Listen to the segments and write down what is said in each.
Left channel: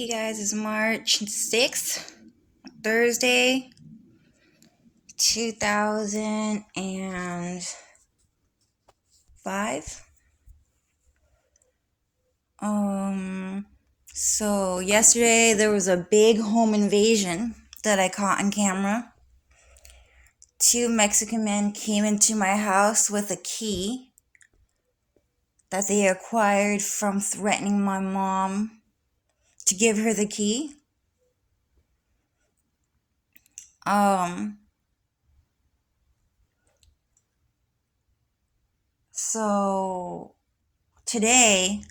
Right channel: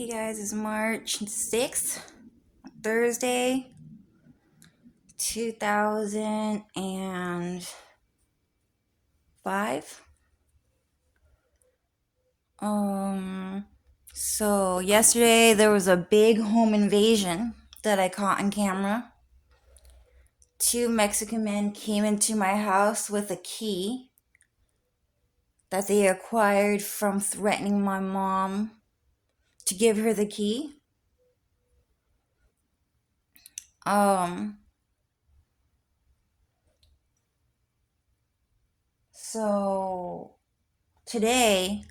Hey guys, it's March 6th, Thursday, 2005. So yesterday there was a big home invasion that I caught on camera. Two Mexican men came into my house with a key that they acquired from threatening my mom to give her the key. So today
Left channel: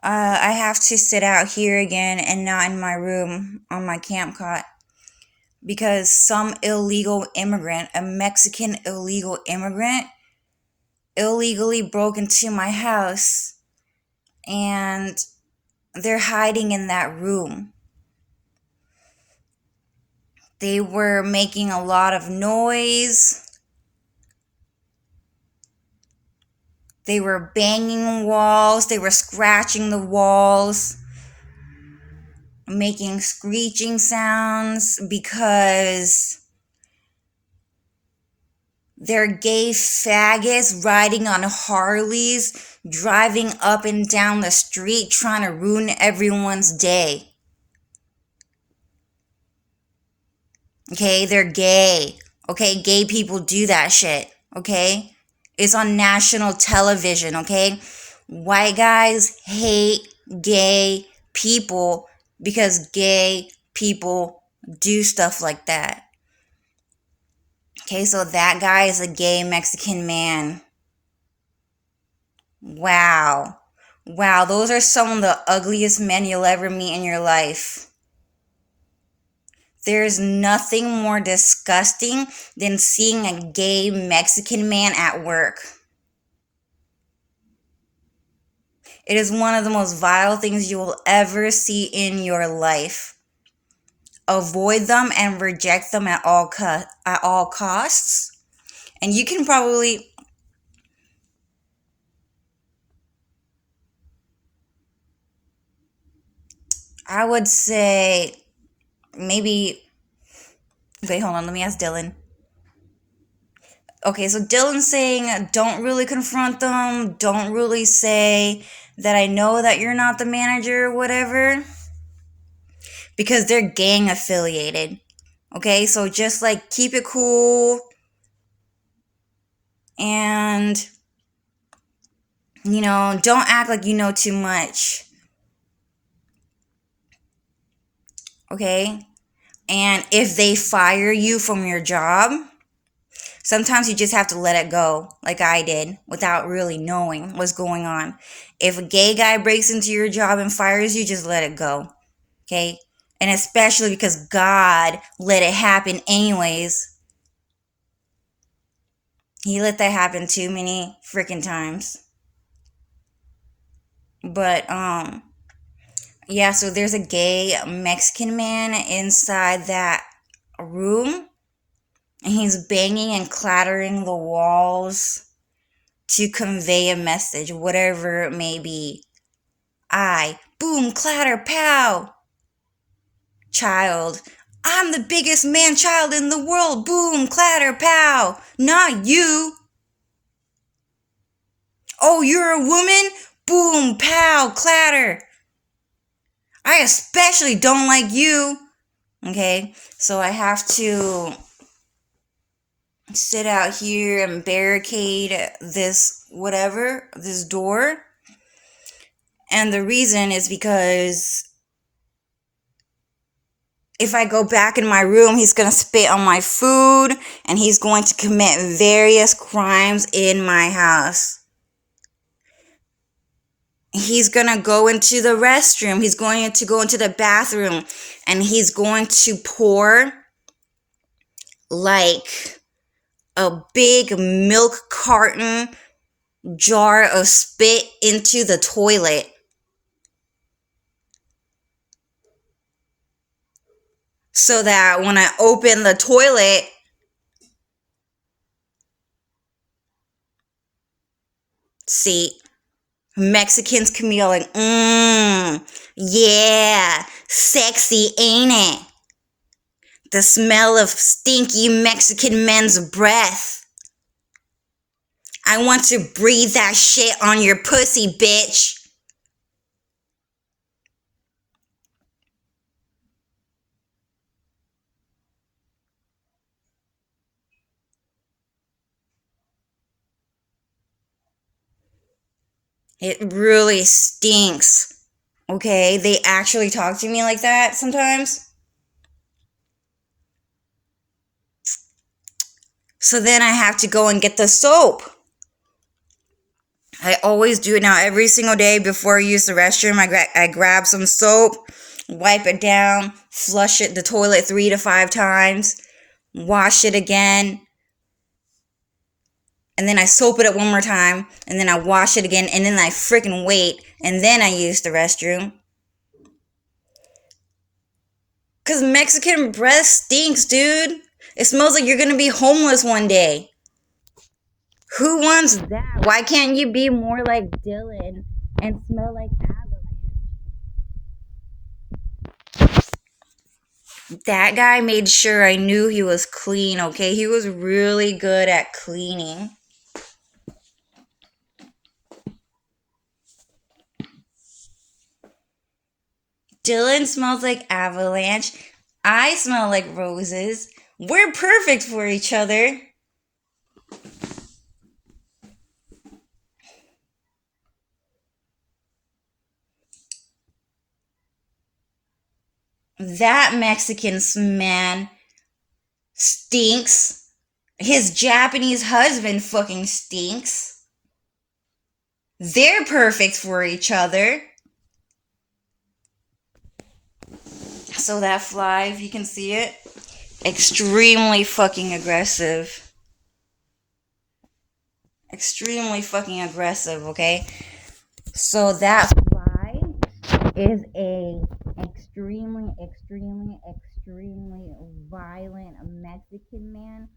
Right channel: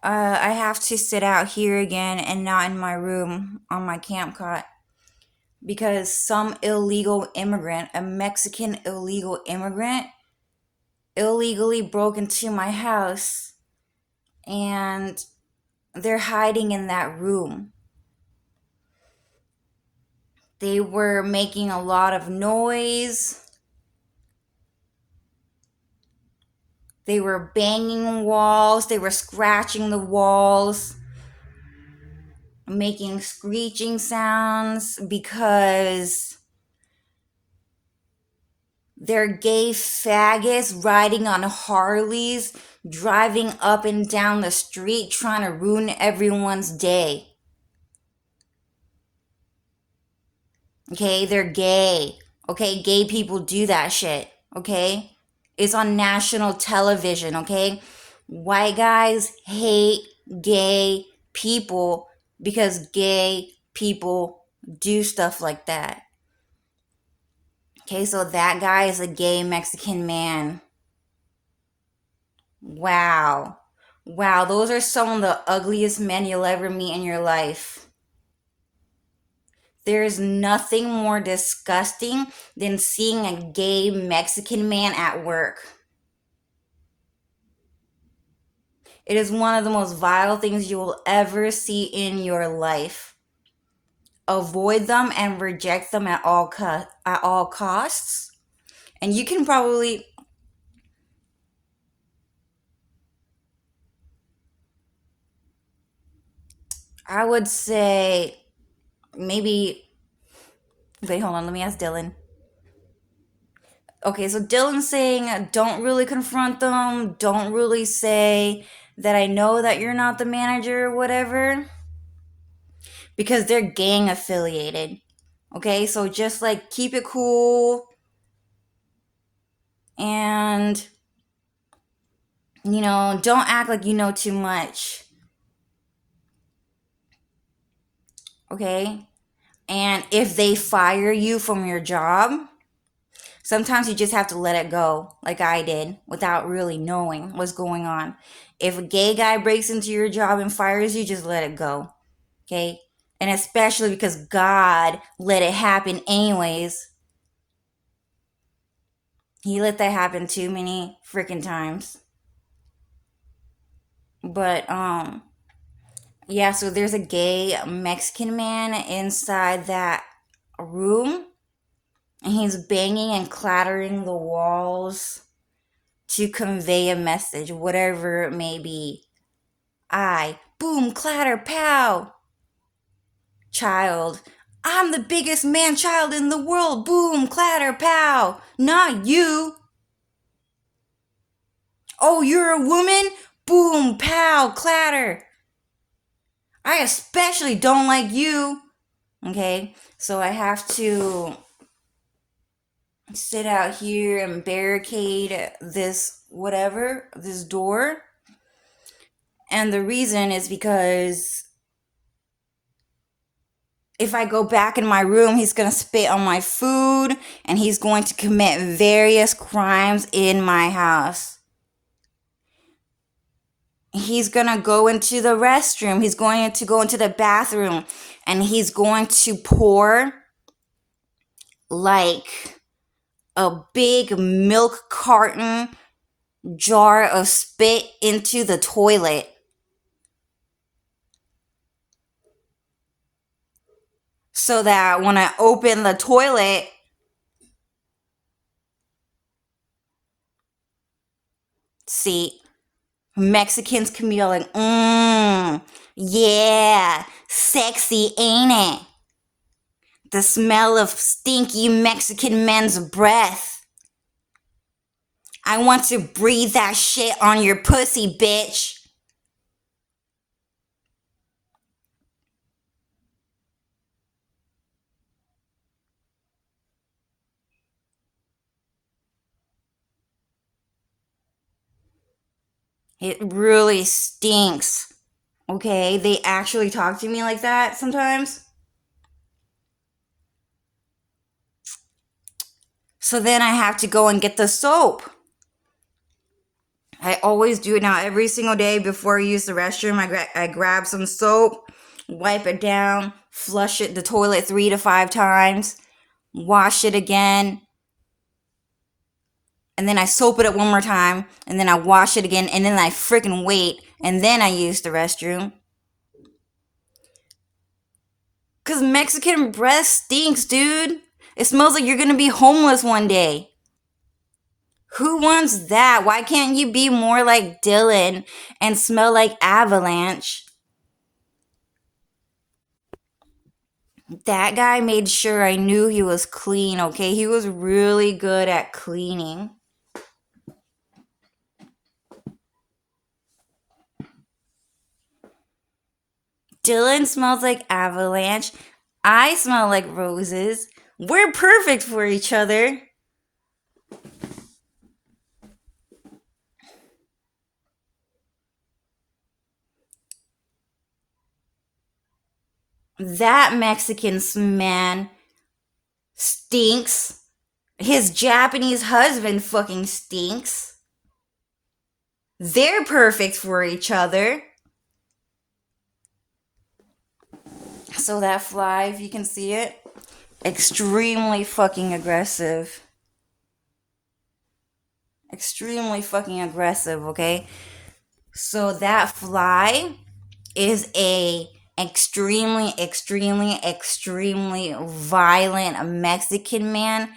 I have to sit out here again and not in my room on my camp cot because some illegal immigrant, a Mexican illegal immigrant, illegally broke into my house and they're hiding in that room. They were making a lot of noise. They were banging walls. They were scratching the walls, making screeching sounds because they're gay faggots riding on Harleys, driving up and down the street, trying to ruin everyone's day. Okay, they're gay. Okay, gay people do that shit. Okay, it's on national television. Okay, white guys hate gay people because gay people do stuff like that. Okay, so that guy is a gay Mexican man. Wow. Wow, those are some of the ugliest men you'll ever meet in your life. There's nothing more disgusting than seeing a gay Mexican man at work. It is one of the most vile things you will ever see in your life. Avoid them and reject them at all costs. And you can probably I would say maybe wait, hold on, let me ask Dylan. Okay, so Dylan's saying don't really confront them, don't really say that I know that you're not the manager or whatever, because they're gang affiliated. Okay, so just like keep it cool and, don't act like you know too much. Okay, and if they fire you from your job, sometimes you just have to let it go, like I did, without really knowing what's going on. If a gay guy breaks into your job and fires you, just let it go. Okay? And especially because God let it happen anyways. He let that happen too many freaking times. But, yeah, so there's a gay Mexican man inside that room. And he's banging and clattering the walls to convey a message, whatever it may be. Boom, clatter, pow. Child, I'm the biggest man child in the world. Boom, clatter, pow. Not you. Oh, you're a woman? Boom, pow, clatter. I especially don't like you. Okay, so I have to sit out here and barricade this door. And the reason is because if I go back in my room, he's going to spit on my food and he's going to commit various crimes in my house. He's going to go into the restroom. He's going to go into the bathroom and he's going to pour like a big milk carton jar of spit into the toilet. So that when I open the toilet, see, Mexicans can be all like, yeah, sexy, ain't it? The smell of stinky Mexican men's breath. I want to breathe that shit on your pussy, bitch. It really stinks. Okay, they actually talk to me like that sometimes. So then I have to go and get the soap. I always do it now every single day before I use the restroom. I grab some soap, wipe it down, flush it the toilet 3 to 5 times, wash it again, and then I soap it up one more time, and then I wash it again, and then I freaking wait, and then I use the restroom. Because Mexican breath stinks, dude. It smells like you're gonna be homeless one day. Who wants that? Why can't you be more like Dylan and smell like Avalanche? That guy made sure I knew he was clean, okay? He was really good at cleaning. Dylan smells like Avalanche. I smell like roses. We're perfect for each other. That Mexican man stinks. His Japanese husband fucking stinks. They're perfect for each other. So that fly, if you can see it, extremely fucking aggressive. Extremely fucking aggressive, okay? So that fly is a extremely violent Mexican man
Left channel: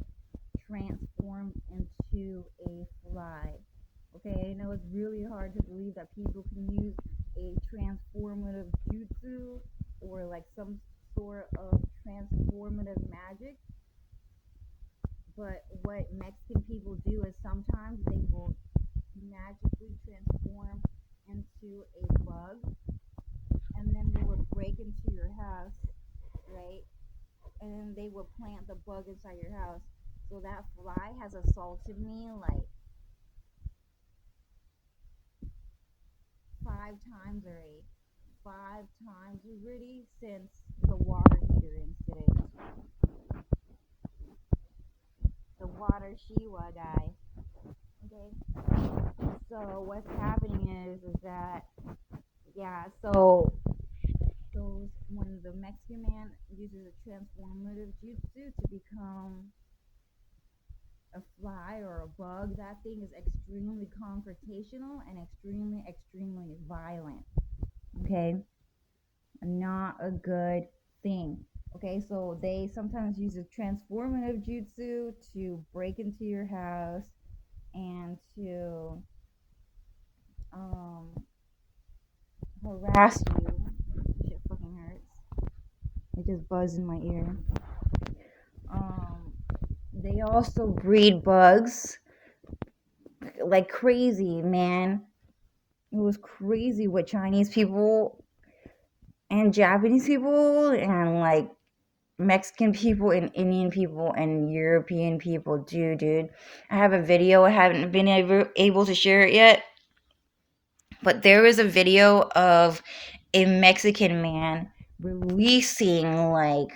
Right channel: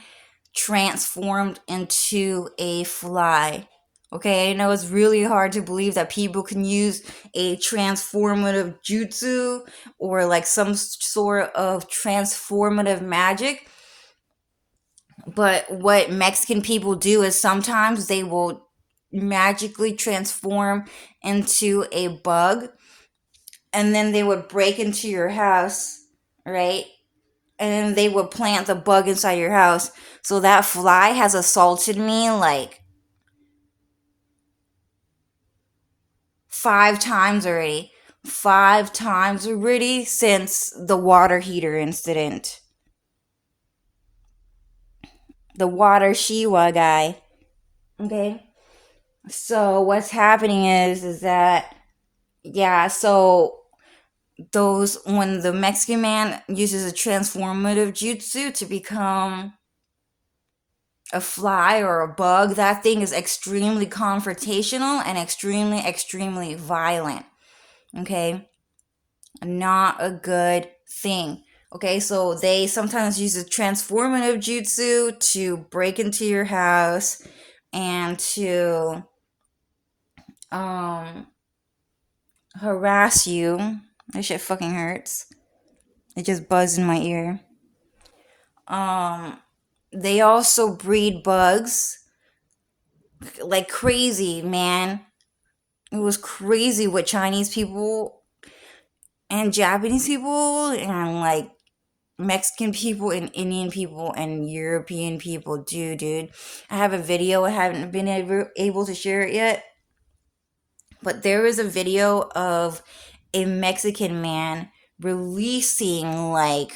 transformed into a fly. Okay, I know it's really hard to believe that people can use a transformative jutsu or like some sort of transformative magic. But what Mexican people do is sometimes they will magically transform into a bug, and then they would break into your house, right? And then they would plant the bug inside your house. So that fly has assaulted me like 5 times already. 5 times already since the water heater incident. The water Shiwa guy. Okay? So what's happening is that, yeah, so those, when the Mexican man uses a transformative jutsu to become a fly or a bug, that thing is extremely confrontational and extremely violent. Okay? Not a good thing. Okay, so they sometimes use a transformative jutsu to break into your house and to harass you. This shit fucking hurts. It just buzzed in my ear. They also breed bugs like crazy, man. It was crazy what Chinese people and Japanese people and like Mexican people and Indian people and European people do, dude. I have a video. I haven't been able to share it yet. But there is a video of a Mexican man releasing like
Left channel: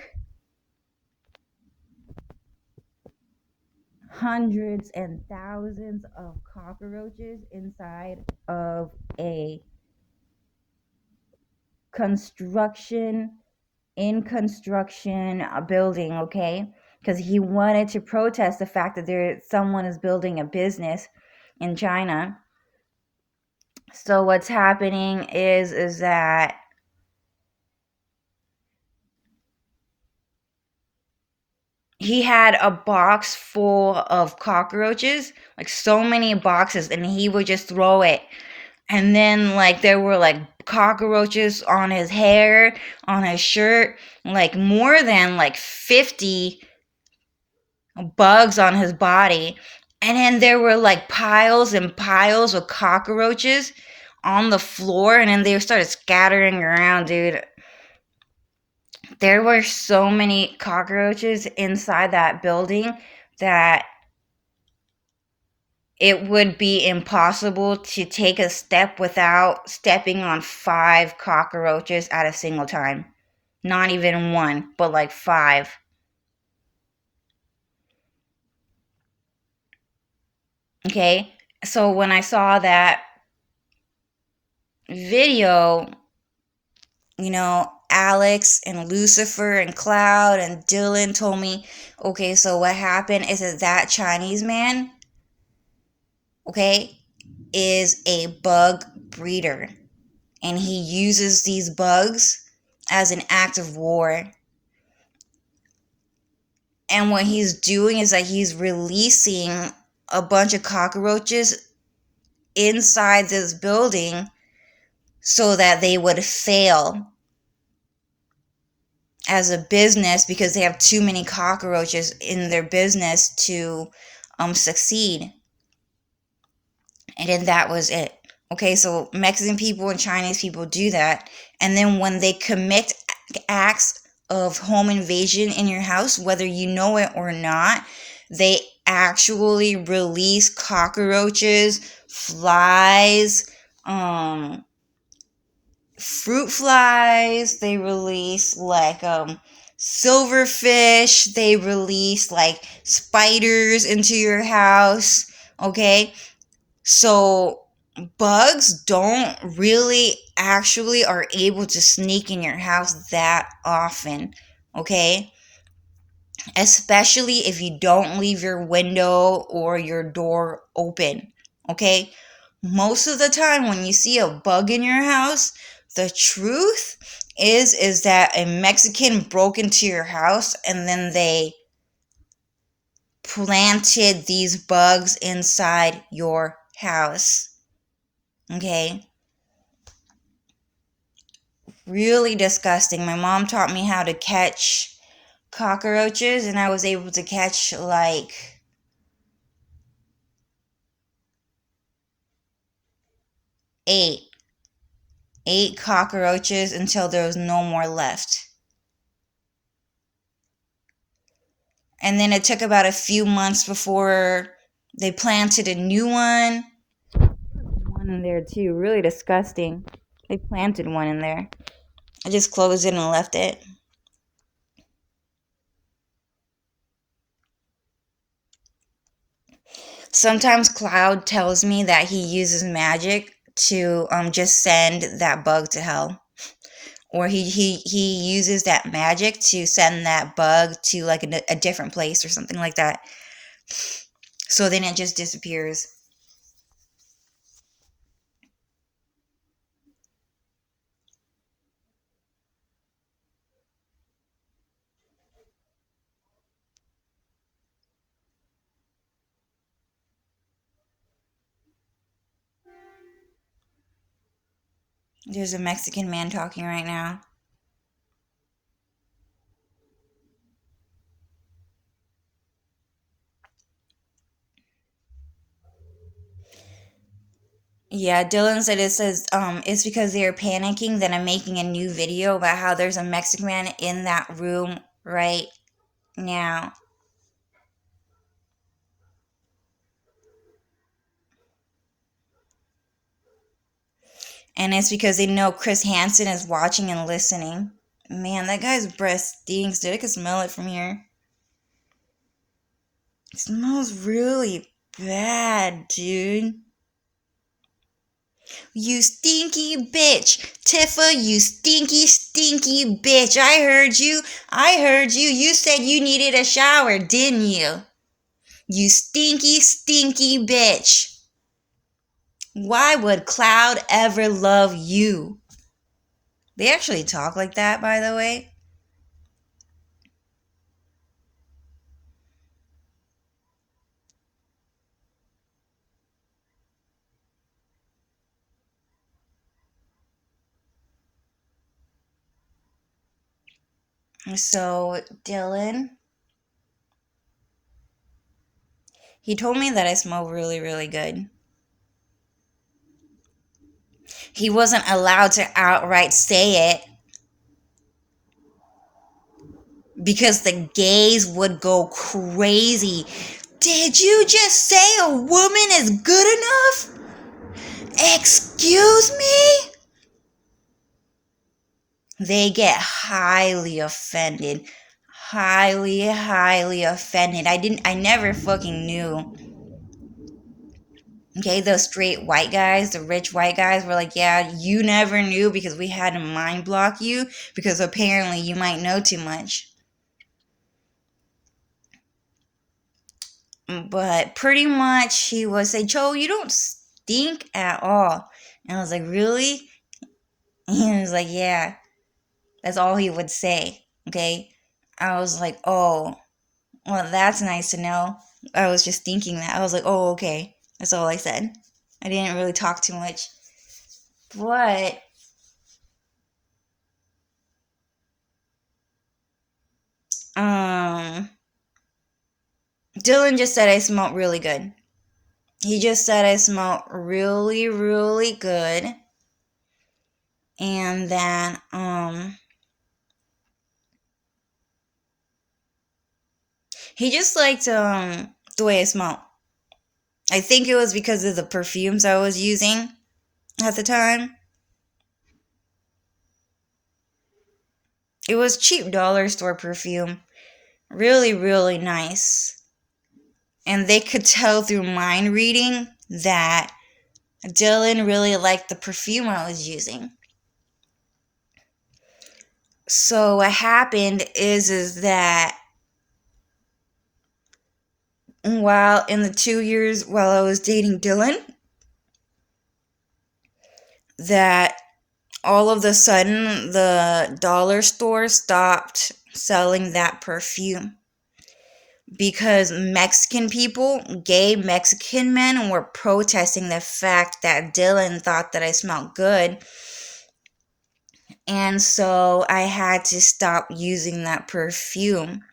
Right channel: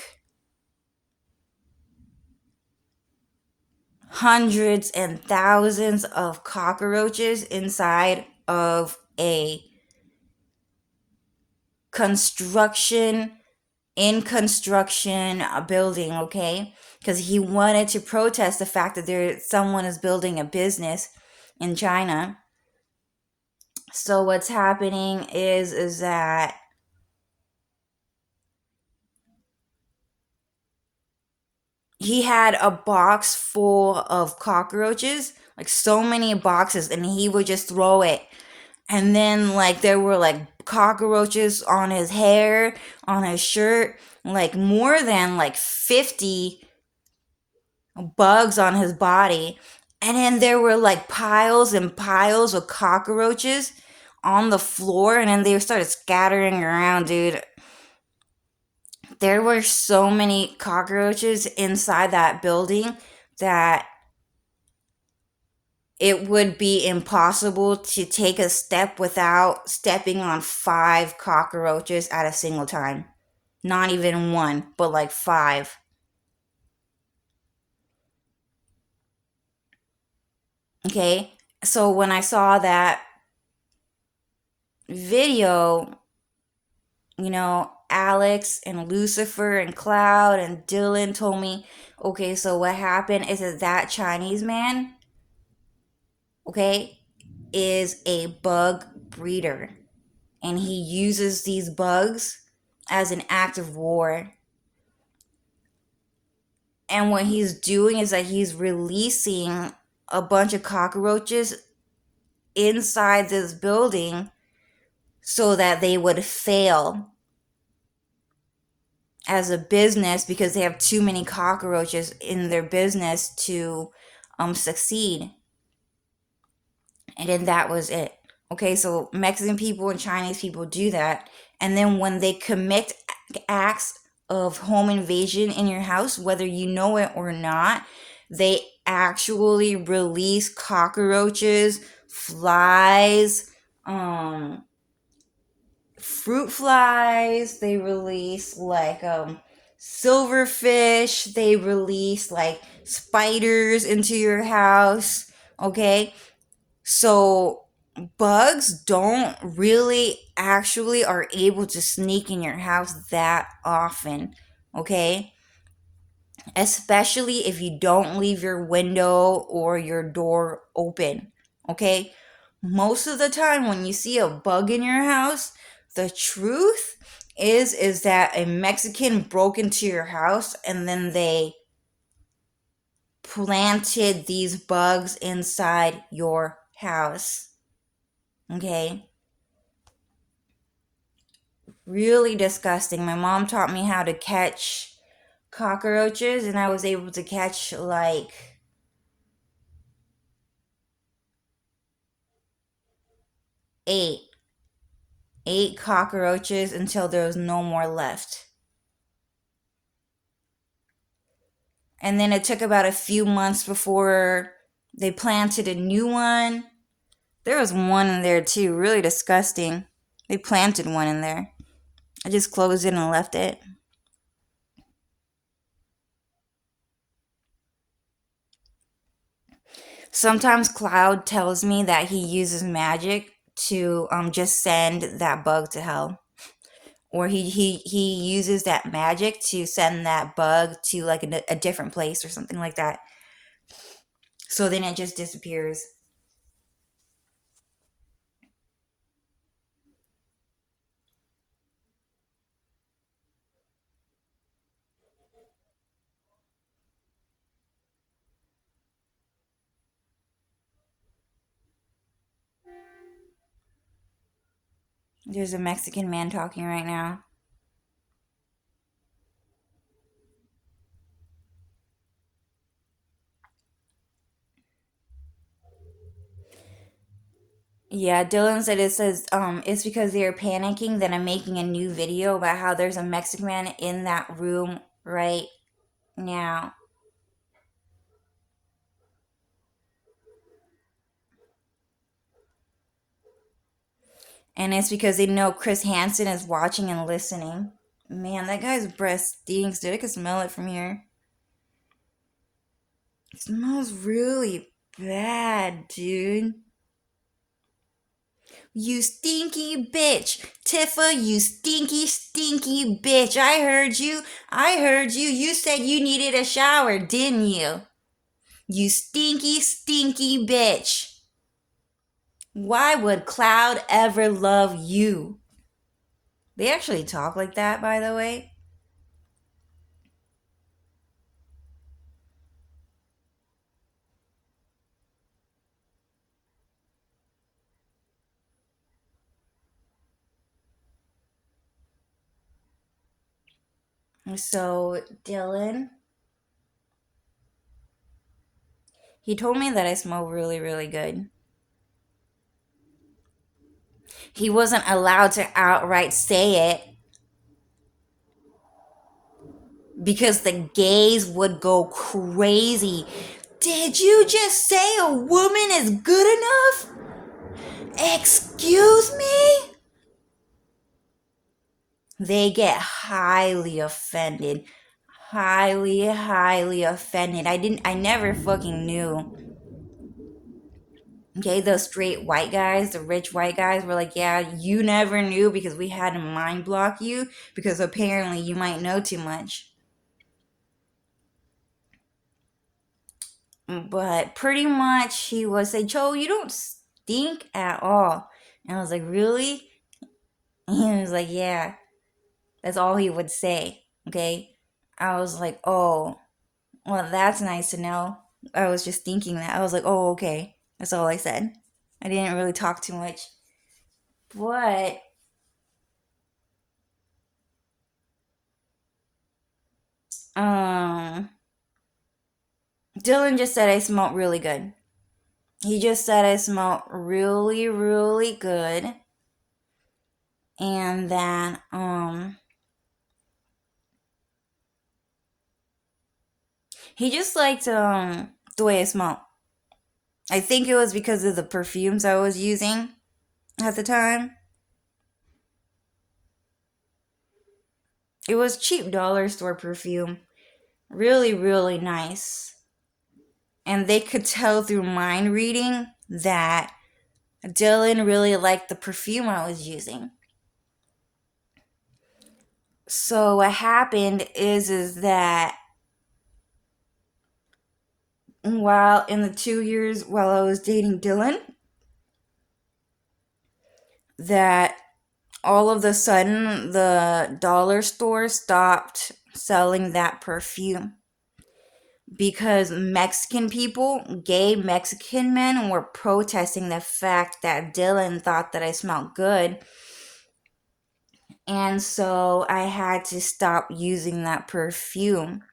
hundreds and thousands of cockroaches inside of a construction building, okay? Because he wanted to protest the fact that someone is building a business in China. So what's happening is that he had a box full of cockroaches, like so many boxes, and he would just throw it And then like there were like cockroaches on his hair, on his shirt, like more than like 50 bugs on his body. And then there were like piles and piles of cockroaches on the floor, and then they started scattering around, dude. There were so many cockroaches inside that building that it would be impossible to take a step without stepping on 5 cockroaches at a single time. Not even one, but like 5. Okay? So when I saw that video, Alex and Lucifer and Cloud and Dylan told me, okay, so what happened is that Chinese man, okay, is a bug breeder. And he uses these bugs as an act of war. And what he's doing is that he's releasing a bunch of cockroaches inside this building so that they would fail as a business because they have too many cockroaches in their business to succeed. And then that was it. Okay, so Mexican people and Chinese people do that. And then when they commit acts of home invasion in your house, whether you know it or not, they actually release cockroaches, flies, fruit flies. They release like silverfish. They release like spiders into your house. Okay, so bugs don't really actually are able to sneak in your house that often. Okay, especially if you don't leave your window or your door open. Okay, most of the time when you see a bug in your house, the truth is that a Mexican broke into your house and then they planted these bugs inside your house. Okay, really disgusting. My mom taught me how to catch cockroaches, and I was able to catch like 8 cockroaches until there was no more left. And then it took about a few months before they planted a new one. There was one in there too, really disgusting. They planted one in there. I just closed it and left it. Sometimes Cloud tells me that he uses magic to just send that bug to hell. Or he uses that magic to send that bug to like a different place or something like that. So then it just disappears. There's a Mexican man talking right now. Yeah, Dylan said it's because they are panicking that I'm making a new video about how there's a Mexican man in that room right now. And it's because they know Chris Hansen is watching and listening. Man, that guy's breath stinks, dude. I can smell it from here. It smells really bad, dude. You stinky bitch. Tifa, you stinky, stinky bitch. I heard you. I heard you. You said you needed a shower, didn't you? You stinky, stinky bitch. Why would Cloud ever love you? They actually talk like that, by the way. So, Dylan, he told me that I smell really, really good. He wasn't allowed to outright say it because the gays would go crazy. Did you just say a woman is good enough? Excuse me? They get highly offended. Highly, highly offended. I never fucking knew. Okay, the straight white guys, the rich white guys were like, yeah, you never knew because we had to mind block you because apparently you might know too much. But pretty much he would say, Joe, you don't stink at all. And I was like, really? And he was like, yeah. That's all he would say. Okay. I was like, oh, well, that's nice to know. I was just thinking that. I was like, oh, okay. That's all I said. I didn't really talk too much. But Dylan just said I smelled really good. He just said I smelled really, really good. And then he just liked the way I smelled. I think it was because of the perfumes I was using at the time. It was cheap dollar store perfume. Really, really nice. And they could tell through mind reading that Dylan really liked the perfume I was using. So what happened is that while in the 2 years while I was dating Dylan, that all of a sudden the dollar store stopped selling that perfume because Mexican people, gay Mexican men, were protesting the fact that Dylan thought that I smelled good. And so I had to stop using that perfume.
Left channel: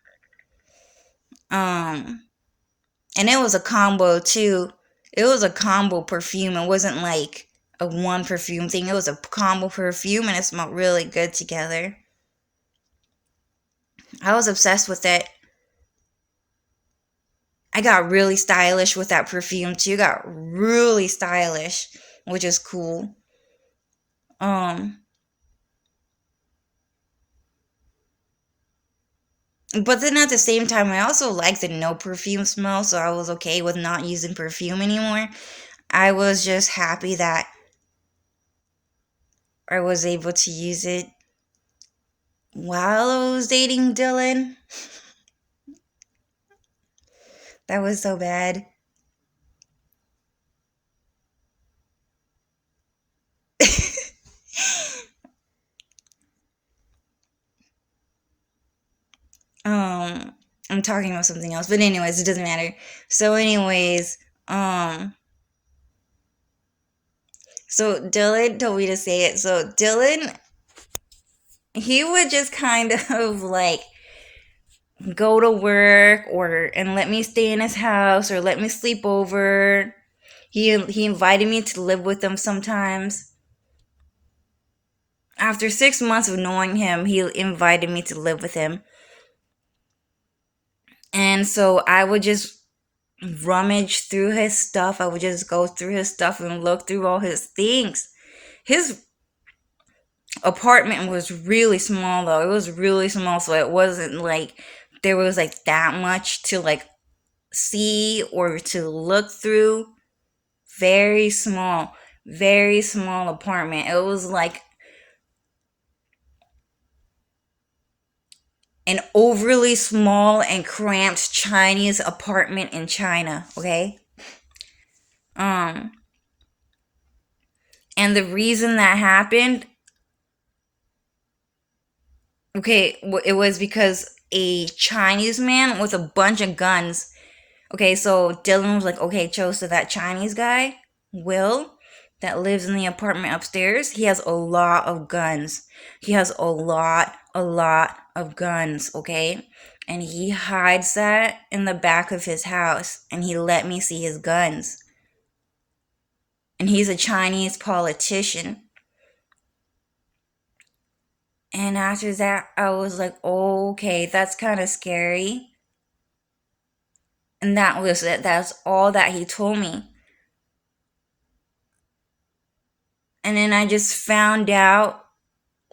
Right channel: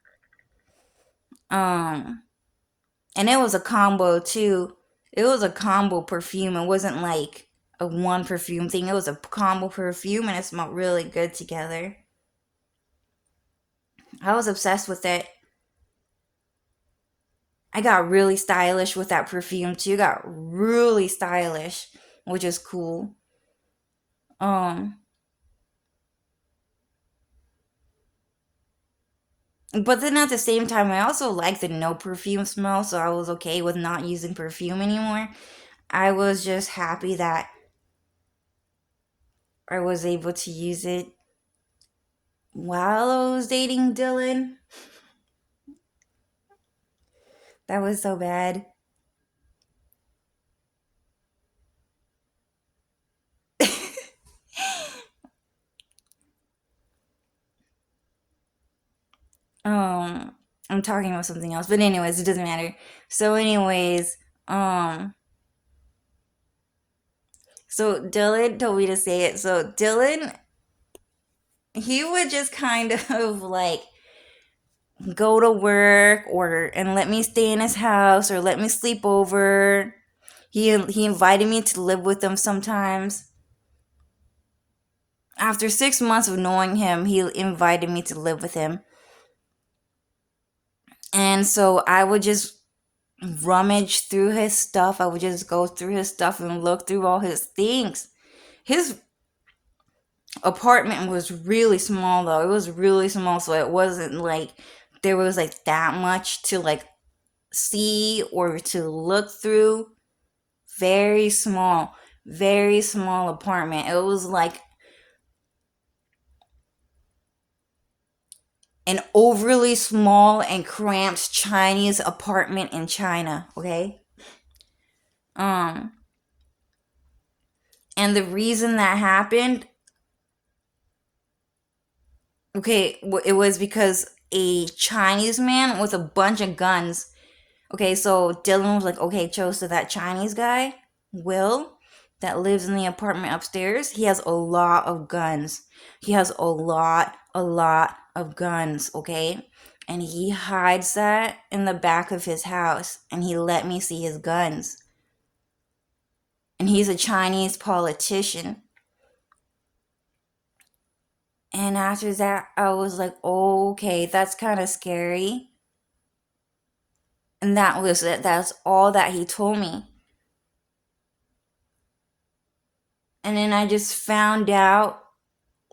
And it was a combo too. It was a combo perfume. It wasn't like a one perfume thing. It was a combo perfume and it smelled really good together. I was obsessed with it. I got really stylish with that perfume too. Got really stylish, which is cool. But then at the same time, I also like the no perfume smell, so I was okay with not using perfume anymore. I was just happy that I was able to use it while I was dating Dylan. That was so bad. I'm talking about something else, but anyways, it doesn't matter. So anyways, so Dylan told me to say it. So Dylan, he would just kind of like go to work or and let me stay in his house or let me sleep over. He invited me to live with him sometimes. After 6 months of knowing him, he invited me to live with him. And so I would just rummage through his stuff. I would just go through his stuff and look through all his things. His apartment was really small though. It was really small, so it wasn't like there was like that much to like see or to look through. Very small apartment. It was like an overly small and cramped Chinese apartment in China, okay? And the reason that happened, okay, it was because a Chinese man with a bunch of guns. Okay, so Dylan was like, okay, Cho, so that Chinese guy, Will, that lives in the apartment upstairs, he has a lot of guns. He has a lot a lot of guns, okay? And he hides that in the back of his house, and he let me see his guns. And he's a Chinese politician. And after that, I was like, oh, okay, that's kind of scary. And that was it. That's all that he told me. And then I just found out,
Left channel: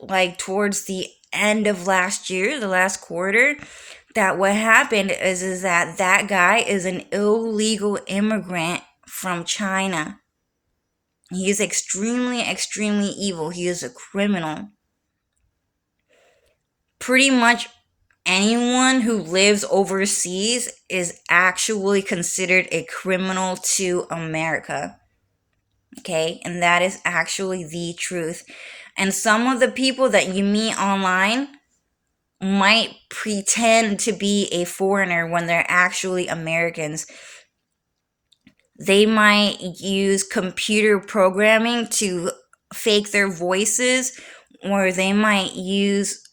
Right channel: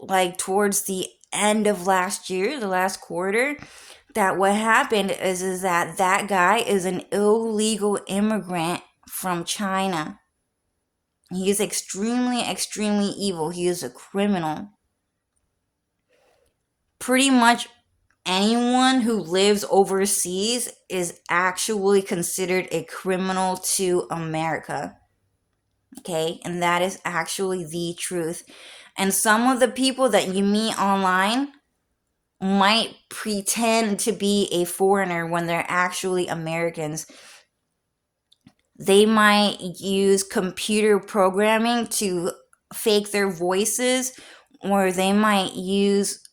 like, towards the end of last year, the last quarter, that what happened is that guy is an illegal immigrant from China. He is extremely, extremely evil. He is a criminal. Pretty much anyone who lives overseas is actually considered a criminal to America. Okay, and that is actually the truth. And some of the people that you meet online might pretend to be a foreigner when they're actually Americans. They might use computer programming to fake their voices, or they might use,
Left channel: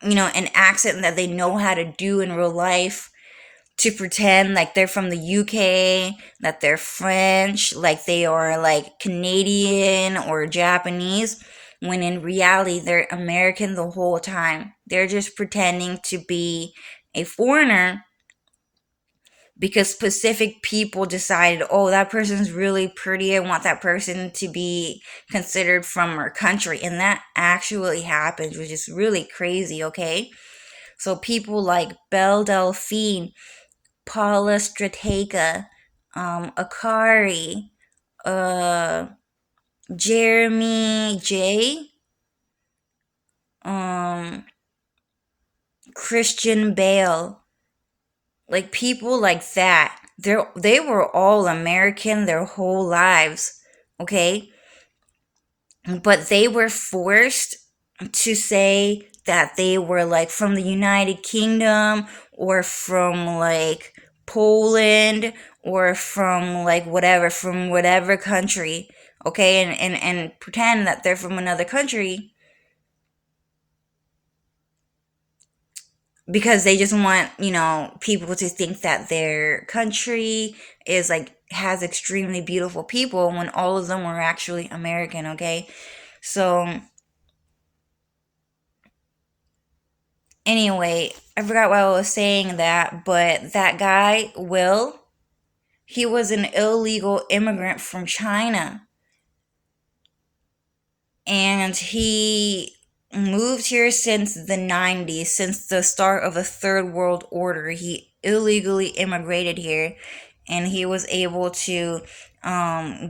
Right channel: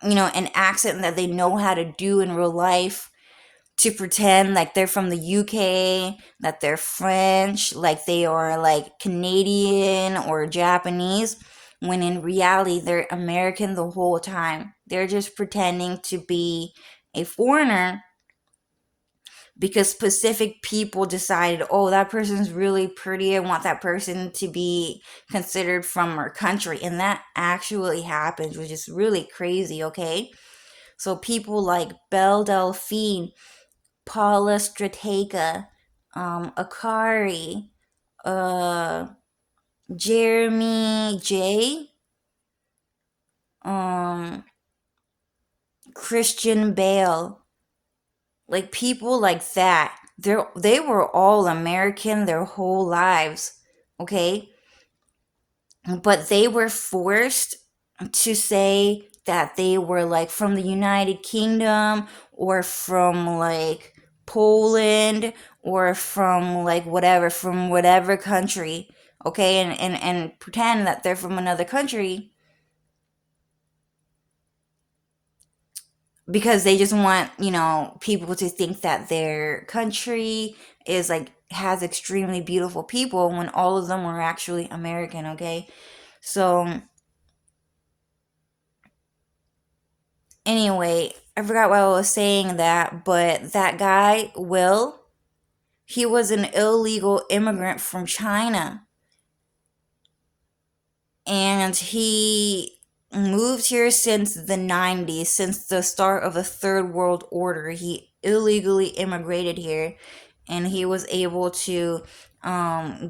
an accent that they know how to do in real life to pretend like they're from the UK, that they're French, like they are like Canadian or Japanese, when in reality they're American the whole time. They're just pretending to be a foreigner because specific people decided, oh, that person's really pretty. I want that person to be considered from our country. And that actually happens, which is really crazy, okay? So people like Belle Delphine, Paula Stratega, Akari, uh, Jeremy J, um, Christian Bale, like people like that. They were all American their whole lives, okay? But they were forced to say that they were like from the United Kingdom or from like Poland or from like whatever, from whatever country, okay? And pretend that they're from another country because they just want, people to think that their country is like has extremely beautiful people when all of them were actually American, okay? So anyway, I forgot why I was saying that, but that guy, Will, he was an illegal immigrant from China. And he moved here since the 90s, since the start of the Third World Order. He illegally immigrated here, and he was able to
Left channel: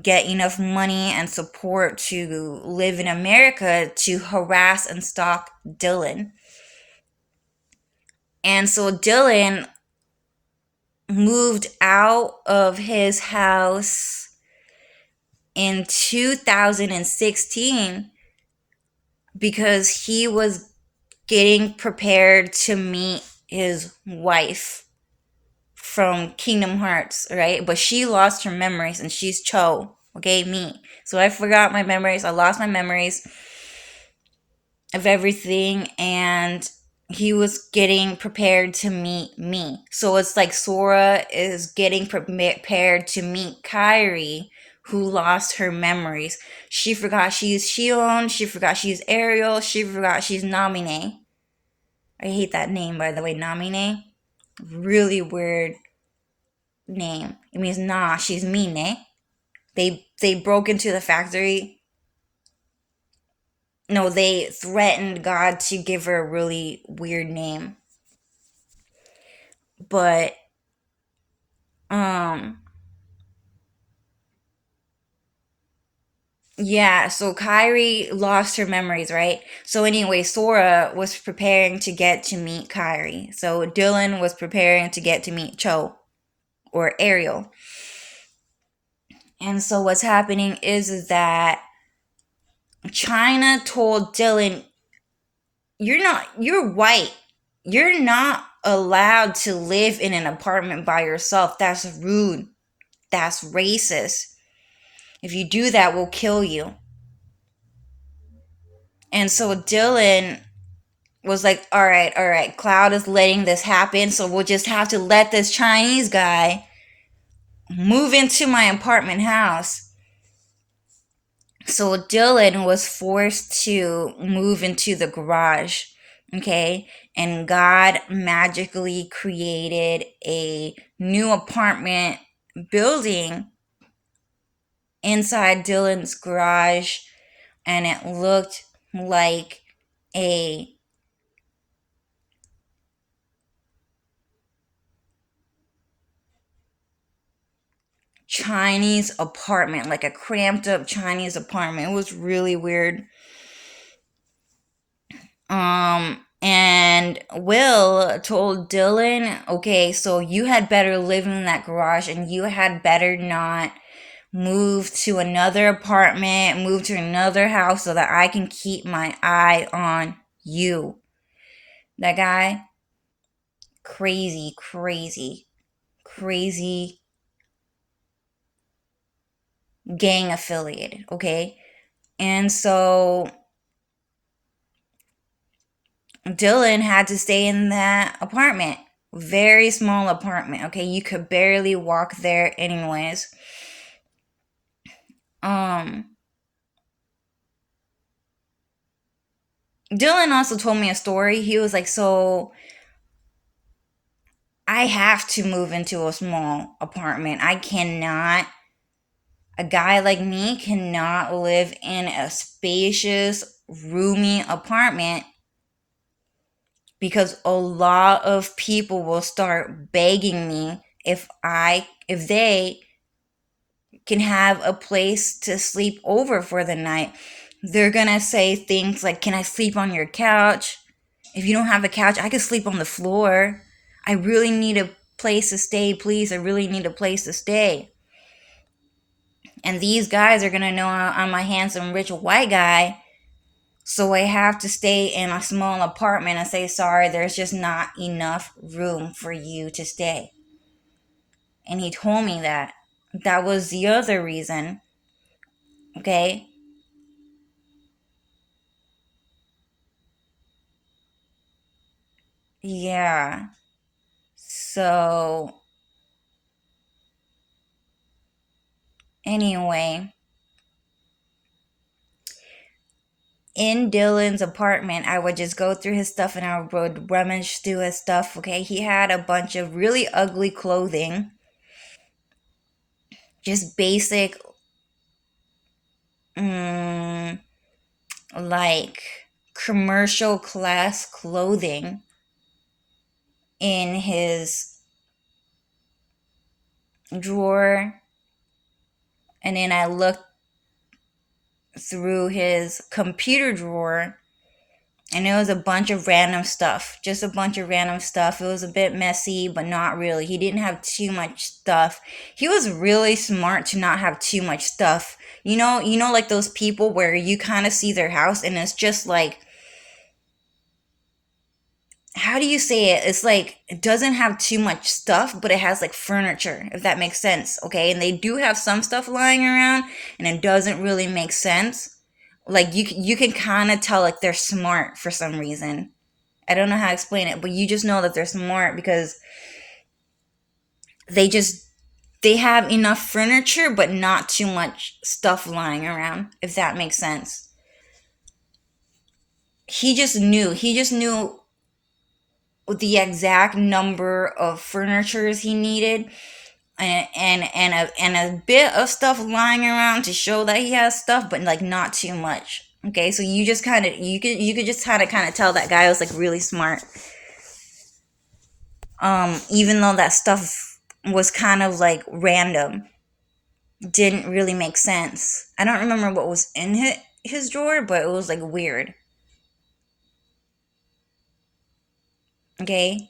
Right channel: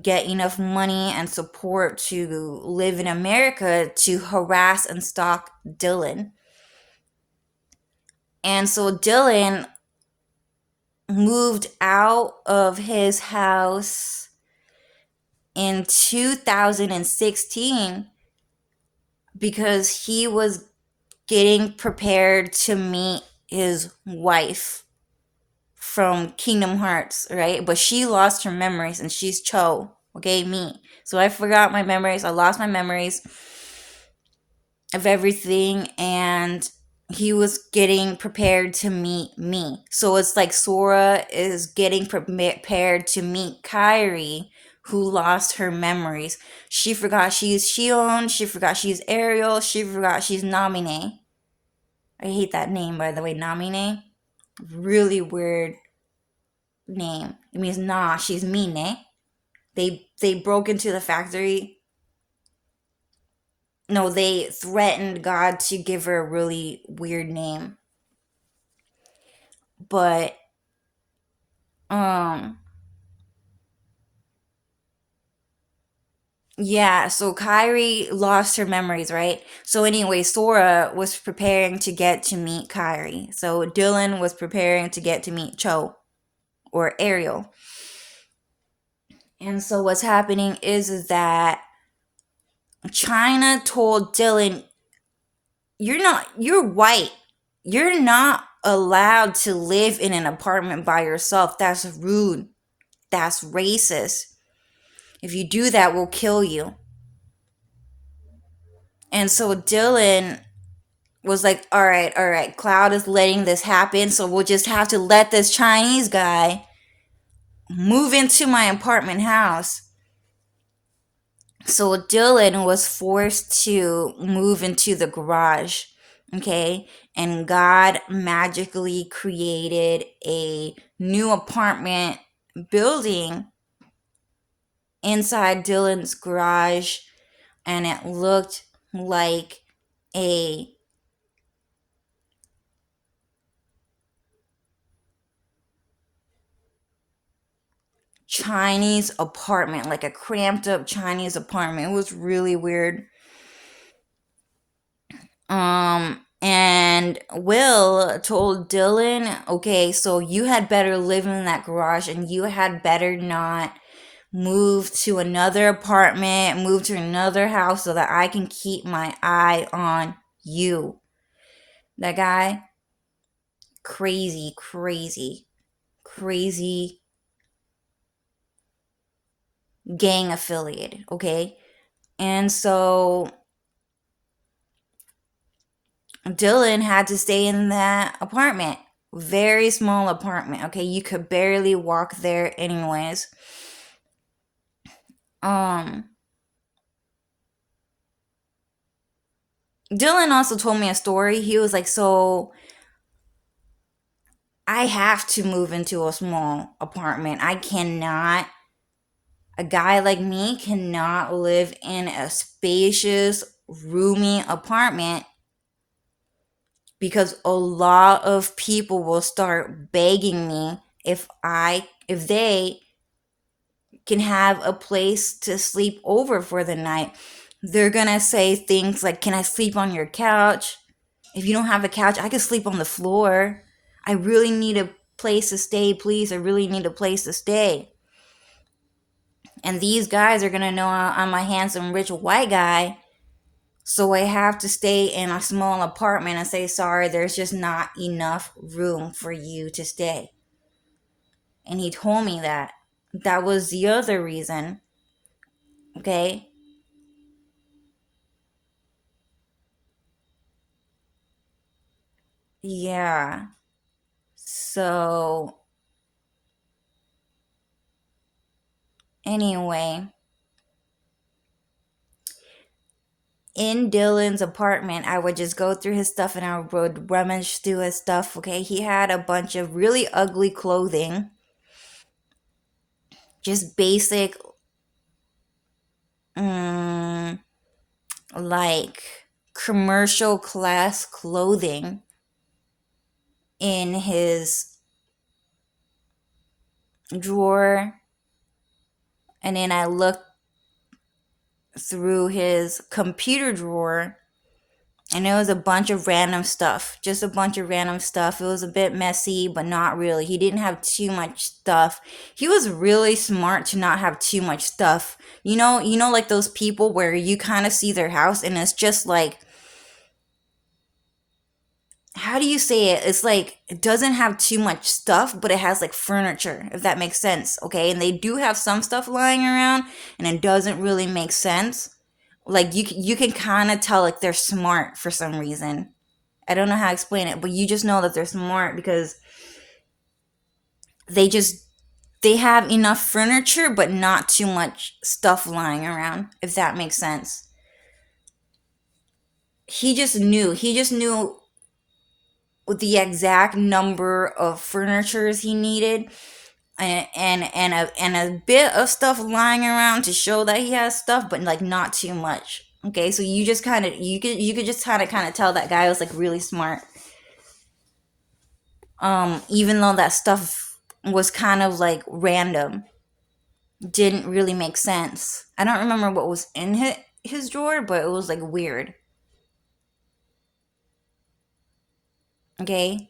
get enough money and support to live in America to harass and stalk Dylan. And so Dylan moved out of his house in 2016 because he was getting prepared to meet his wife from Kingdom Hearts, right? But she lost her memories and she's Cho, okay, me. So I forgot my memories. I lost my memories of everything, and he was getting prepared to meet me. So it's like Sora is getting prepared to meet Kairi, who lost her memories. She forgot she's Shion, she forgot she's Ariel, she forgot she's Namine. I hate that name, by the way, Namine. Really weird name. It means nah, she's Mine. They broke into the factory. No, they threatened God to give her a really weird name. But um yeah, so Kairi lost her memories, right? So anyway, Sora was preparing to get to meet Kairi. So Dylan was preparing to get to meet Cho or Ariel. And so what's happening is that China told Dylan, you're white. You're not allowed to live in an apartment by yourself. That's rude. That's racist. If you do that, we'll kill you. And so Dylan was like, all right, Cloud is letting this happen, so we'll just have to let this Chinese guy move into my apartment house. So Dylan was forced to move into the garage, okay? And God magically created a new apartment building inside Dylan's garage, and it looked like a Chinese apartment, like a cramped up Chinese apartment. It was really weird. And Will told Dylan, okay, so you had better live in that garage and you had better not move to another apartment, move to another house so that I can keep my eye on you. That guy, crazy, crazy, crazy gang affiliated, okay? And so Dylan had to stay in that apartment. Very small apartment, okay? You could barely walk there anyways. Um Dylan also told me a story. He was like, "So I have to move into a small apartment. I cannot a guy like me cannot live in a spacious, roomy apartment because a lot of people will start begging me if they can have a place to sleep over for the night. They're gonna say things like, can I sleep on your couch? If you don't have a couch, I can sleep on the floor. I really need a place to stay, please. I really need a place to stay." And these guys are gonna know I'm a handsome, rich white guy, so I have to stay in a small apartment and say, sorry, there's just not enough room for you to stay. And he told me that. That was the other reason. Okay? Yeah. So, anyway, in Dylan's apartment, I would just go through his stuff and I would rummage through his stuff. Okay? He had a bunch of really ugly clothing, just basic, um, like commercial class clothing in his drawer. And then I looked through his computer drawer and it was a bunch of random stuff. Just a bunch of random stuff. It was a bit messy, but not really. He didn't have too much stuff. He was really smart to not have too much stuff. Like those people where you kind of see their house and it's just like, how do you say it? It's like it doesn't have too much stuff, but it has like furniture, if that makes sense. Okay, and they do have some stuff lying around, and it doesn't really make sense. Like you can kind of tell like they're smart for some reason. I don't know how to explain it, but you just know that they're smart because they just they have enough furniture, but not too much stuff lying around. If that makes sense. He just knew. He just knew the exact number of furnitures he needed and a bit of stuff lying around to show that he has stuff, but like not too much. Okay, so you just kind of you could just kind of tell that guy was like really smart. Even though that stuff was kind of like random, didn't really make sense. I don't remember what was in his drawer, but it was like weird. Okay,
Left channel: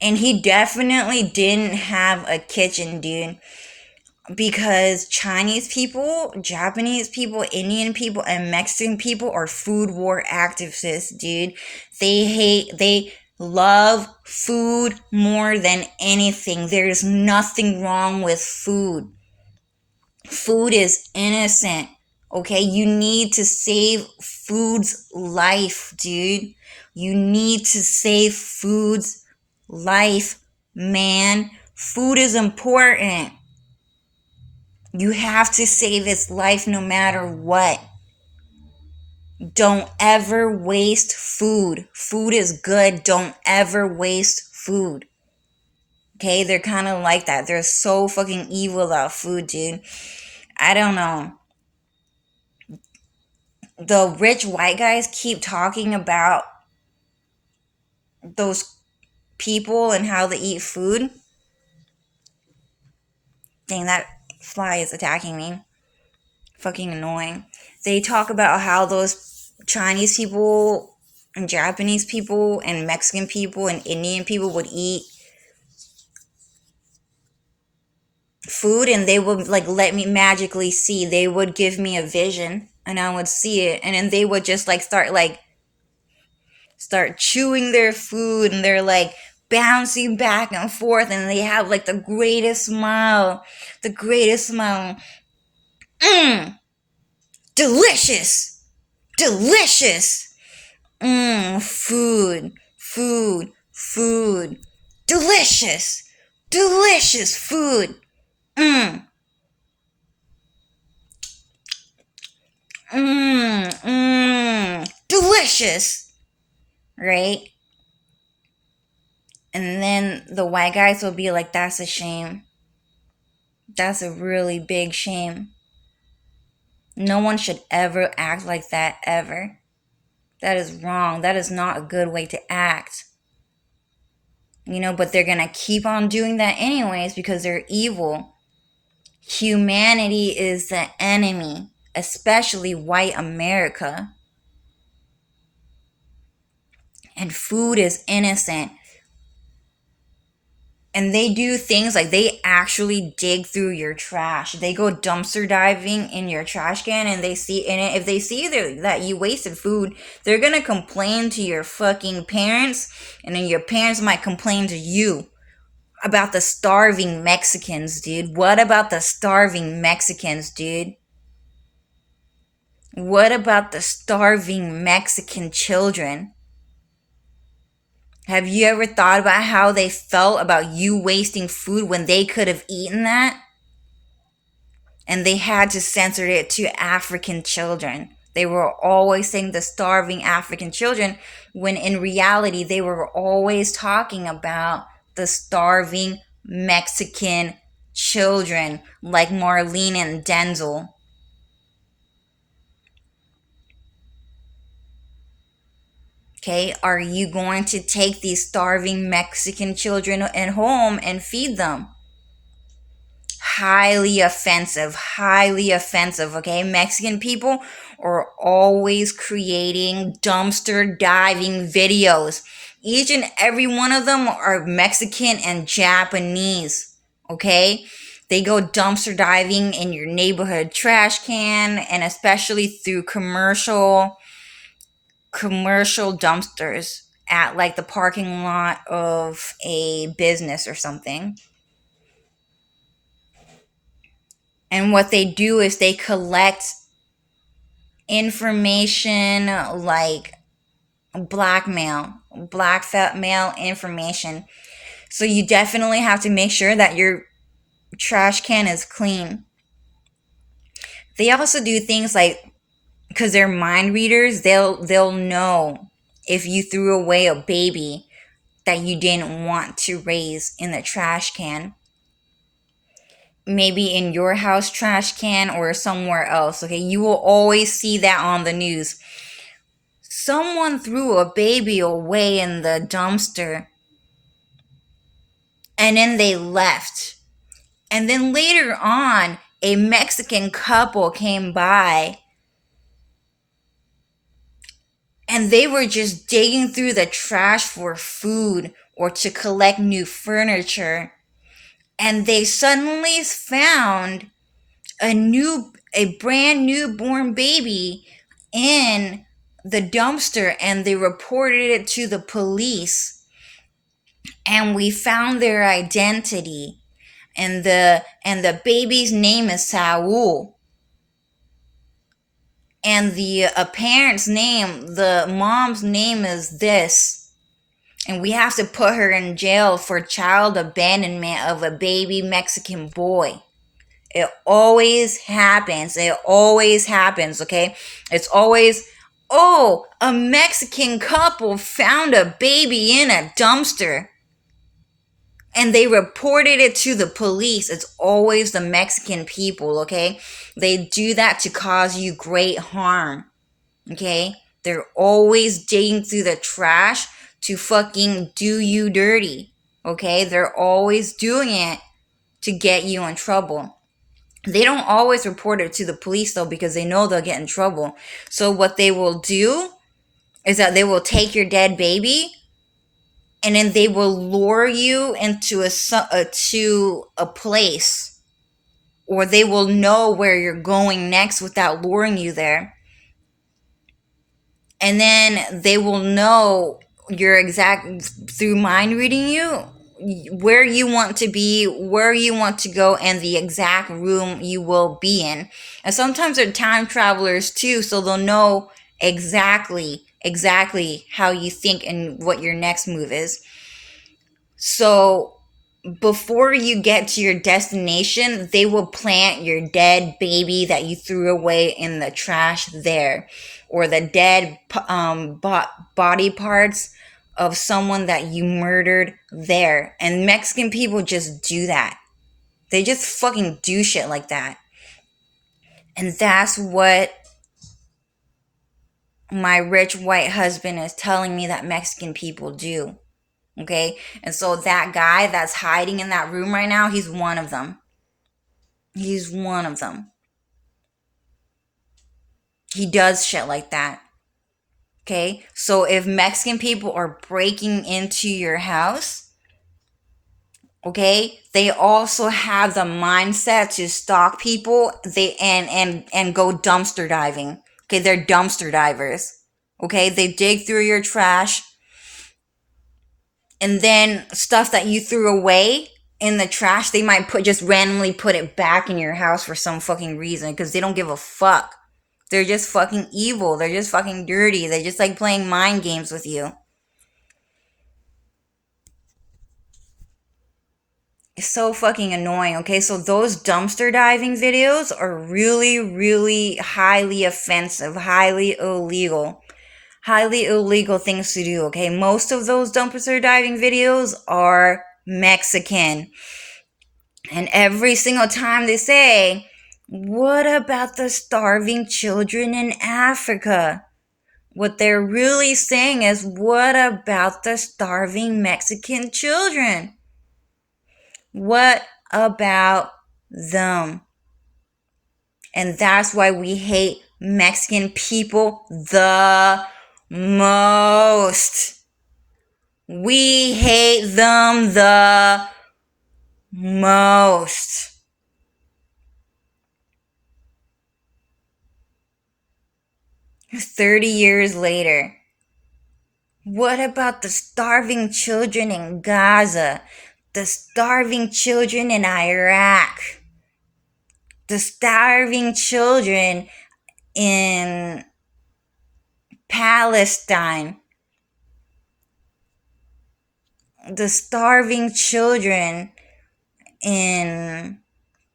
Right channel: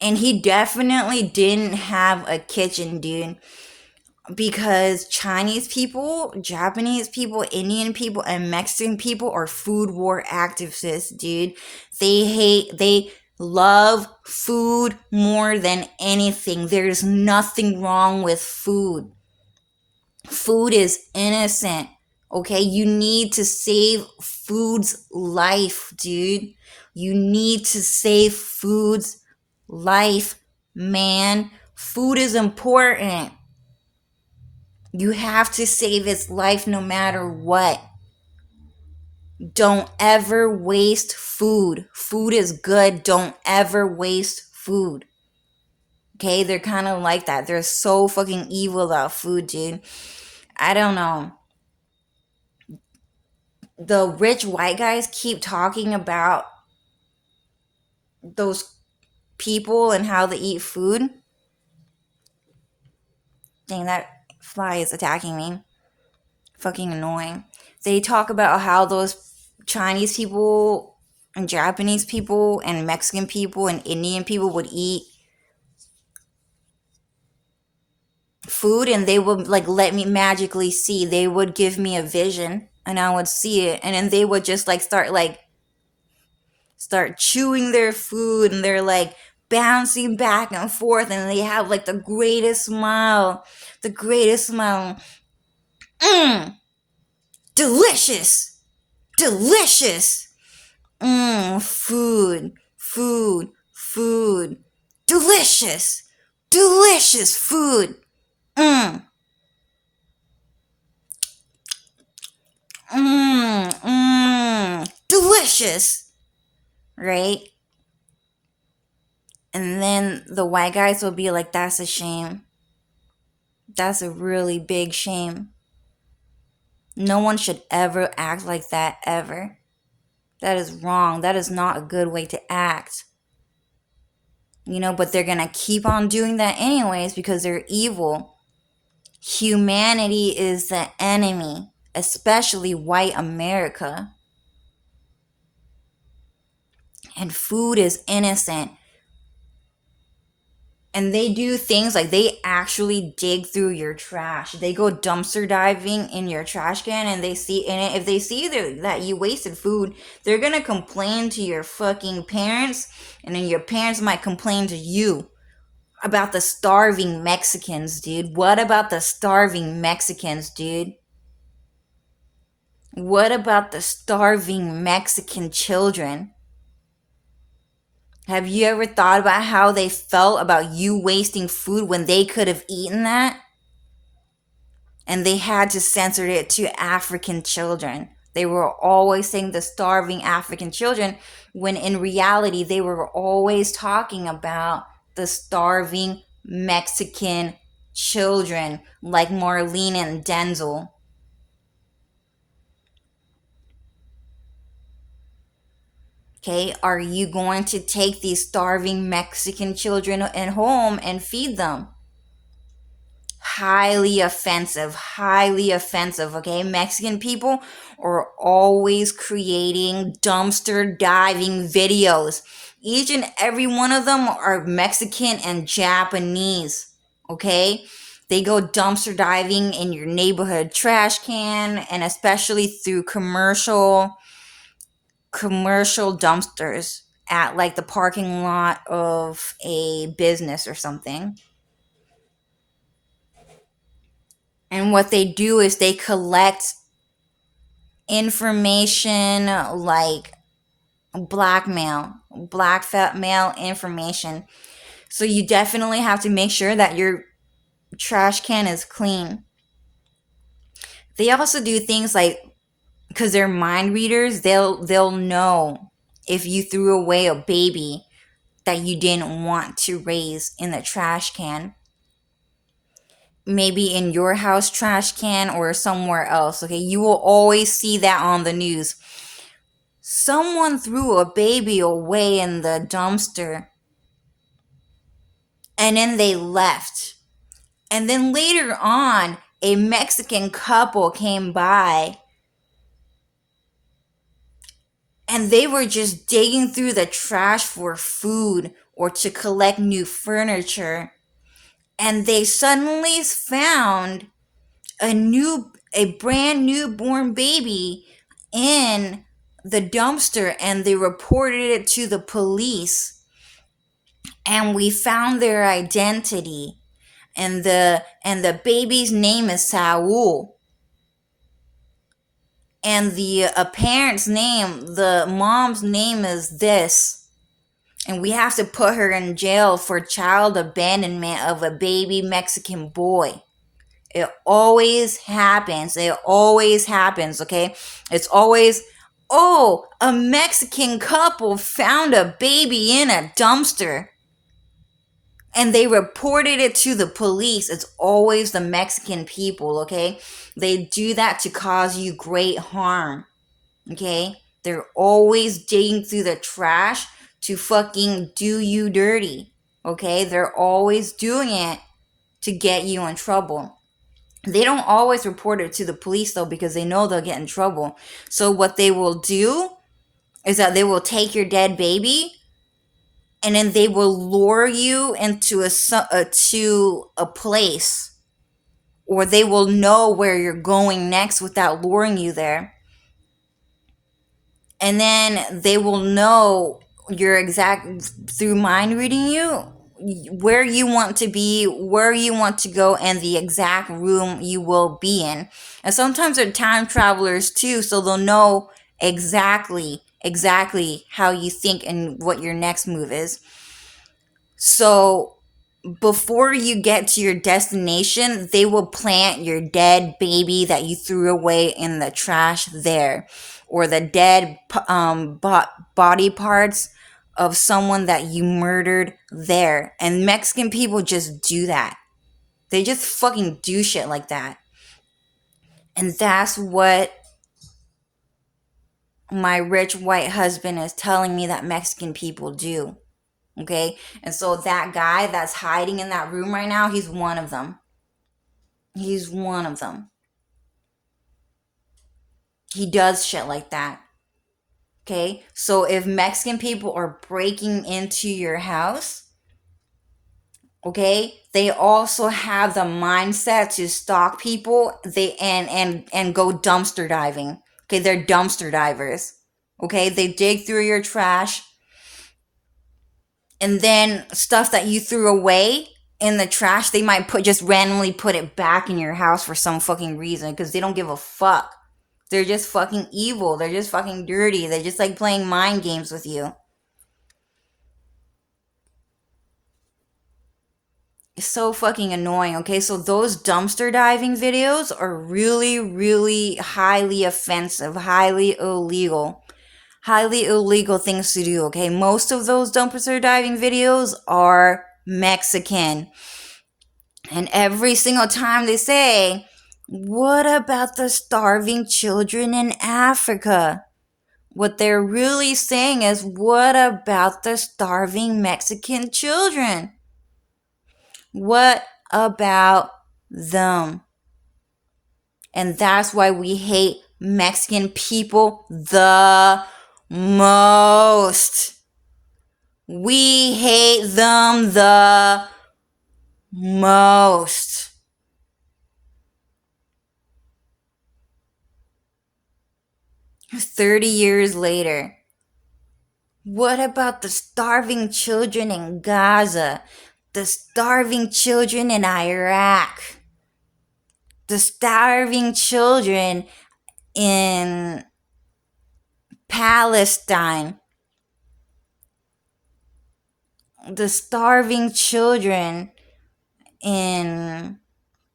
and he definitely didn't have a kitchen, dude, because Chinese people, Japanese people, Indian people, and Mexican people are food war activists, dude. They love food more than anything. There's nothing wrong with food. Food is innocent, Okay, you need to save food's life, dude. You need to save food's life, man. Food is important. You have to save its life no matter what. Don't ever waste food. Food is good. Don't ever waste food. Okay, they're kind of like that. They're so fucking evil about food, dude. I don't know. The rich white guys keep talking about those people and how they eat food. Dang, that fly is attacking me. Fucking annoying. They talk about how those Chinese people and Japanese people and Mexican people and Indian people would eat food and they would like let me magically see. They would give me a vision and I would see it and then they would just like start chewing their food and they're like bouncing back and forth and they have like the greatest smile. The greatest smile. Mmm. Delicious. Delicious. Mmm. Food. Food. Food. Delicious. Delicious food. Mmm. Mmm. Mmm. Delicious. Right? And then the white guys will be like, that's a shame. That's a really big shame. No one should ever act like that, ever. That is wrong. That is not a good way to act. But they're going to keep on doing that anyways because they're evil. Humanity is the enemy, especially white America. And food is innocent. And they do things like they actually dig through your trash. They go dumpster diving in your trash can and they see in it. If they see that you wasted food, they're going to complain to your fucking parents. And then your parents might complain to you about the starving Mexicans, dude. What about the starving Mexicans, dude? What about the starving Mexican children? Have you ever thought about how they felt about you wasting food when they could have eaten that? And they had to censor it to African children. They were always saying the starving African children, when in reality, they were always talking about the starving Mexican children, like Marlene and Denzel. Okay, are you going to take these starving Mexican children at home and feed them? Highly offensive, okay? Mexican people are always creating dumpster diving videos. Each and every one of them are Mexican and Japanese, okay? They go dumpster diving in your neighborhood trash can and especially through commercial dumpsters at like the parking lot of a business or something. And what they do is they collect information like blackmail information. So you definitely have to make sure that your trash can is clean. They also do things like, because they're mind readers, they'll know if you threw away a baby that you didn't want to raise in the trash can. Maybe in your house trash can or somewhere else. Okay, you will always see that on the news. Someone threw a baby away in the dumpster and then they left. And then later on, a Mexican couple came by and they were just digging through the trash for food or to collect new furniture. And they suddenly found a brand newborn baby in the dumpster and they reported it to the police. And we found their identity. And the baby's name is Saul. and the parent's name, the mom's name is this, and we have to put her in jail for child abandonment of a baby Mexican boy. It always happens. It always happens, okay? It's always, oh, a Mexican couple found a baby in a dumpster and they reported it to the police. It's always the Mexican people, okay? They do that to cause you great harm, okay? They're always digging through the trash to fucking do you dirty, okay? They're always doing it to get you in trouble. They don't always report it to the police though, because they know they'll get in trouble. So what they will do is that they will take your dead baby and then they will lure you into to a place, or they will know where you're going next without luring you there. And then they will know your exact, through mind reading you, where you want to be, where you want to go, and the exact room you will be in. And sometimes they're time travelers too, so they'll know exactly how you think and what your next move is. So before you get to your destination, they will plant your dead baby that you threw away in the trash there, or the dead body parts of someone that you murdered there. And Mexican people just do that. They just fucking do shit like that. And that's what my rich white husband is telling me that Mexican people do. Okay? And so that guy that's hiding in that room right now, he's one of them. He's one of them. He does shit like that. Okay? So if Mexican people are breaking into your house, okay, they also have the mindset to stalk people, and go dumpster diving. Okay, they're dumpster divers. Okay, they dig through your trash, and then stuff that you threw away in the trash, they might just randomly put it back in your house for some fucking reason, because they don't give a fuck. They're just fucking evil. They're just fucking dirty. They just like playing mind games with you. It's so fucking annoying, okay? So those dumpster diving videos are really, really highly offensive, highly illegal. Highly illegal things to do, okay? Most of those dumpster diving videos are Mexican. And every single time they say, what about the starving children in Africa? What they're really saying is, what about the starving Mexican children? What about them? And that's why we hate Mexican people the most. We hate them the most. "30 years later, what about the starving children in Gaza? The starving children in Iraq? The starving children in Palestine? The starving children in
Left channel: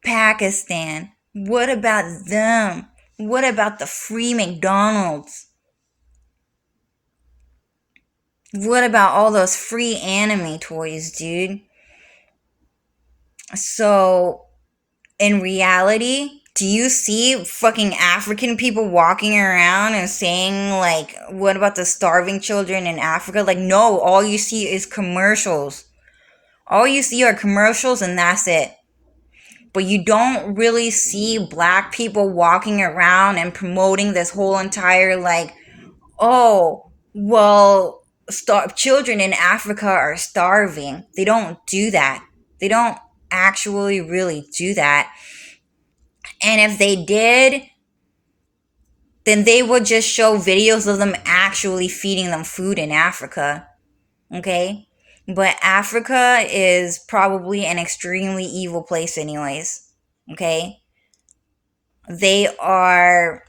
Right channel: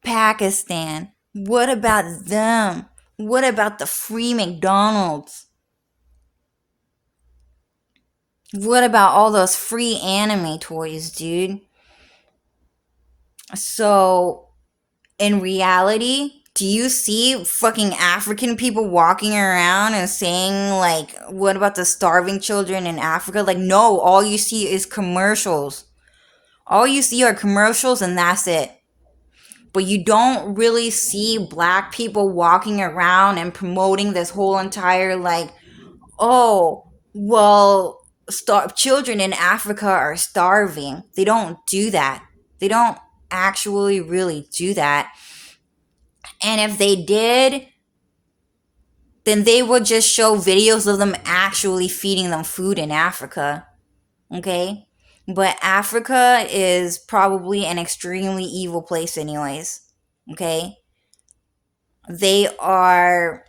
Pakistan? What about them? What about the free McDonald's? What about all those free anime toys, dude?" So, in reality, do you see fucking African people walking around and saying, like, what about the starving children in Africa? Like, no, all you see is commercials. All you see are commercials, and that's it. But you don't really see black people walking around and promoting this whole entire, like, oh, well, children in Africa are starving. They don't do that. They don't actually really do that. And if they did, then they would just show videos of them actually feeding them food in Africa. Okay? But Africa is probably an extremely evil place, anyways. Okay? They are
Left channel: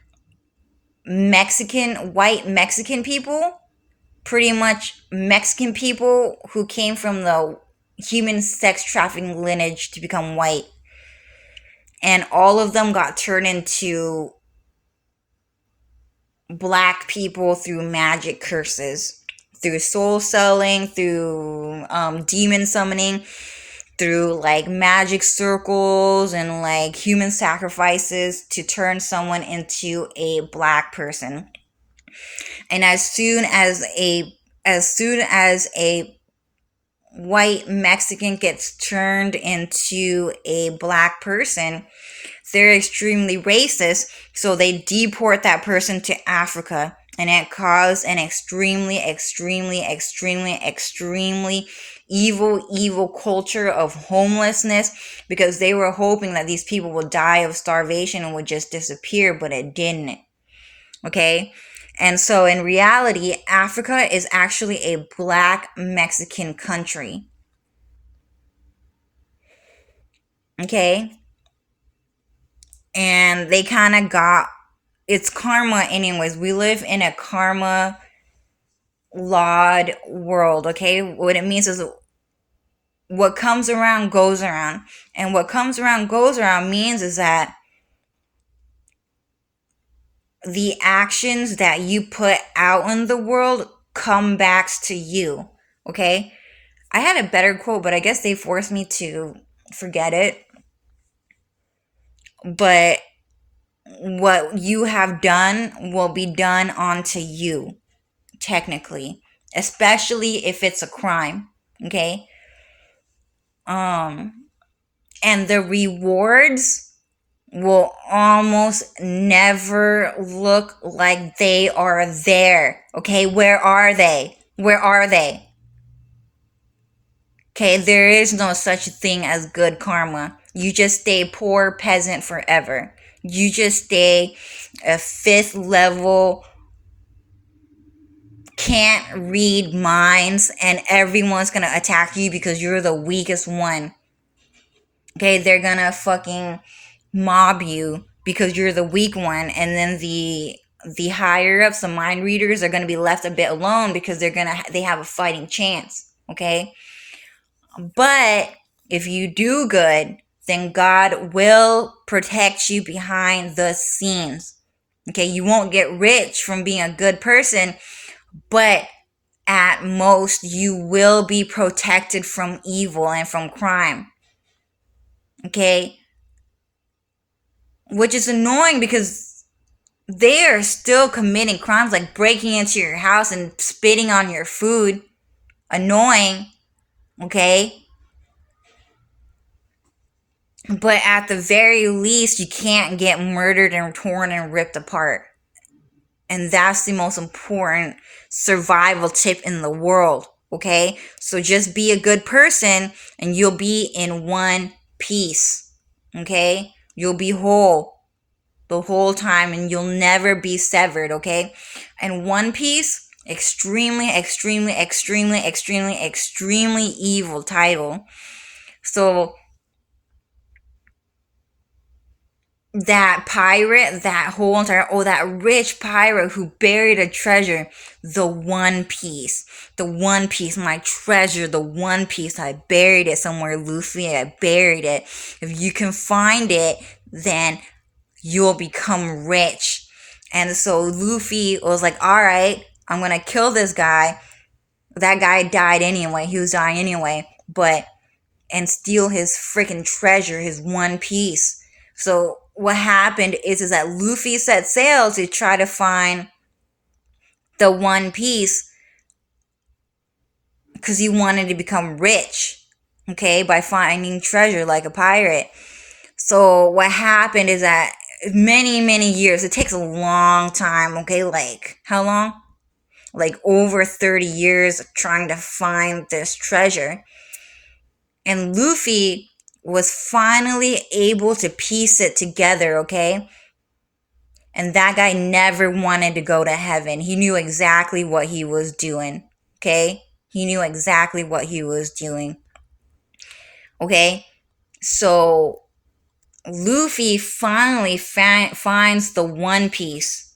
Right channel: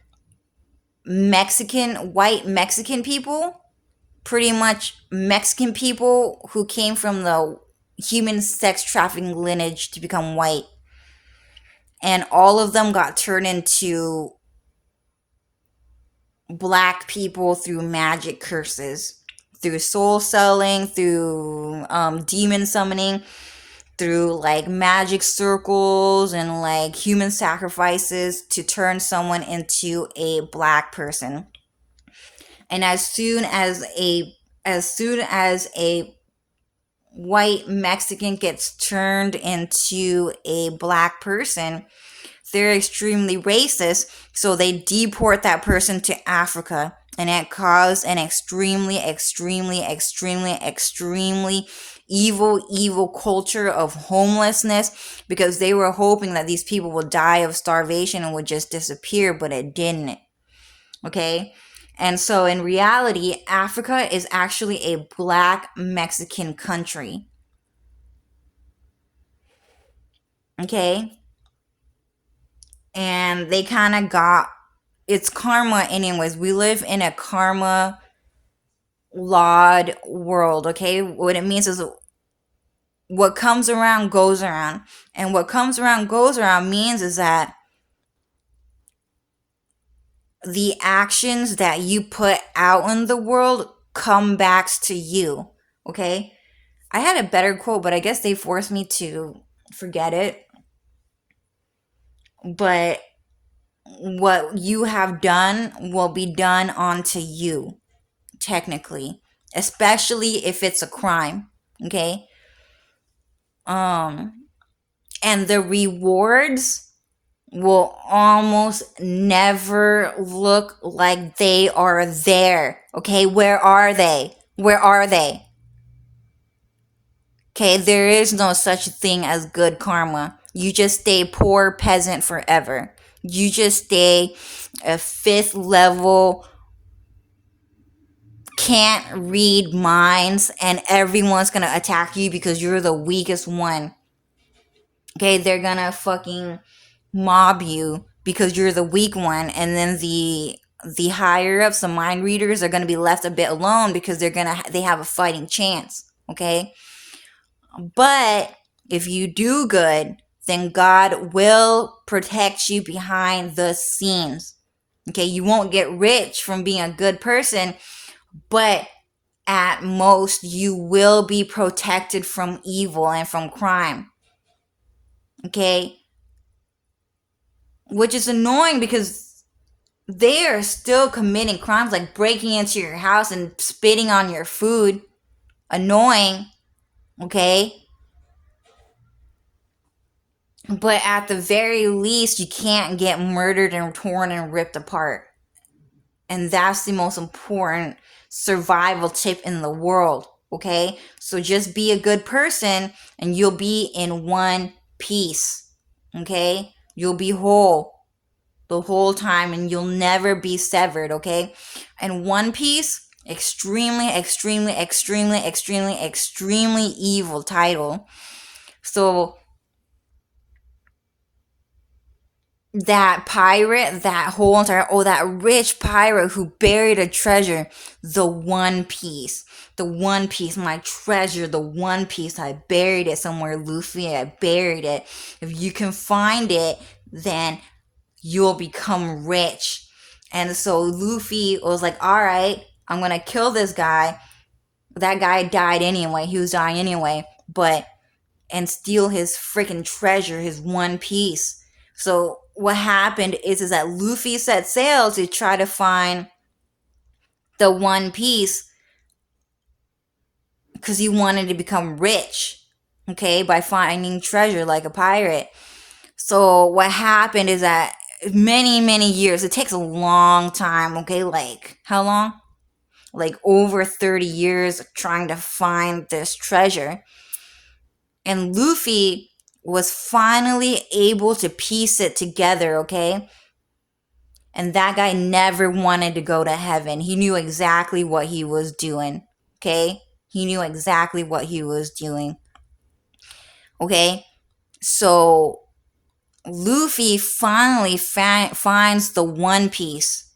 white Mexican people, pretty much Mexican people who came from the human sex trafficking lineage to become white. And all of them got turned into black people through magic curses, through soul selling, through demon summoning, through like magic circles and like human sacrifices to turn someone into a black person. And as soon as a white Mexican gets turned into a black person, they're extremely racist, so they deport that person to Africa. And it caused an extremely, extremely, extremely, extremely evil culture of homelessness, because they were hoping that these people would die of starvation and would just disappear, but it didn't. Okay? And so in reality, Africa is actually a black Mexican country. Okay? And they kind of got, it's karma anyways. We live in a karma lawed world, okay? What it means is what comes around goes around. And what comes around goes around means is that the actions that you put out in the world come back to you, okay? I had a better quote, but I guess they forced me to forget it. But what you have done will be done onto you, technically, especially if it's a crime, okay? And the rewards will almost never look like they are there, okay? Where are they? Where are they? Okay, there is no such thing as good karma. You just stay poor peasant forever. You just stay a fifth level, can't read minds, and everyone's gonna attack you because you're the weakest one. Okay, they're gonna fucking mob you because you're the weak one, and then the higher ups, the mind readers, are gonna be left a bit alone because they have a fighting chance. Okay, but if you do good, then God will protect you behind the scenes. Okay, you won't get rich from being a good person, but at most you will be protected from evil and from crime. Okay, which is annoying because they are still committing crimes like breaking into your house and spitting on your food. Annoying, okay? But at the very least, you can't get murdered and torn and ripped apart. And that's the most important survival tip in the world, okay? So just be a good person and you'll be in one piece, okay? You'll be whole the whole time and you'll never be severed, okay? And One Piece, extremely, extremely, extremely, extremely, extremely evil title. So that pirate, that rich pirate who buried a treasure, the One Piece, my treasure, the One Piece, I buried it somewhere, Luffy, I buried it. If you can find it, then you'll become rich. And so Luffy was like, alright, I'm gonna kill this guy. That guy died anyway, he was dying anyway, and steal his freaking treasure, his One Piece. So what happened is that Luffy set sail to try to find the One Piece because he wanted to become rich, okay, by finding treasure like a pirate. So what happened is that many, many years, it takes a long time, okay, like how long? Like over 30 years trying to find this treasure. And Luffy was finally able to piece it together, okay? And that guy never wanted to go to heaven. He knew exactly what he was doing, okay? He knew exactly what he was doing, okay? So Luffy finally finds the One Piece,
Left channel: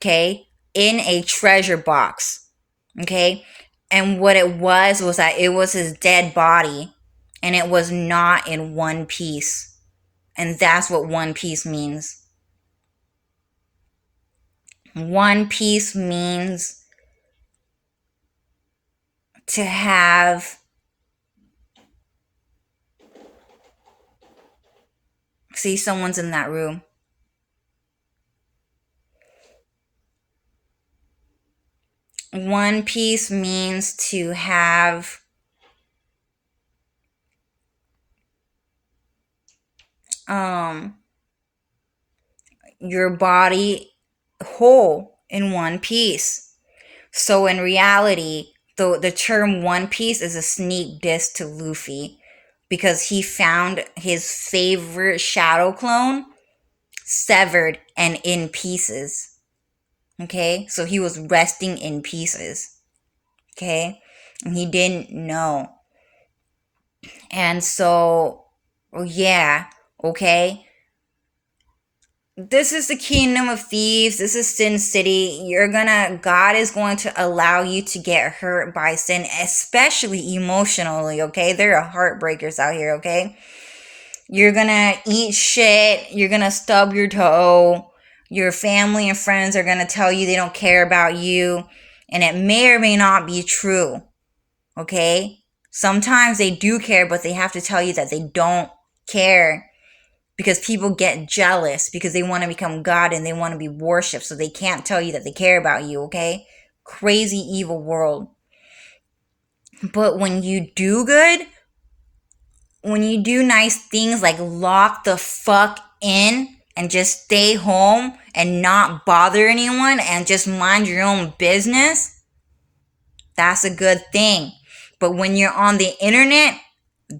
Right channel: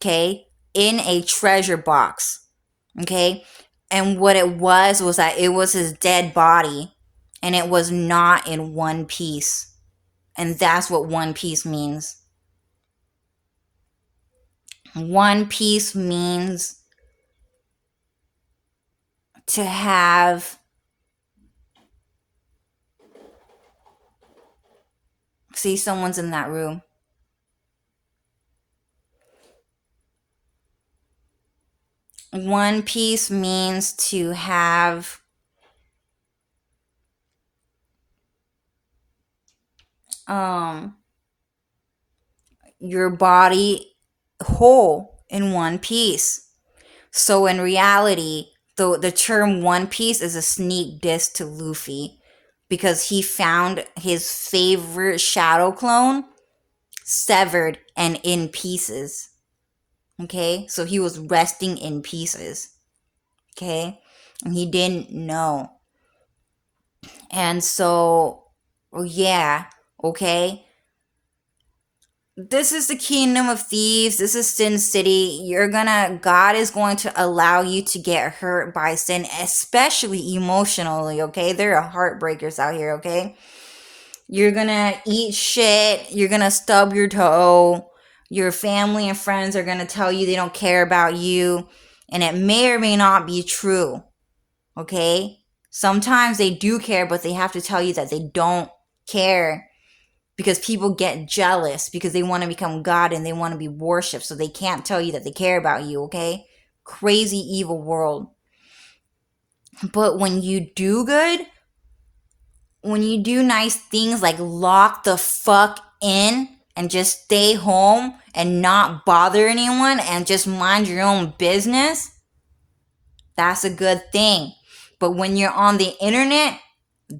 okay, in a treasure box, okay? And what it was that it was his dead body, and it was not in one piece. And that's what one piece means. One piece means to have, see, someone's in that room. One piece means to have your body whole in one piece. So in reality, the term One Piece is a sneak diss to Luffy, because he found his favorite shadow clone severed and in pieces. Okay? So he was resting in pieces. Okay? And he didn't know. And so, yeah, okay? This is the Kingdom of Thieves. This is Sin City. God is going to allow you to get hurt by sin, especially emotionally, okay? There are heartbreakers out here, okay? You're gonna eat shit. You're gonna stub your toe. Your family and friends are gonna tell you they don't care about you. And it may or may not be true, okay? Sometimes they do care, but they have to tell you that they don't care, because people get jealous because they want to become God and they want to be worshipped, so they can't tell you that they care about you, okay? Crazy evil world. But when you do good, when you do nice things like lock the fuck in and just stay home and not bother anyone and just mind your own business, that's a good thing. But when you're on the internet,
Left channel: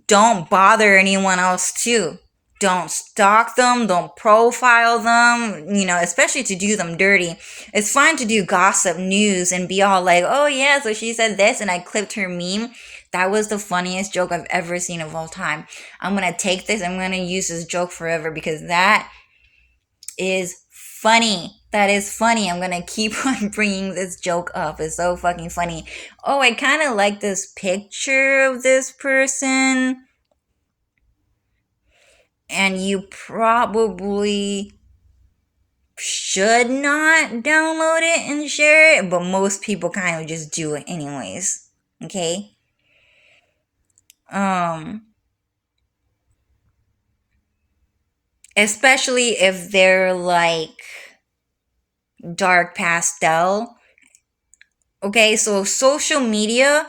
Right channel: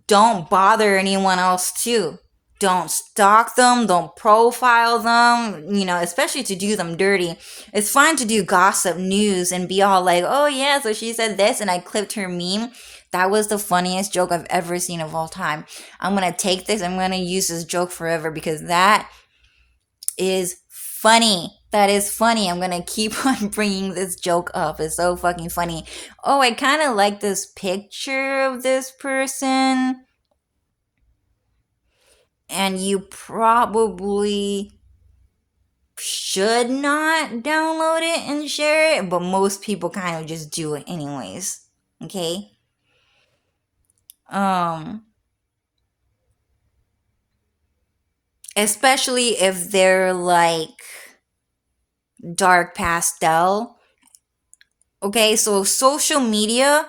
don't bother anyone else too. Don't stalk them, don't profile them, especially to do them dirty. It's fine to do gossip news and be all like, oh yeah, so she said this and I clipped her meme. That was the funniest joke I've ever seen of all time. I'm gonna take this, I'm gonna use this joke forever because that is funny. That is funny. I'm gonna keep on bringing this joke up. It's so fucking funny. Oh, I kind of like this picture of this person. And you probably should not download it and share it, but most people kind of just do it anyways. Okay? Especially if they're like dark pastel. Okay, so social media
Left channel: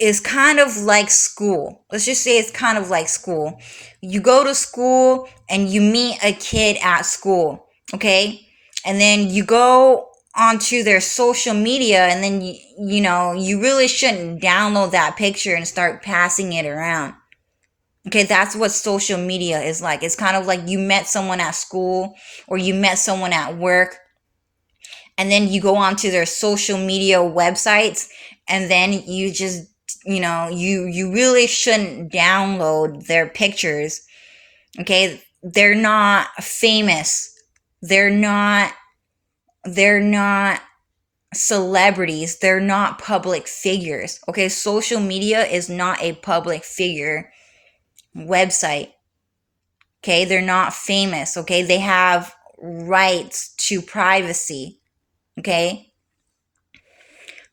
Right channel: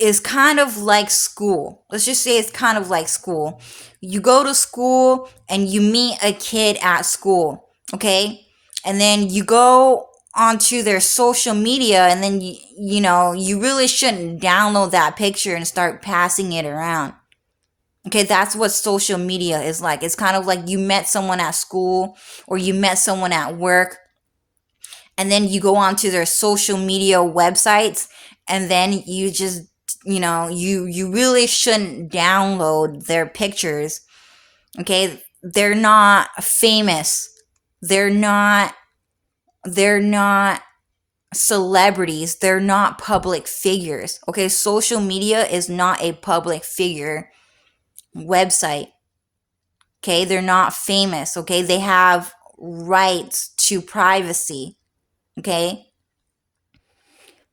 is kind of like school. Let's just say it's kind of like school. You go to school and you meet a kid at school, okay? And then you go onto their social media, and then you really shouldn't download that picture and start passing it around. Okay, that's what social media is like. It's kind of like you met someone at school or you met someone at work, and then you go onto their social media websites, and then you just you really shouldn't download their pictures. Okay, they're not famous, they're not celebrities, they're not public figures. Okay, social media is not a public figure website. Okay, they're not famous. Okay, they have rights to privacy. Okay,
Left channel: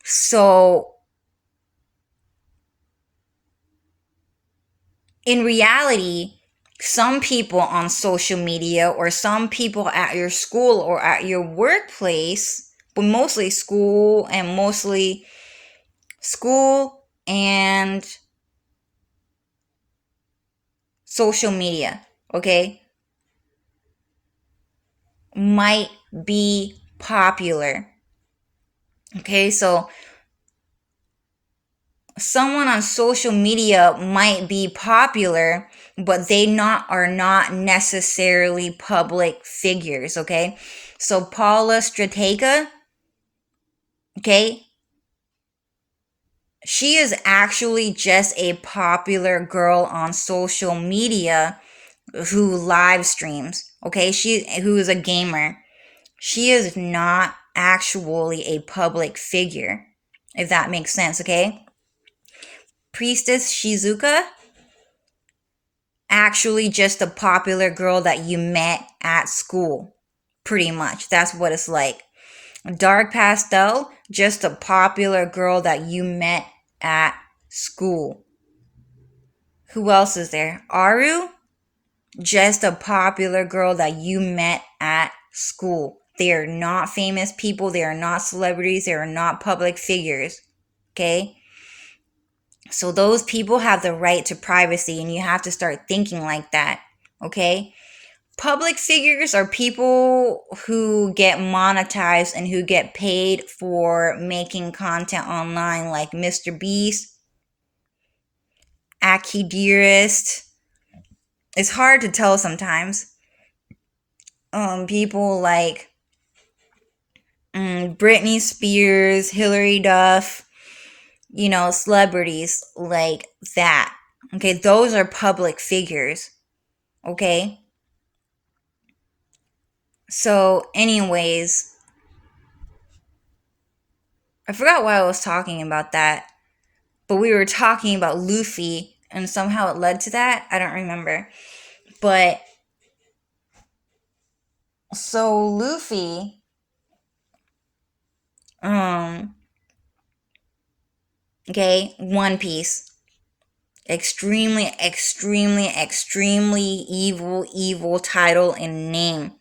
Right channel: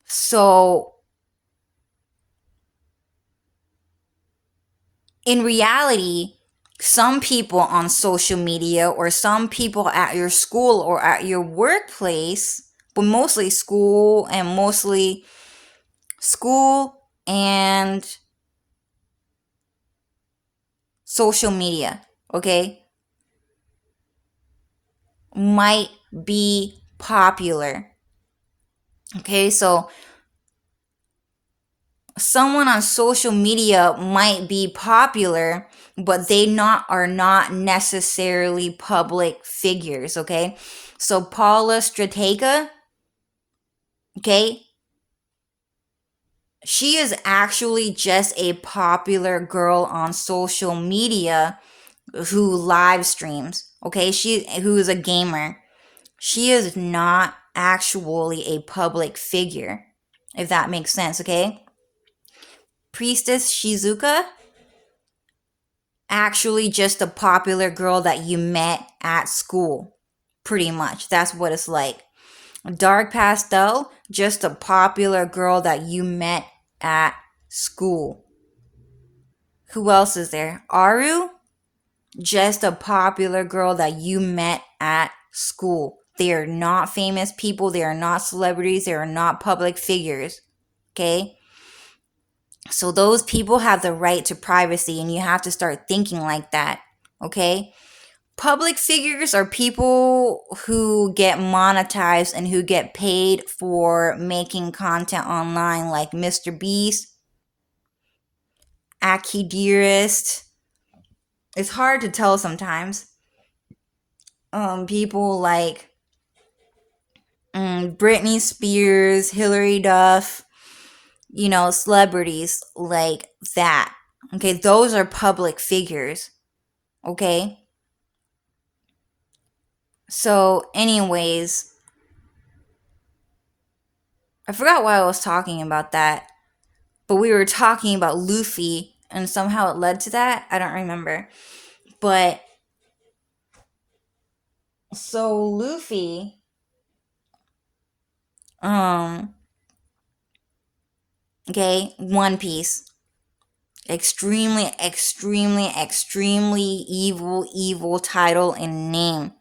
so in reality, some people on social media or some people at your school or at your workplace, but mostly school and social media, okay, might be popular. Okay, so someone on social media might be popular, but are not necessarily public figures. Okay, so Paula Stratega, okay, she is actually just a popular girl on social media who live streams, okay? Who is a gamer. She is not actually a public figure, if that makes sense, okay? Priestess Shizuka, actually just a popular girl that you met at school. Pretty much. That's what it's like. Dark Pastel, just a popular girl that you met at school. Who else is there? Aru, just a popular girl that you met at school. They are not famous people. They are not celebrities. They are not public figures. Okay? So those people have the right to privacy, and you have to start thinking like that. Okay? Public figures are people who get monetized and who get paid for making content online, like Mr. Beast, Aki Dearest. It's hard to tell sometimes. People like Britney Spears, Hilary Duff, celebrities like that. Okay, those are public figures. Okay? So, anyways, I forgot why I was talking about that, but we were talking about Luffy, and somehow it led to that. I don't remember. But, so Luffy, okay, One Piece. Extremely, extremely, extremely evil title and name.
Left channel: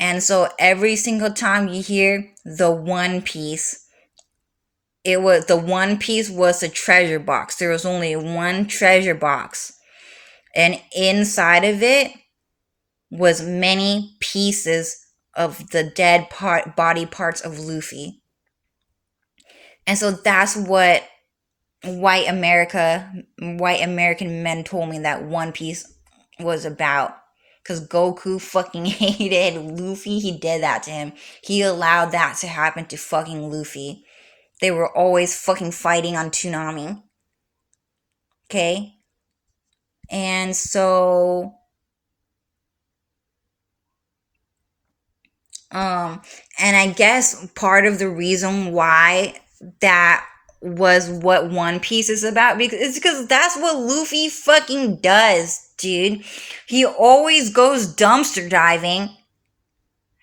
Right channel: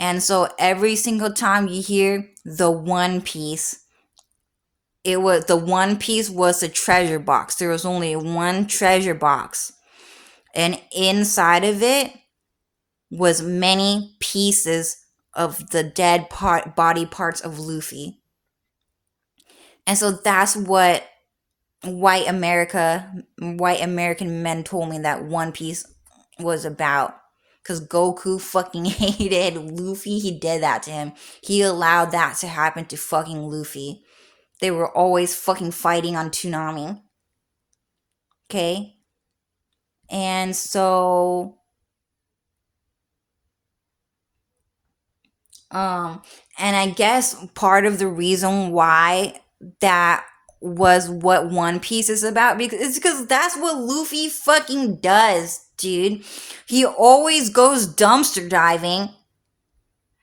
And so every single time you hear the One Piece, the One Piece was a treasure box. There was only one treasure box. And inside of it was many pieces of the dead body parts of Luffy. And so that's what white American men told me that One Piece was about. Because Goku fucking hated Luffy. He did that to him. He allowed that to happen to fucking Luffy. They were always fucking fighting on Toonami. Okay? And so... and I guess part of the reason why that was what One Piece is about, because that's what Luffy fucking does, dude. He always goes dumpster diving,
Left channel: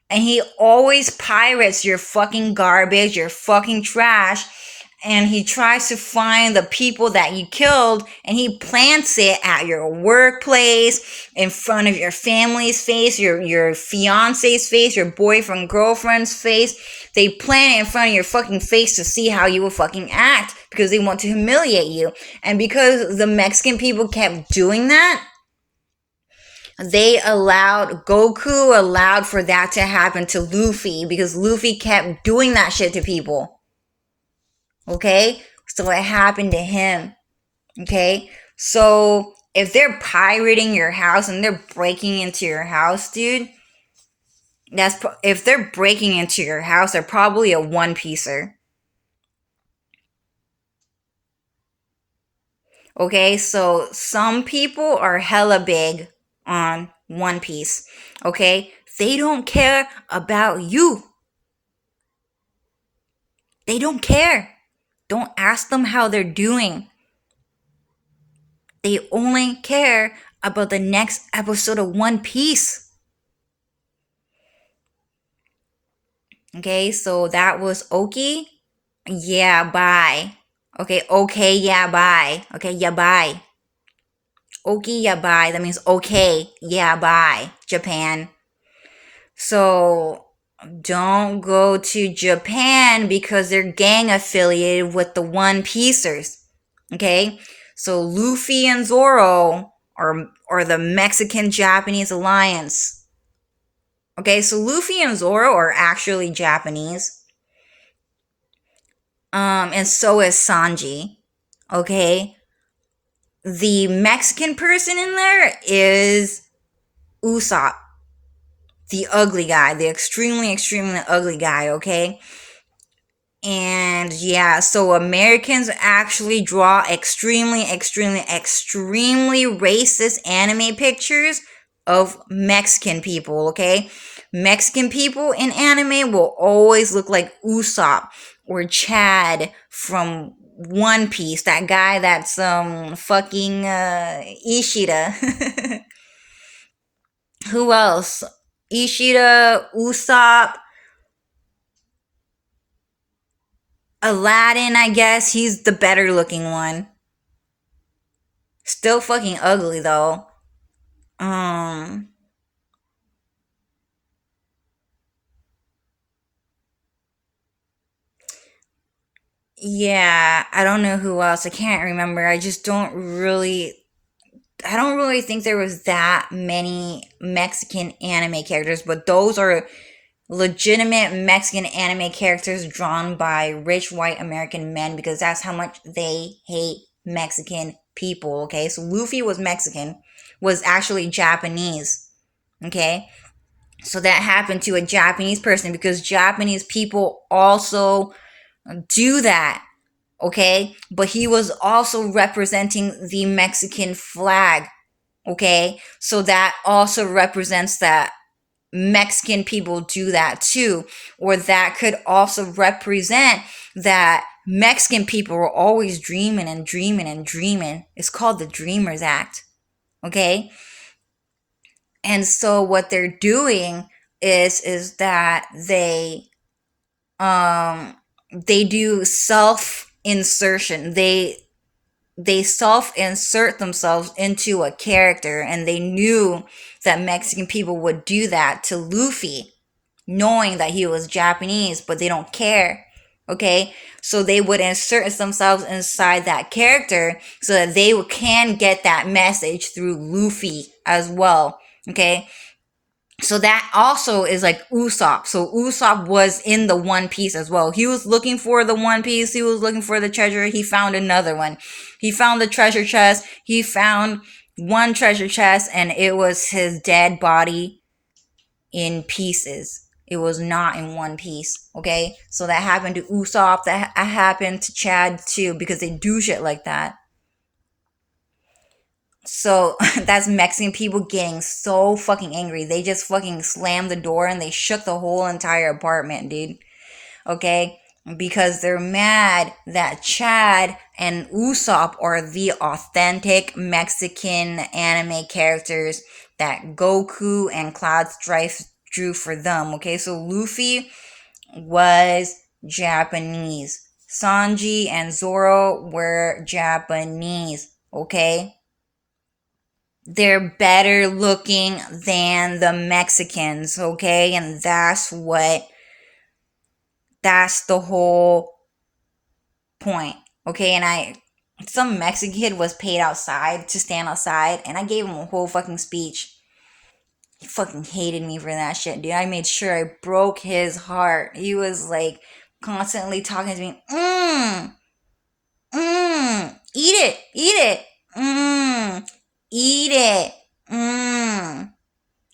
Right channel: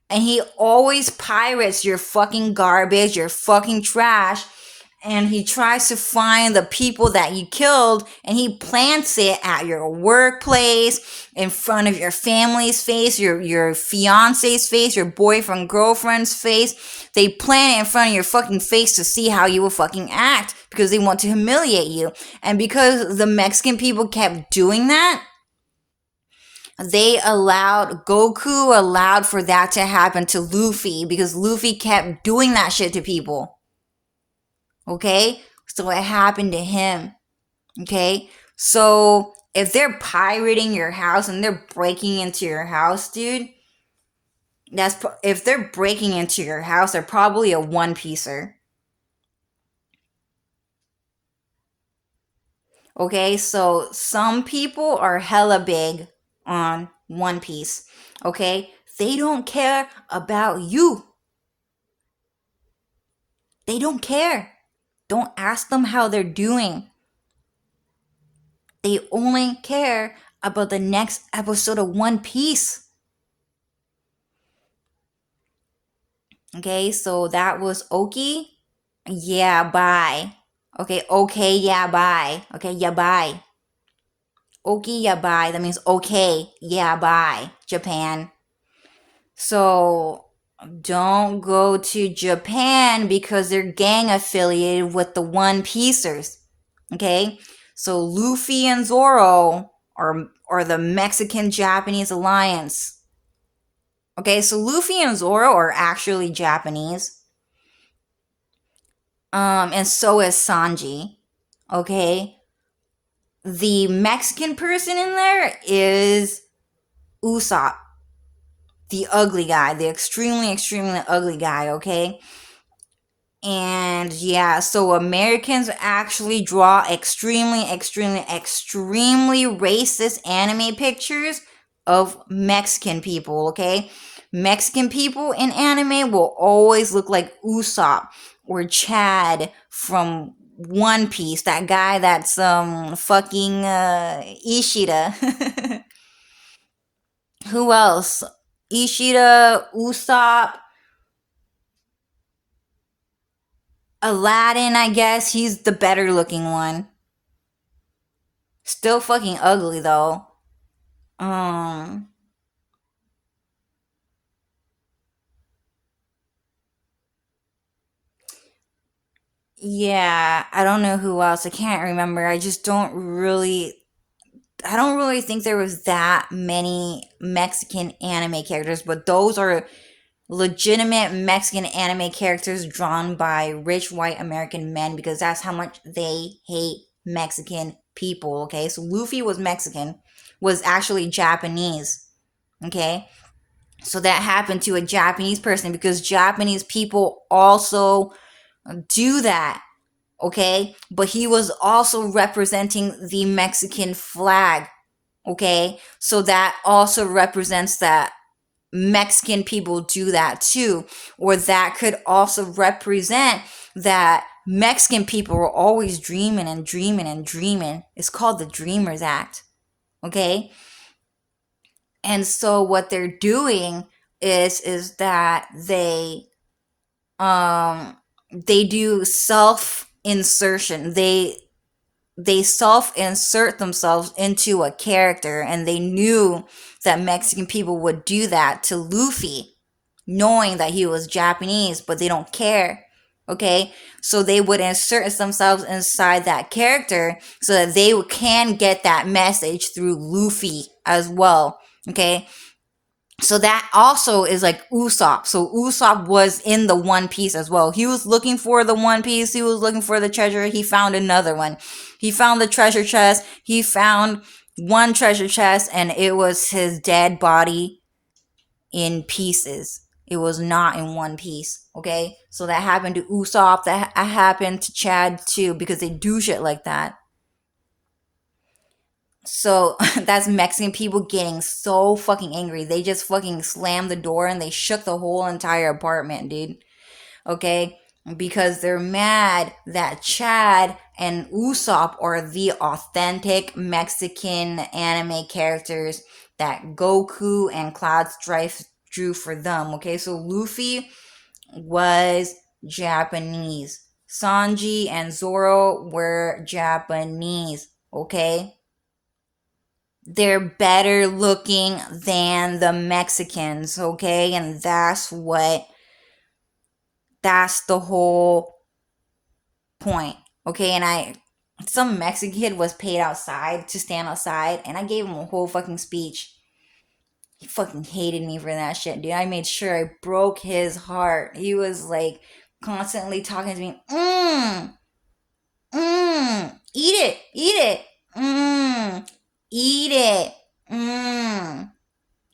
and he always pirates your fucking garbage, your fucking trash, and he tries to find the people that you killed, and he plants it at your workplace, in front of your family's face, your fiance's face, your boyfriend, girlfriend's face. They plant it in front of your fucking face to see how you will fucking act, because they want to humiliate you. And because the Mexican people kept doing that, Goku allowed for that to happen to Luffy, because Luffy kept doing that shit to people. Okay? So it happened to him. Okay? So if they're pirating your house and they're breaking into your house, dude, if they're breaking into your house, they're probably a one-piecer. Okay? So some people are hella big on One Piece. Okay? They don't care about you. They don't care. Don't ask them how they're doing. They only care about the next episode of One Piece. Okay, so that was Oki. Yeah, bye. Okay, yeah, bye. Okay, yeah, bye. Oki, yeah, bye. That means okay, yeah, bye, Japan. So don't go to Japan because they're gang affiliated with the One Piecers. Okay? So Luffy and Zoro are the Mexican-Japanese alliance. Okay, so Luffy and Zoro are actually Japanese. And so is Sanji. Okay? The Mexican person in there is Usopp. The ugly guy. The extremely, extremely ugly guy, okay? And yeah, so Americans actually draw extremely, extremely, extremely racist anime pictures of Mexican people, okay? Mexican people in anime will always look like Usopp or Chad from One Piece, that guy that's fucking Ishida. Who else? Ishida, Usopp, Aladdin, I guess. He's the better looking one. Still fucking ugly though. Um yeah, I don't know who else. I can't remember. I don't really think there was that many Mexican anime characters, but those are legitimate Mexican anime characters drawn by rich white American men because that's how much they hate Mexican people, okay? So Luffy was Mexican, was actually Japanese, okay? So that happened to a Japanese person because Japanese people also do that, okay? But he was also representing the Mexican flag, okay? So that also represents that Mexican people do that too, or that could also represent that Mexican people are always dreaming and dreaming and dreaming. It's called the Dreamers Act, okay? And so what they're doing is that they do self insertion. They self insert themselves into a character, and they knew that Mexican people would do that to Luffy, knowing that he was Japanese, but they don't care. Okay, so they would insert themselves inside that character so that they can get that message through Luffy as well. Okay, so that also is like Usopp. So Usopp was in the One Piece as well. He was looking for the One Piece. He was looking for the treasure. He found another one. He found the treasure chest. He found one treasure chest, and it was his dead body in pieces. It was not in one piece. Okay, so that happened to Usopp. That happened to Chad too, because they do shit like that. So that's Mexican people getting so fucking angry. They just fucking slammed the door and they shook the whole entire apartment, dude. Okay? Because they're mad that Chad and Usopp are the authentic Mexican anime characters that Goku and Cloud Strife drew for them. Okay? So Luffy was Japanese. Sanji and Zoro were Japanese. Okay? They're better looking than the Mexicans, okay? And that's the whole point, okay? Some Mexican kid was paid outside to stand outside, and I gave him a whole fucking speech. He fucking hated me for that shit, dude. I made sure I broke his heart. He was like constantly talking to me, eat it, eat it,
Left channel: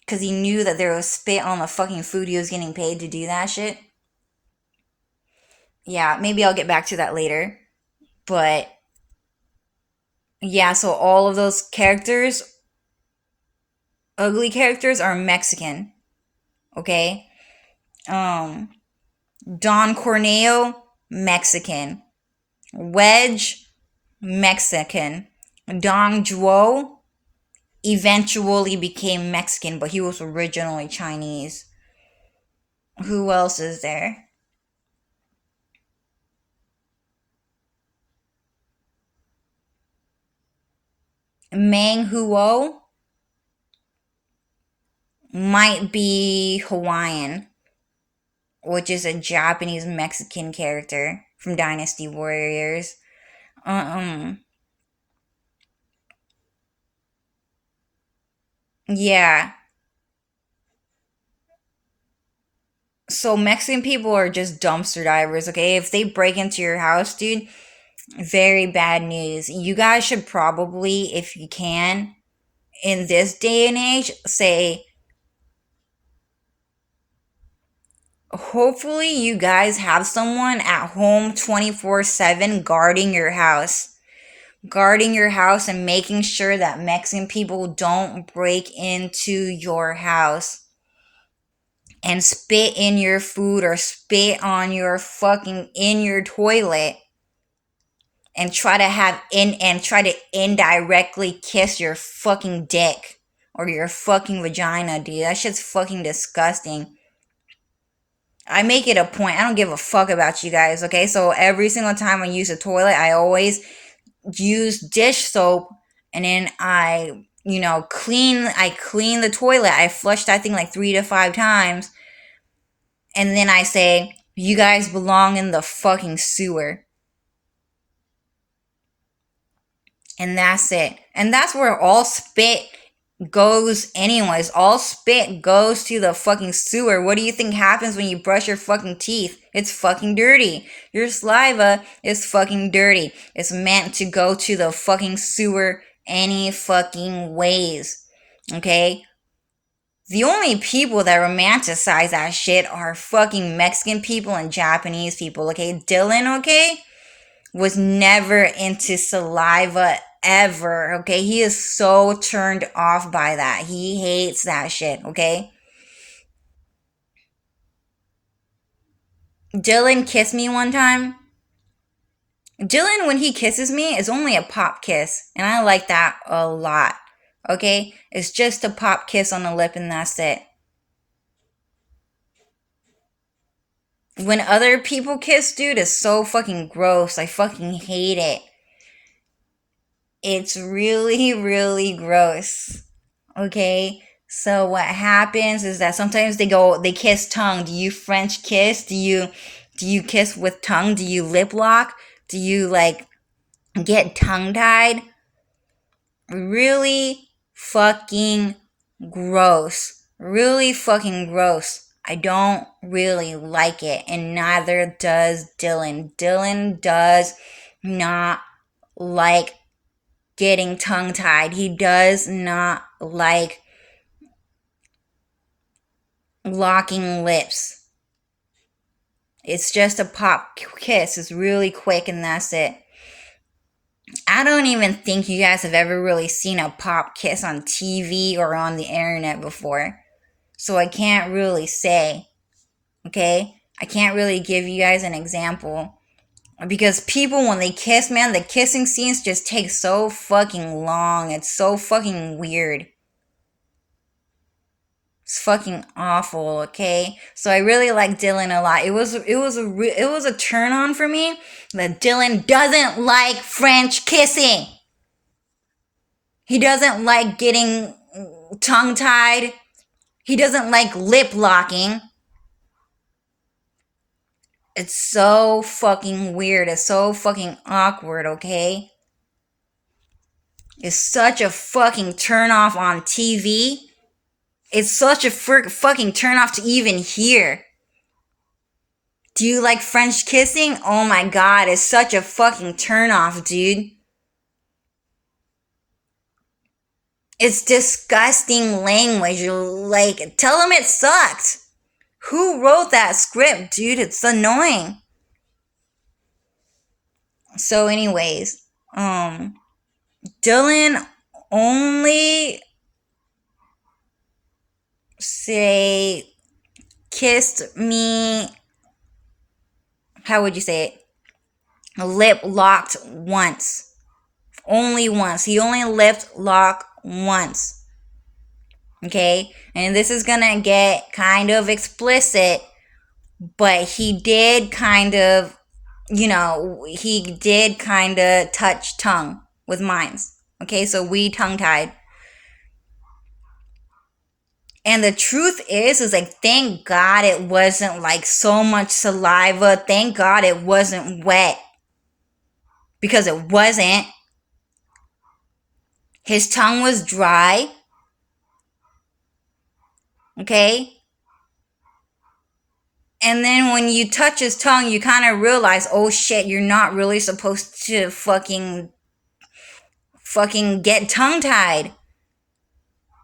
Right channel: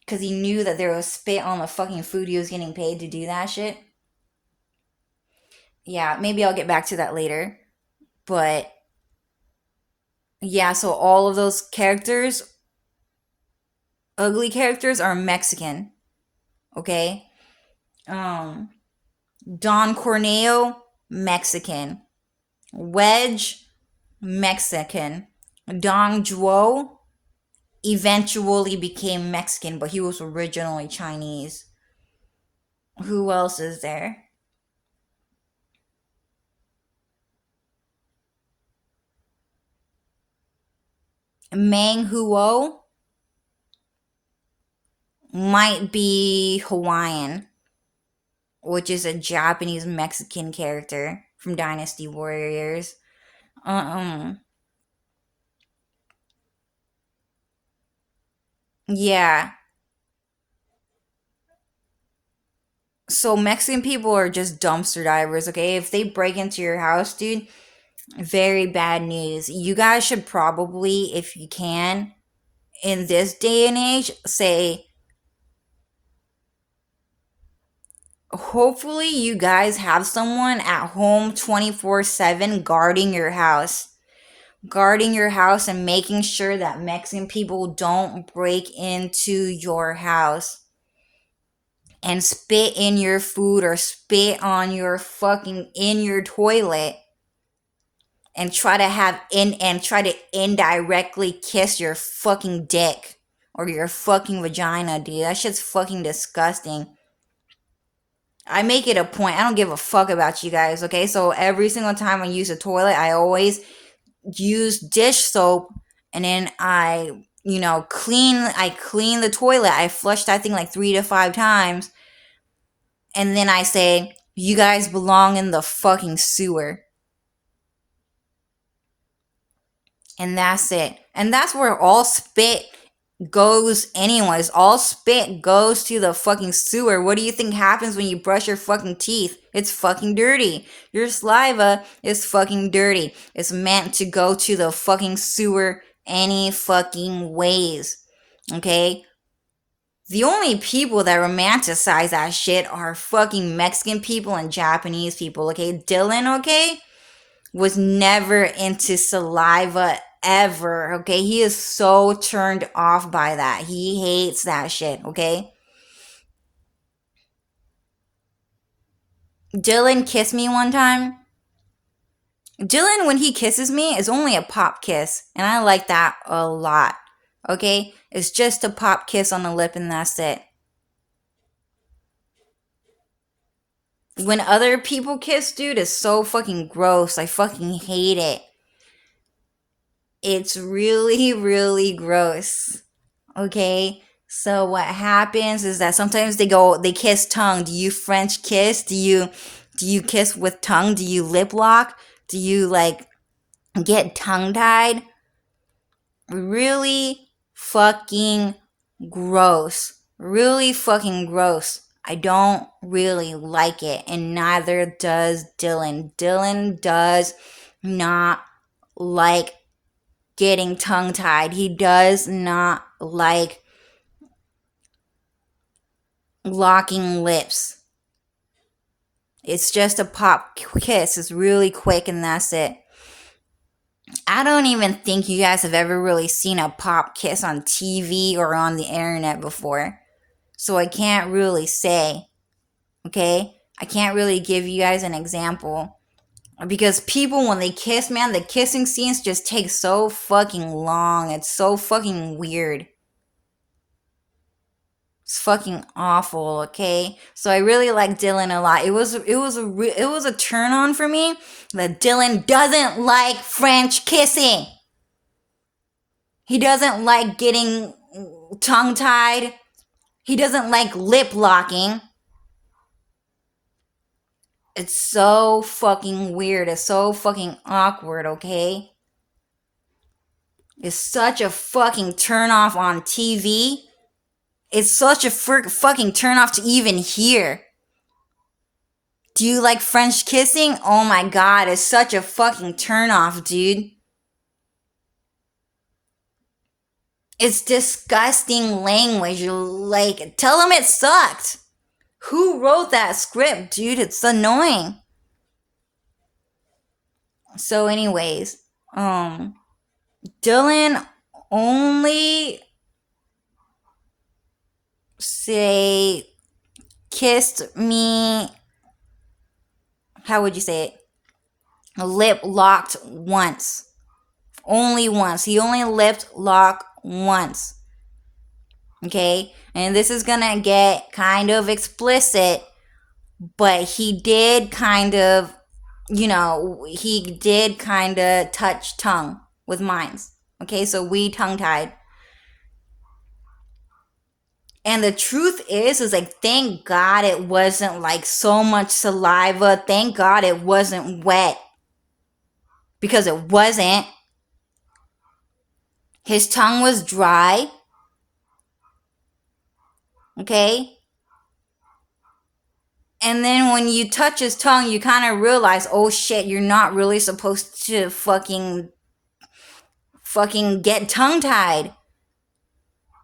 because he knew that there was spit on the fucking food he was getting paid to do that shit. Yeah, maybe I'll get back to that later. But yeah, so all of those characters, ugly characters, are Mexican. Okay? Um, Don Corneo, Mexican. Wedge, Mexican. Dong Zhuo eventually became Mexican, but he was originally Chinese. Who else is there? Meng Huo might be Hawaiian, which is a Japanese Mexican character from Dynasty Warriors. Um, yeah. So Mexican people are just dumpster divers, okay? If they break into your house, dude, very bad news. You guys should probably, if you can, in this day and age, say, hopefully you guys have someone at home 24/7 guarding your house. Guarding your house and making sure that Mexican people don't break into your house and spit in your food or spit on your fucking in your toilet and try to indirectly kiss your fucking dick or your fucking vagina, dude. That shit's fucking disgusting. I make it a point. I don't give a fuck about you guys, okay? So every single time I use a toilet, I always use dish soap, and then I clean the toilet. I flush that thing like 3 to 5 times, and then I say, you guys belong in the fucking sewer. And that's it. And that's where all spit goes anyways. All spit goes to the fucking sewer. What do you think happens when you brush your fucking teeth? It's fucking dirty. Your saliva is fucking dirty. It's meant to go to the fucking sewer any fucking ways. Okay? The only people that romanticize that shit are fucking Mexican people and Japanese people. Okay? Dylan, okay? Was never into saliva ever, okay? He is so turned off by that. He hates that shit, okay? Dylan kissed me one time. Dylan, when he kisses me, is only a pop kiss, and I like that a lot, okay? It's just a pop kiss on the lip, and that's it. When other people kiss, dude, it's so fucking gross. I fucking hate it. It's really, really gross. Okay? So what happens is that sometimes they kiss tongue. Do you French kiss? Do you kiss with tongue? Do you lip lock? Do you like get tongue tied? Really fucking gross. Really fucking gross. I don't really like it, and neither does Dylan. Dylan does not like getting tongue tied. He does not like locking lips. It's just a pop kiss. It's really quick, and that's it. I don't even think you guys have ever really seen a pop kiss on TV or on the internet before. So I can't really say, okay? I can't really give you guys an example. Because people, when they kiss, man, the kissing scenes just take so fucking long. It's so fucking weird. It's fucking awful, okay? So I really like Dylan a lot. It was a turn on for me that Dylan doesn't like French kissing. He doesn't like getting tongue tied. He doesn't like lip locking. It's so fucking weird. It's so fucking awkward, okay? It's such a fucking turn off on TV. It's such a fucking turn off to even hear. Do you like French kissing? Oh my god, it's such a fucking turn off, dude. It's disgusting language. Like, tell them it sucked. Who wrote that script, dude? It's annoying. So, anyways, Dylan only say kissed me. How would you say it? Lip locked once. Only once. He only lip locked once. Okay? And this is gonna get kind of explicit, but he did kind of, touch tongue with mines. Okay? So we tongue tied. And the truth is like, thank God it wasn't like so much saliva. Thank God it wasn't wet. Because it wasn't. His tongue was dry. Okay? And then when you touch his tongue, you kind of realize, oh shit, you're not really supposed to fucking get tongue tied.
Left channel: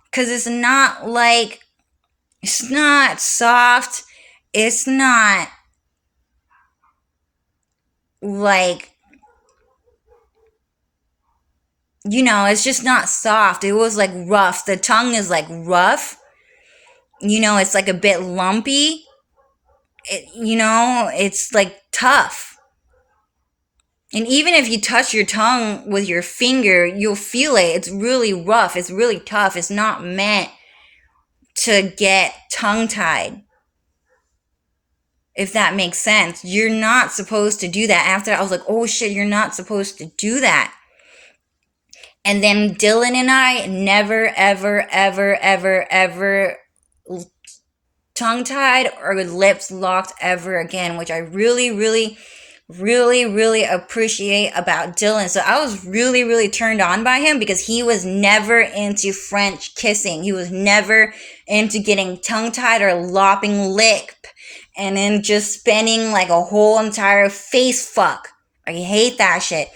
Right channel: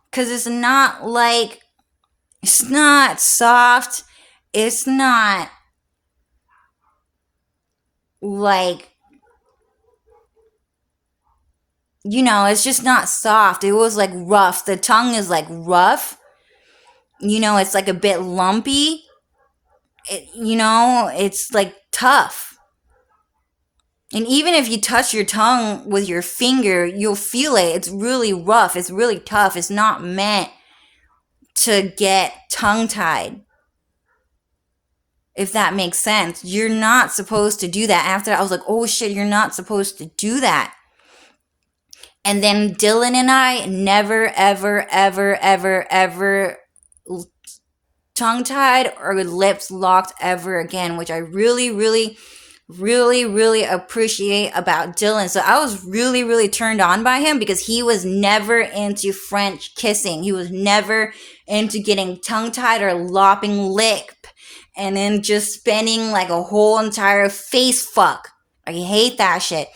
Because it's not soft it's not like, it's just not soft. It was like rough. The tongue is like rough. It's like a bit lumpy. It's like tough. And even if you touch your tongue with your finger, you'll feel it. It's really rough. It's really tough. It's not meant to get tongue tied. If that makes sense. You're not supposed to do that. After that, I was like, oh shit, you're not supposed to do that. And then Dylan and I never, ever, ever, ever, ever tongue tied or lips locked ever again, which I really, really, really, really appreciate about Dylan. So I was really, really turned on by him because he was never into French kissing. He was never into getting tongue tied or lopping lip and then just spending like a whole entire face fuck. I hate that shit.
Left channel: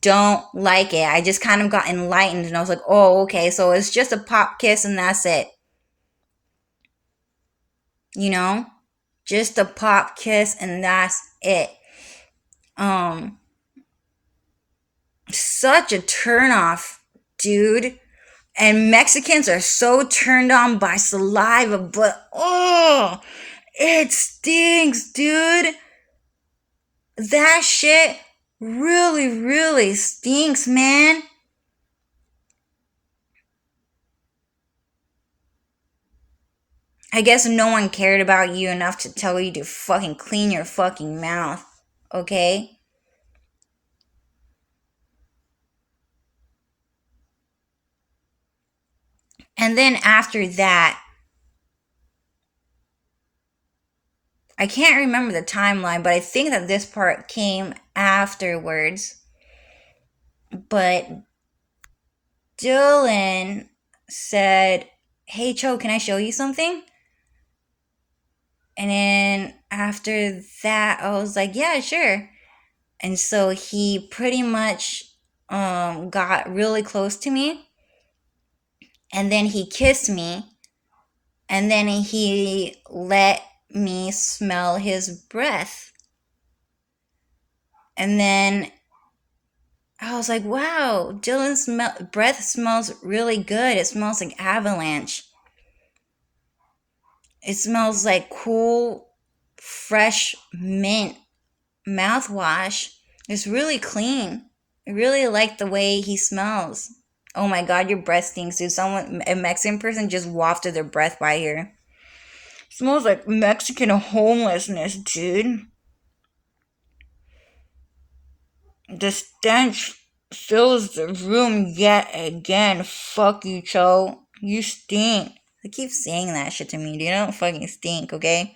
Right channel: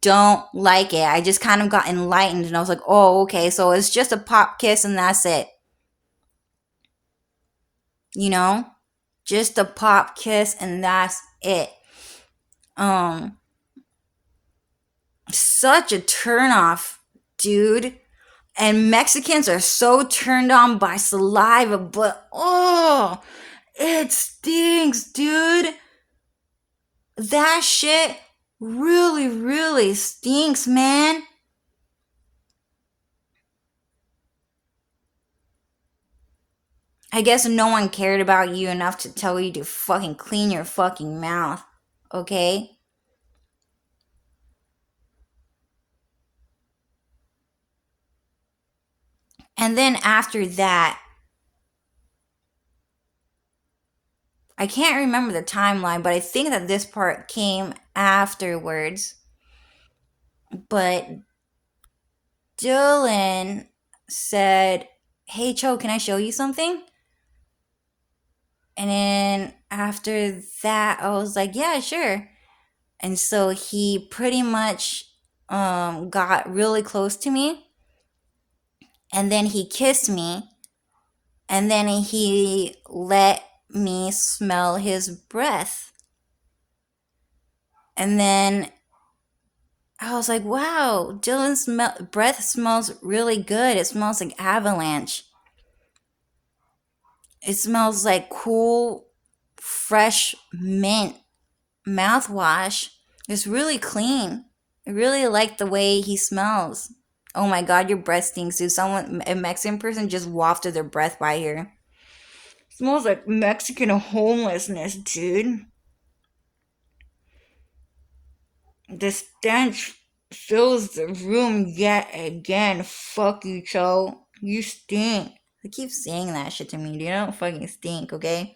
Don't like it. I just kind of got enlightened and I was like, oh, okay, so it's just a pop kiss and that's it. Just a pop kiss and that's it. Such a turnoff, dude. And Mexicans are so turned on by saliva, but oh, it stinks, dude. That shit really, really stinks, man. I guess no one cared about you enough to tell you to fucking clean your fucking mouth, okay? And then after that, I can't remember the timeline, but I think that this part came afterwards. But Dylan said, hey, Cho, can I show you something? And then after that, I was like, yeah, sure. And so he pretty much got really close to me. And then he kissed me. And then he let me smell his breath. And then I was like, wow, Dylan's breath smells really good. It smells like avalanche. It smells like cool, fresh mint mouthwash. It's really clean. I really like the way he smells. Oh my god, your breath stinks, dude. A Mexican person just wafted their breath by here. It smells like Mexican homelessness, dude. The stench fills the room yet again. Fuck you, Cho. You stink. They keep saying that shit to me, dude. I don't fucking stink, okay?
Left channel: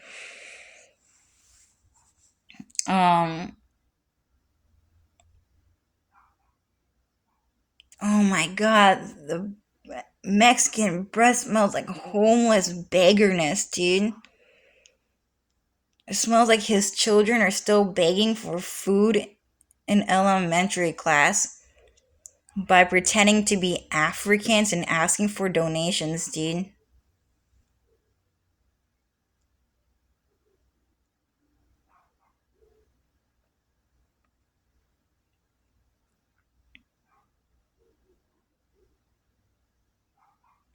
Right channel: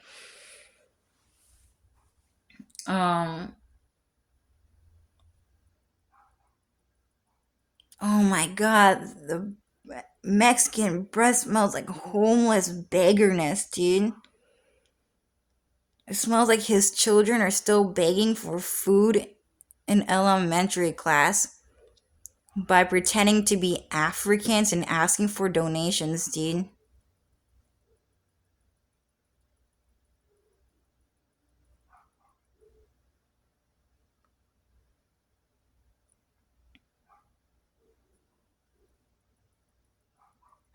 Oh my god, the Mexican breath smells like homeless beggarness, dude. It smells like his children are still begging for food in elementary class by pretending to be Africans and asking for donations, dude.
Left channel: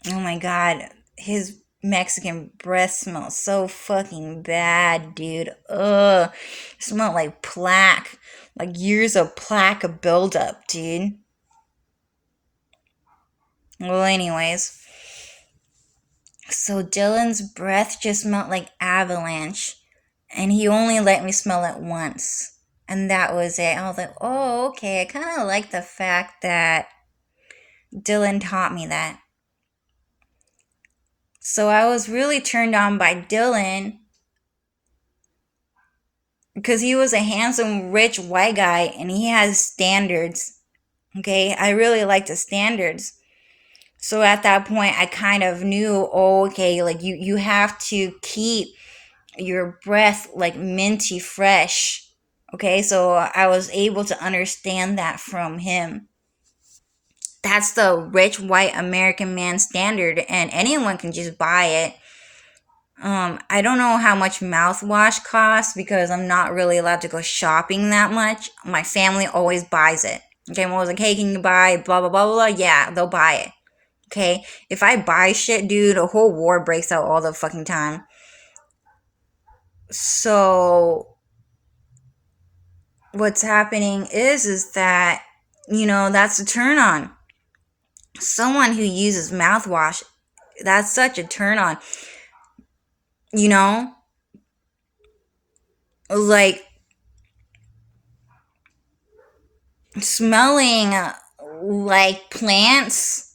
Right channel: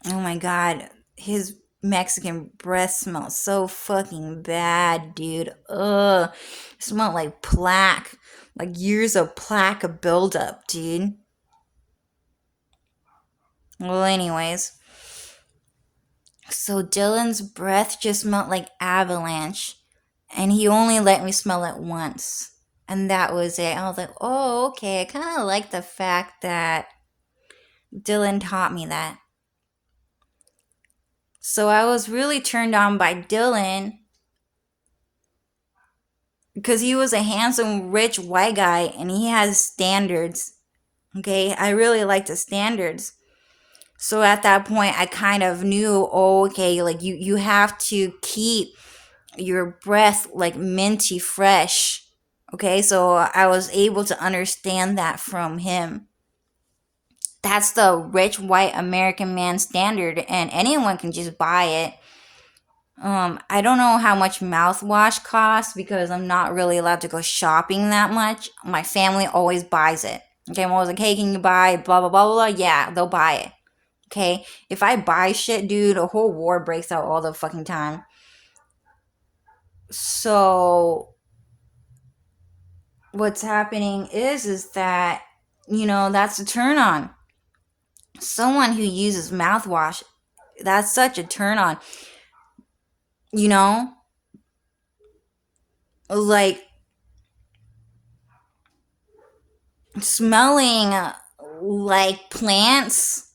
Oh my god, his Mexican breath smells so fucking bad, dude. Ugh. It smelled like plaque. Like years of plaque buildup, dude. Well, anyways. So Dylan's breath just smelled like avalanche. And he only let me smell it once. And that was it. I was like, oh, okay. I kind of like the fact that Dylan taught me that. So I was really turned on by Dylan because he was a handsome, rich white guy and he has standards. Okay, I really like the standards. So at that point, I kind of knew, oh, okay, like you have to keep your breath like minty fresh. Okay, so I was able to understand that from him. That's the rich white American man standard, and anyone can just buy it. I don't know how much mouthwash costs because I'm not really allowed to go shopping that much. My family always buys it. Okay, I'm always like, hey, can you buy blah, blah, blah, blah, blah? Yeah, they'll buy it. Okay, if I buy shit, dude, a whole war breaks out all the fucking time. So, what's happening is that, that's a turn on. Someone who uses mouthwash, that's such a turn on. You know, like smelling like plants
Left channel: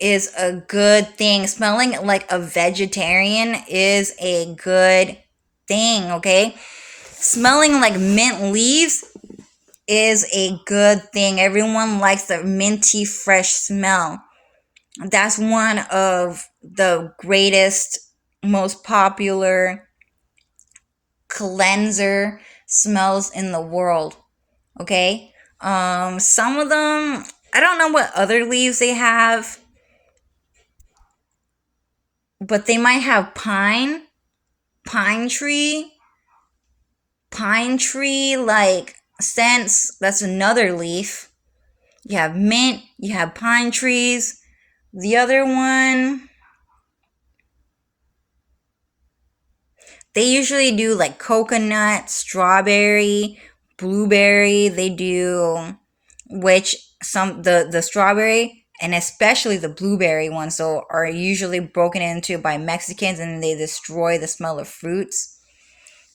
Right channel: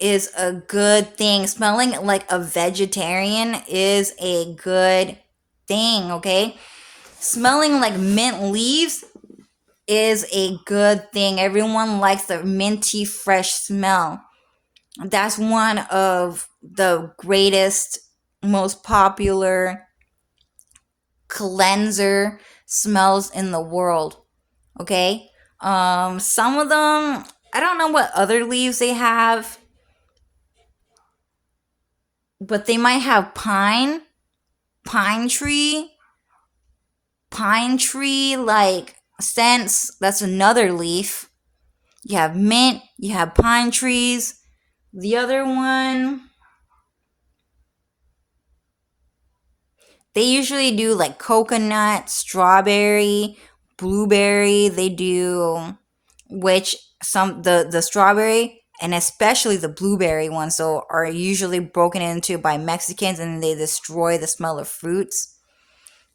is a good thing. Smelling like a vegetarian is a good thing, okay? Smelling like mint leaves is a good thing. Everyone likes the minty, fresh smell. That's one of the greatest, most popular cleanser smells in the world. Okay? Some of them, I don't know what other leaves they have, but they might have pine tree, like scents. That's another leaf. You have mint, you have pine trees. The other one, they usually do like coconut, strawberry, blueberry. They do, which some the strawberry and especially the blueberry ones so are usually broken into by Mexicans, and they destroy the smell of fruits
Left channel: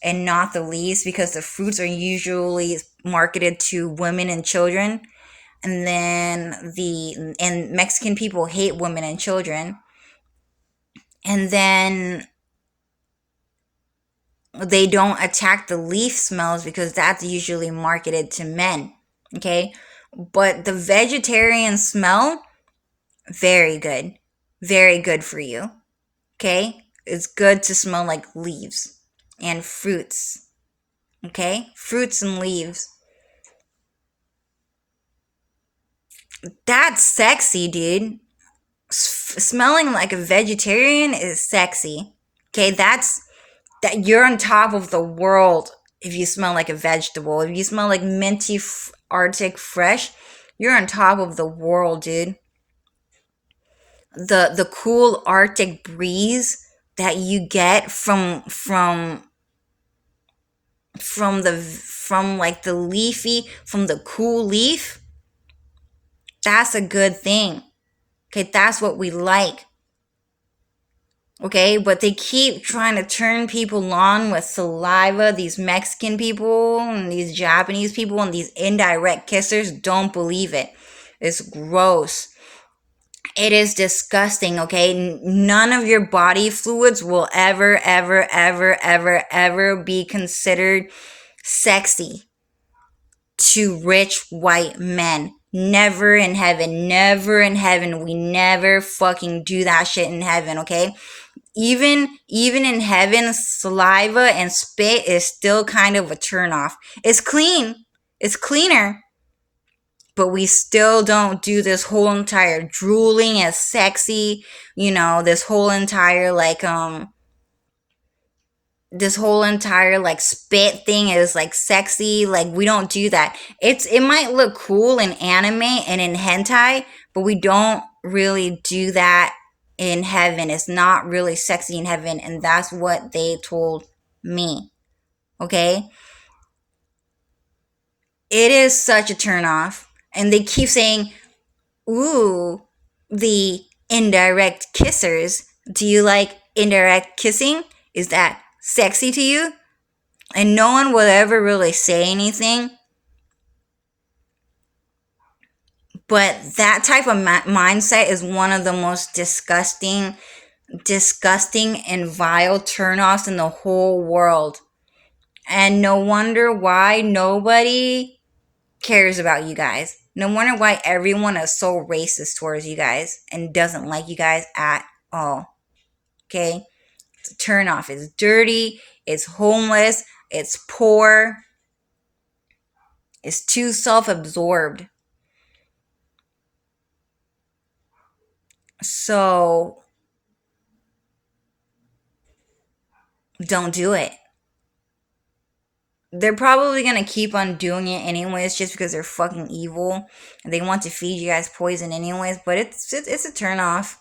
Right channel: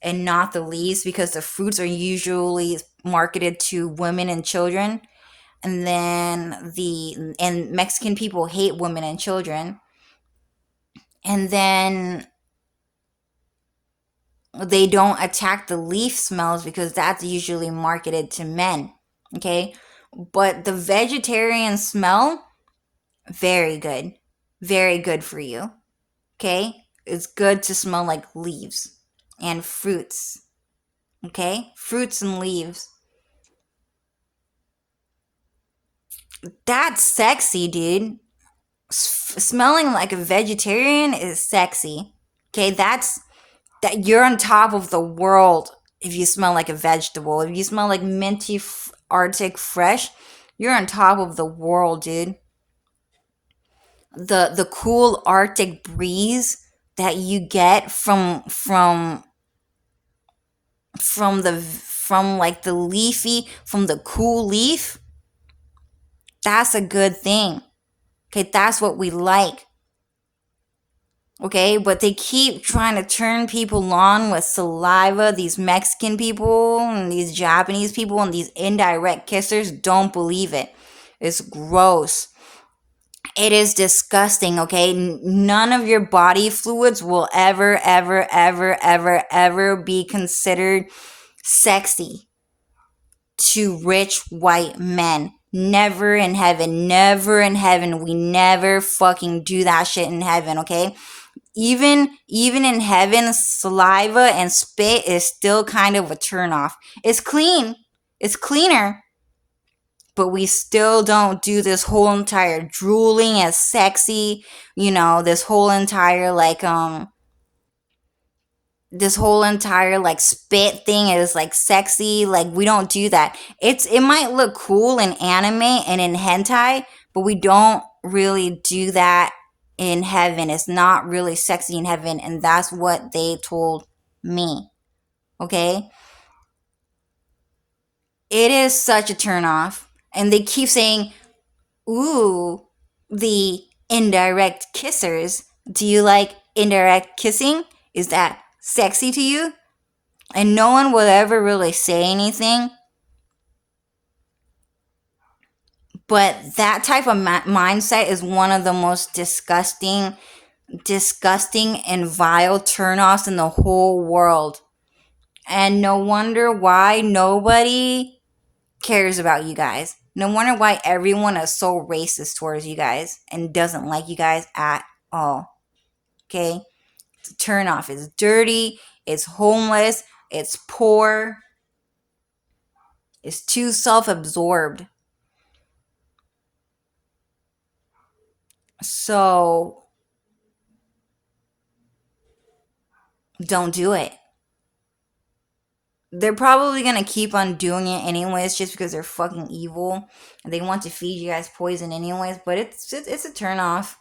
and not the leaves because the fruits are usually marketed to women and children. And then and Mexican people hate women and children. And then they don't attack the leaf smells because that's usually marketed to men. Okay? But the vegetarian smell, very good. Very good for you. Okay? It's good to smell like leaves and fruits. Okay? Fruits and leaves. That's sexy, dude. Smelling like a vegetarian is sexy. Okay? That you're on top of the world if you smell like a vegetable. If you smell like minty Arctic fresh, you're on top of the world, dude. The cool Arctic breeze that you get from like the leafy, from the cool leaf, that's a good thing. Okay, that's what we like. Okay, but they keep trying to turn people on with saliva. These Mexican people and these Japanese people and these indirect kissers, don't believe it. It's gross. It is disgusting, okay? None of your body fluids will ever, ever, ever, ever, ever be considered sexy to rich white men. Never in heaven. Never in heaven. We never fucking do that shit in heaven, okay? Even in heaven, saliva and spit is still kind of a turnoff. It's clean. It's cleaner. But we still don't do this whole entire drooling as sexy, this whole entire like spit thing is like sexy. Like we don't do that. It might look cool in anime and in hentai, but we don't really do that in heaven. It's not really sexy in heaven, and that's what they told me. Okay? It is such a turn off. And they keep saying, ooh, the indirect kissers. Do you like indirect kissing? Is that sexy to you? And no one will ever really say anything. But that type of mindset is one of the most disgusting and vile turnoffs in the whole world. And no wonder why nobody cares about you guys. No wonder why everyone is so racist towards you guys and doesn't like you guys at all. Okay? It's a turnoff. It's dirty. It's homeless. It's poor. It's too self-absorbed. So don't do it. They're probably gonna keep on doing it anyways, just because they're fucking evil and they want to feed you guys poison anyways. But it's a turn off.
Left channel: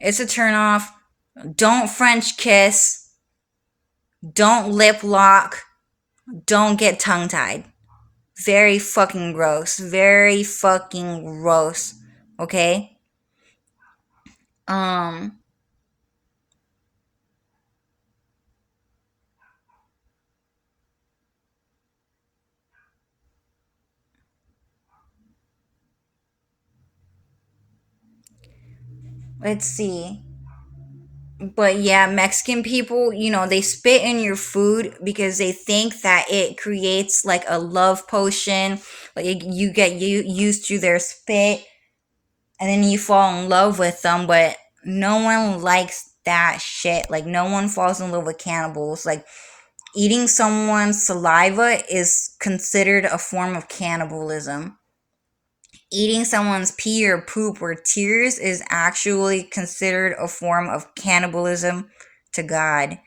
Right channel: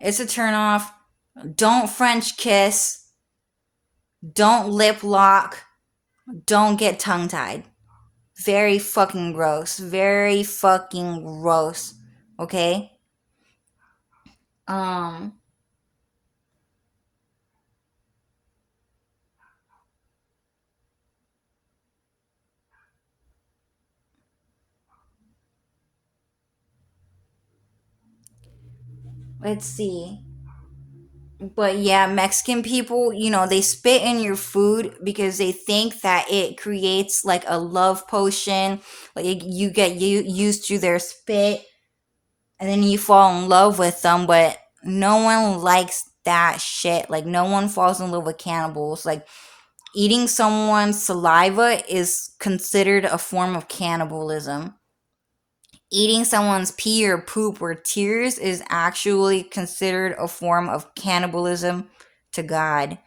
It's a turn off. Don't French kiss. Don't lip lock. Don't get tongue tied. Very fucking gross. Very fucking gross. Okay? Um, let's see. But yeah, Mexican people, they spit in your food because they think that it creates like a love potion. Like you get used to their spit and then you fall in love with them, but no one likes that shit. Like no one falls in love with cannibals. Like eating someone's saliva is considered a form of cannibalism. Eating someone's pee or poop or tears is actually considered a form of cannibalism to God.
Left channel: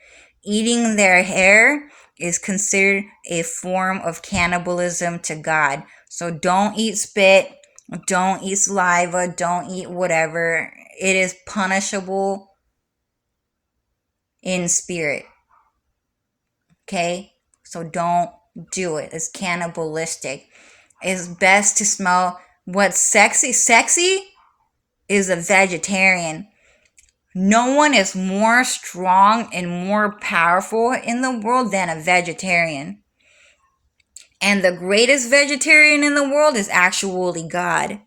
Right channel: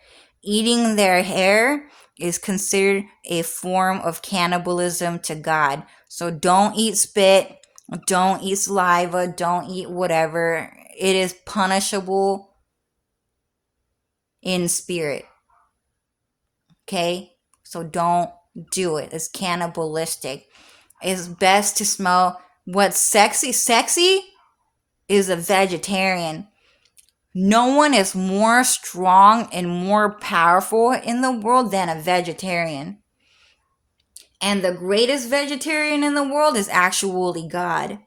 Eating their hair is considered a form of cannibalism to God. So don't eat spit, don't eat saliva, don't eat whatever. It is punishable in spirit. Okay? So don't do it. It's cannibalistic. It's best to smell what's sexy. Sexy is a vegetarian. No one is more strong and more powerful in the world than a vegetarian. And the greatest vegetarian in the world is actually God.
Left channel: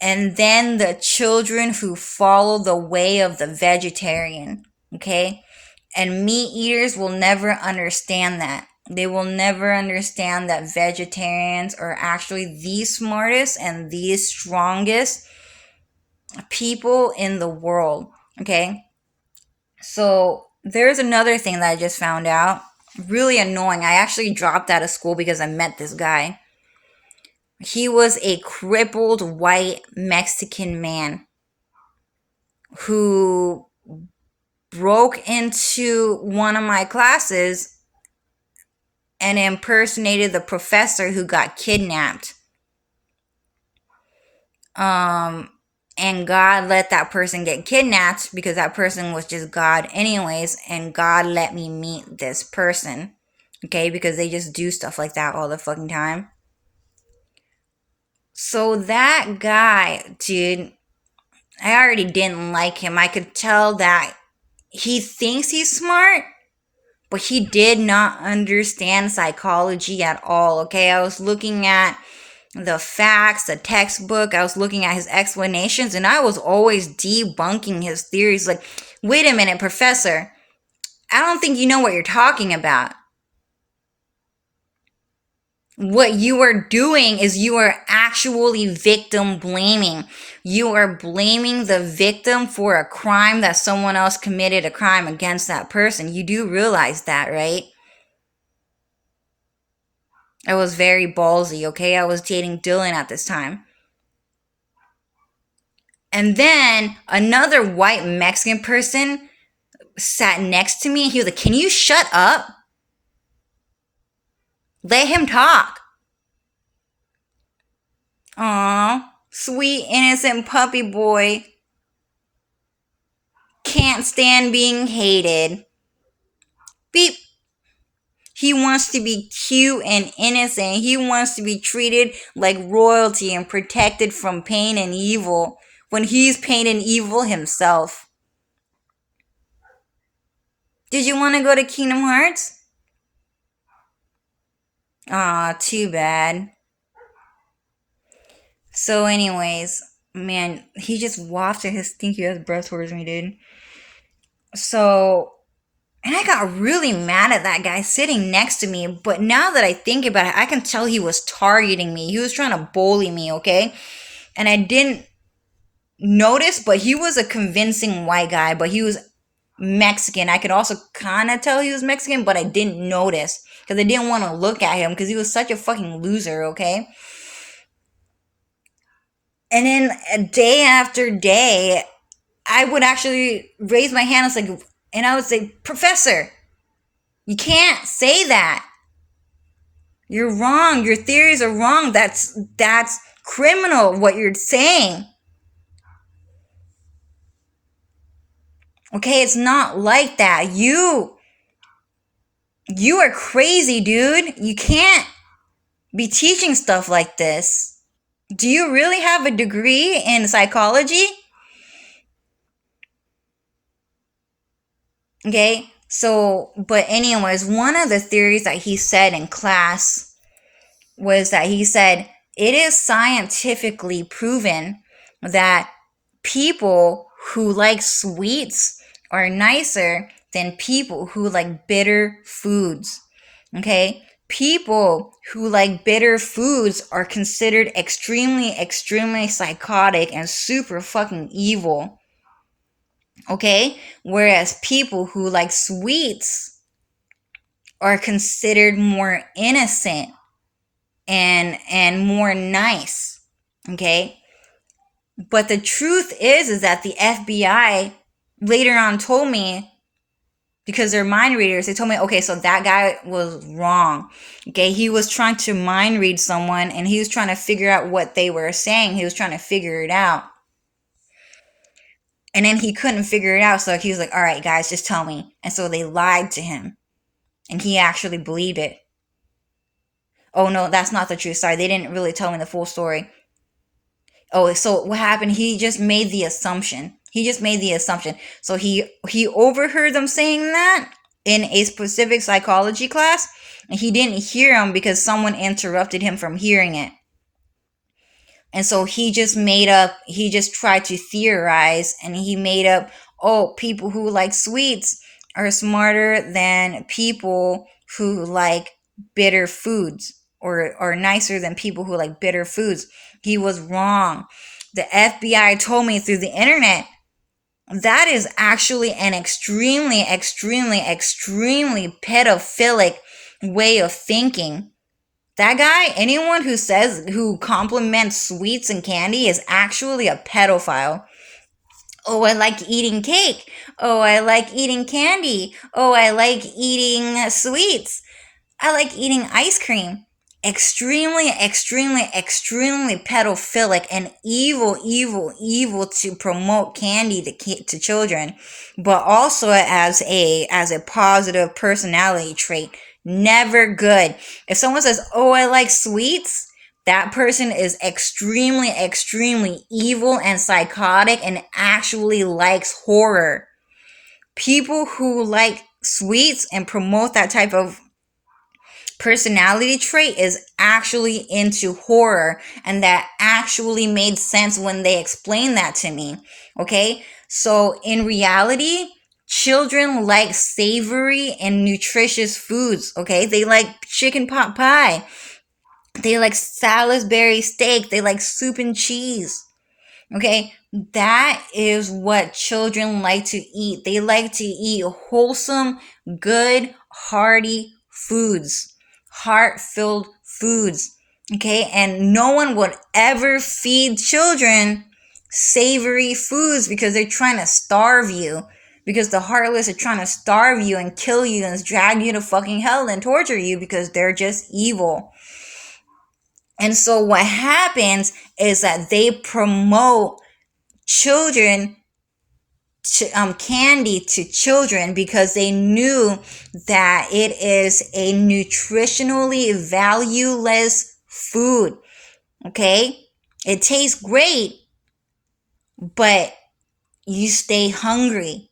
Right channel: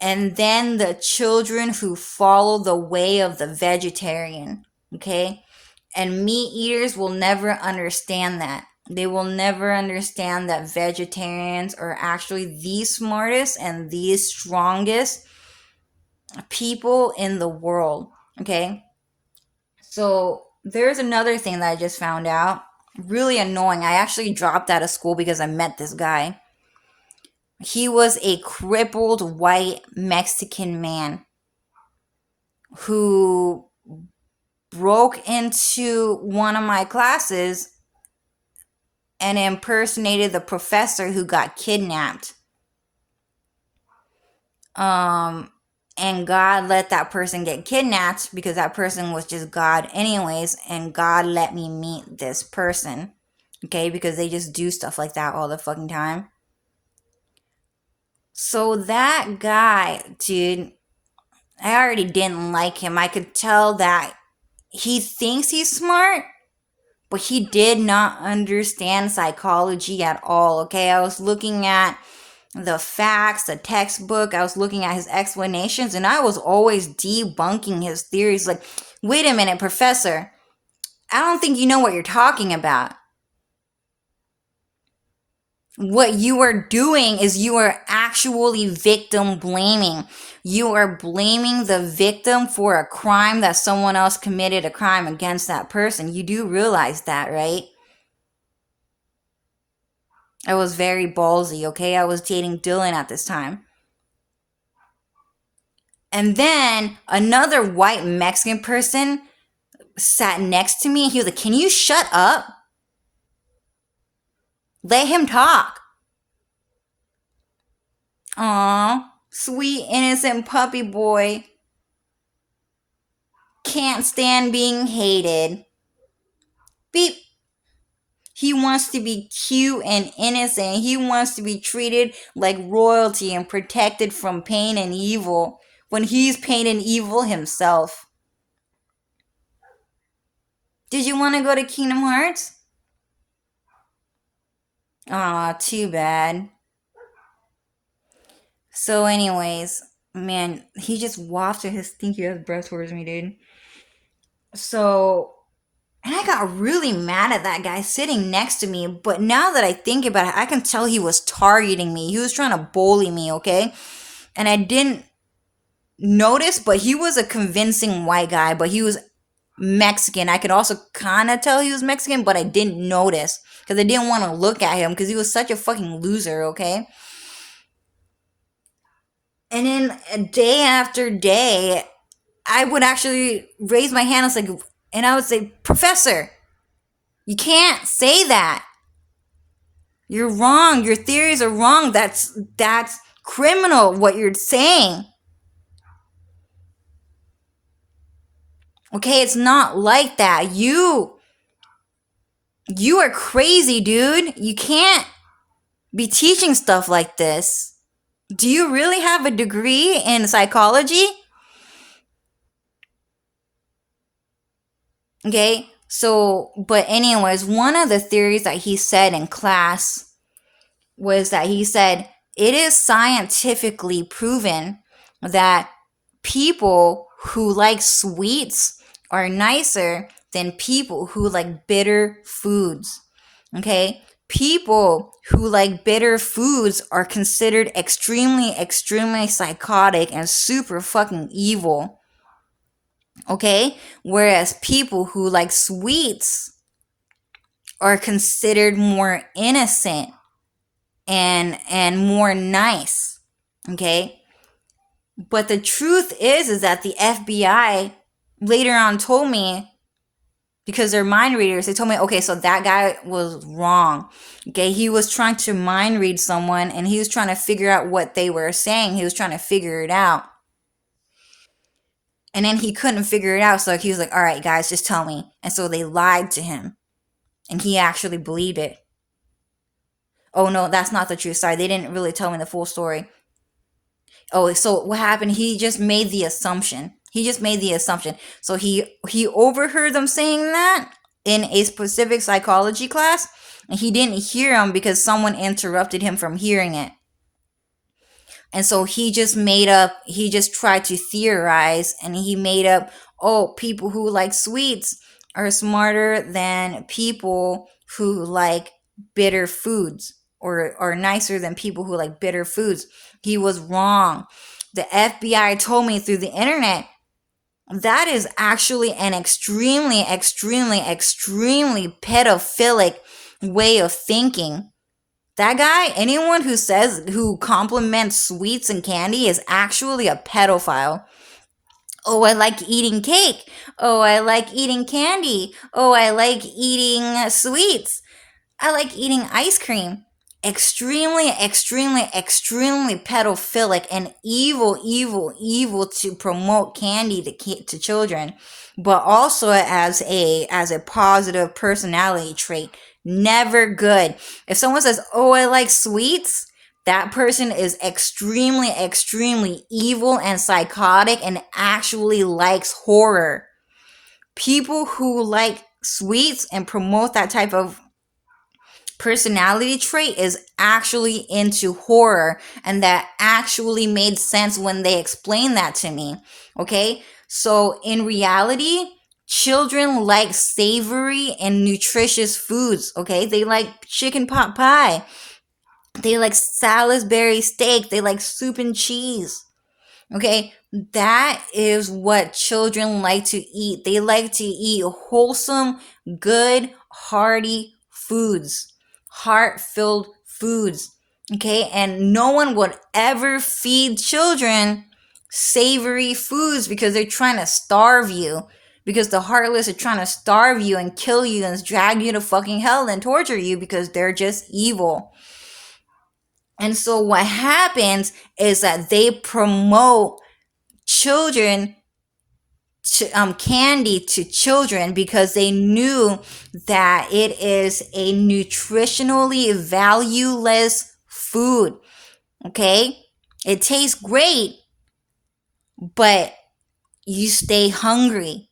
And then the children who follow the way of the vegetarian. Okay? And meat eaters will never understand that. They will never understand that vegetarians are actually the smartest and the strongest people in the world. Okay? So there's another thing that I just found out. Really annoying. I actually dropped out of school because I met this guy. He was a crippled white Mexican man who broke into one of my classes and impersonated the professor who got kidnapped. And God let that person get kidnapped because that person was just God anyways, and God let me meet this person. Okay, because they just do stuff like that all the fucking time. So that guy, dude, I already didn't like him. I could tell that he thinks he's smart, but he did not understand psychology at all. Okay, I was looking at the facts, the textbook, I was looking at his explanations, and I was always debunking his theories. Like, wait a minute, professor, I don't think you know what you're talking about. What you are doing is you are actually victim blaming. You are blaming the victim for a crime that someone else committed a crime against that person. You do realize that, right? I was very ballsy, okay? I was dating Dylan at this time. And then another white Mexican person sat next to me and he was like, "Can you shut up? Let him talk." Aw, sweet innocent puppy boy. Can't stand being hated. Beep. He wants to be cute and innocent. He wants to be treated like royalty and protected from pain and evil when he's pain and evil himself. Did you want to go to Kingdom Hearts? Aw, too bad. So, anyways, man, he just wafted his stinky ass breath towards me, dude. So, and I got really mad at that guy sitting next to me. But now that I think about it, I can tell he was targeting me. He was trying to bully me, okay? And I didn't notice, but he was a convincing white guy, but he was Mexican. I could also kind of tell he was Mexican, but I didn't notice because I didn't want to look at him because he was such a fucking loser, okay? And then day after day, I would actually raise my hand. I was like, And I would say, Professor, you can't say that. You're wrong. Your theories are wrong. That's criminal what you're saying. Okay, it's not like that. You are crazy, dude. You can't be teaching stuff like this. Do you really have a degree in psychology? Okay, so, but anyways, one of the theories that he said in class was that he said it is scientifically proven that people who like sweets are nicer than people who like bitter foods. Okay? People who like bitter foods are considered extremely, extremely psychotic and super fucking evil. Okay? Whereas people who like sweets are considered more innocent and more nice. Okay? But the truth is that the FBI later on told me, because they're mind readers, they told me, okay, so that guy was wrong. Okay, he was trying to mind read someone and he was trying to figure out what they were saying. He was trying to figure it out. And then he couldn't figure it out, so he was like, all right, guys, just tell me. And so they lied to him. And he actually believed it. Oh, no, that's not the truth. Sorry, they didn't really tell me the full story. Oh, so what happened? He just made the assumption. So he overheard them saying that in a specific psychology class, and he didn't hear them because someone interrupted him from hearing it. And so he just tried to theorize, and he made up, oh, people who like sweets are smarter than people who like bitter foods, or are nicer than people who like bitter foods. He was wrong. The FBI told me through the internet that is actually an extremely, extremely, extremely pedophilic way of thinking. That guy, anyone who compliments sweets and candy is actually a pedophile. Oh, I like eating cake. Oh, I like eating candy. Oh, I like eating sweets. I like eating ice cream. Extremely, extremely, extremely pedophilic and evil, evil, evil to promote candy to children, but also as a positive personality trait. Never good. If someone says, "Oh, I like sweets," that person is extremely, extremely evil and psychotic and actually likes horror. People who like sweets and promote that type of personality trait is actually into horror, and that actually made sense when they explained that to me. Okay, so in reality, children like savory and nutritious foods. Okay, they like chicken pot pie, they like Salisbury steak, they like soup and cheese. Okay, that is what children like to eat. They like to eat wholesome, good, hearty foods, heart filled foods. Okay, and no one would ever feed children savory foods because they're trying to starve you. Because the heartless are trying to starve you and kill you and drag you to fucking hell and torture you because they're just evil. And so what happens is that they promote children candy to children because they knew that it is a nutritionally valueless food. Okay, it tastes great, but you stay hungry.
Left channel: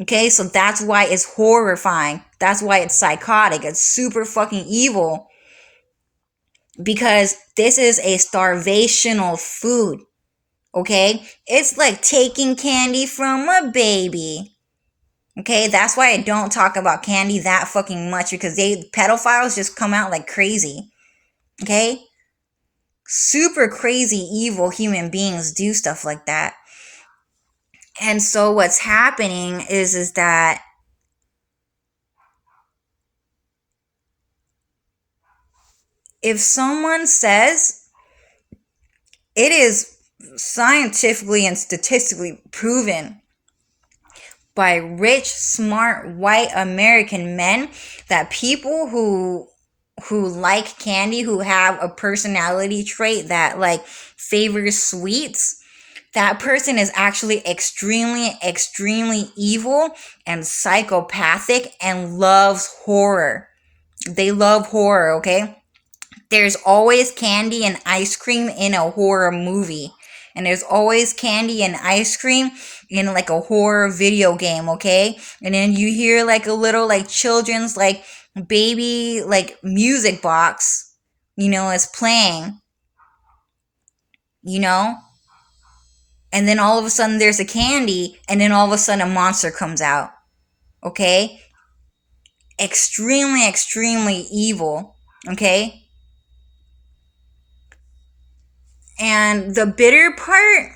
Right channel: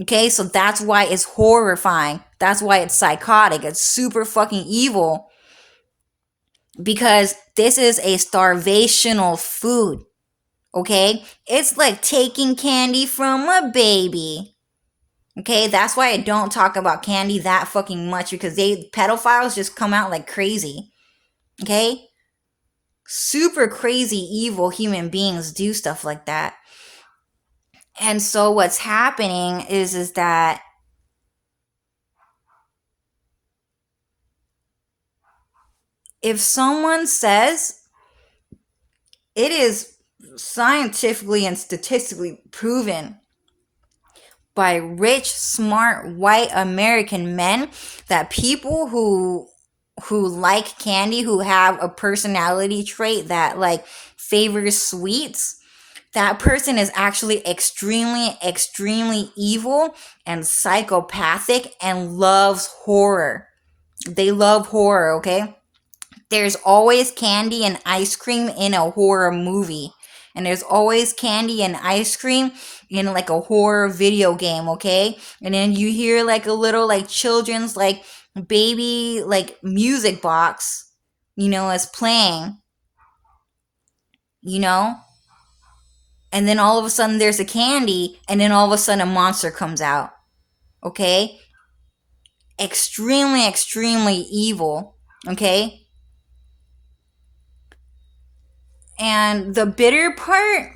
Okay, so that's why it's horrifying. That's why it's psychotic. It's super fucking evil, because this is a starvational food. Okay, it's like taking candy from a baby. Okay, that's why I don't talk about candy that fucking much, because pedophiles just come out like crazy. Okay, super crazy evil human beings do stuff like that. And so what's happening is that if someone says it is scientifically and statistically proven by rich, smart, white American men, that people who like candy, who have a personality trait that like favors sweets, that person is actually extremely evil and psychopathic and loves horror. They love horror, okay? There's always candy and ice cream in a horror movie. And there's always candy and ice cream in like a horror video game, okay? And then you hear like a little like children's like baby like music box, is playing, you know? And then all of a sudden there's a candy, and then all of a sudden a monster comes out, okay? Extremely evil, okay? And the bitter part,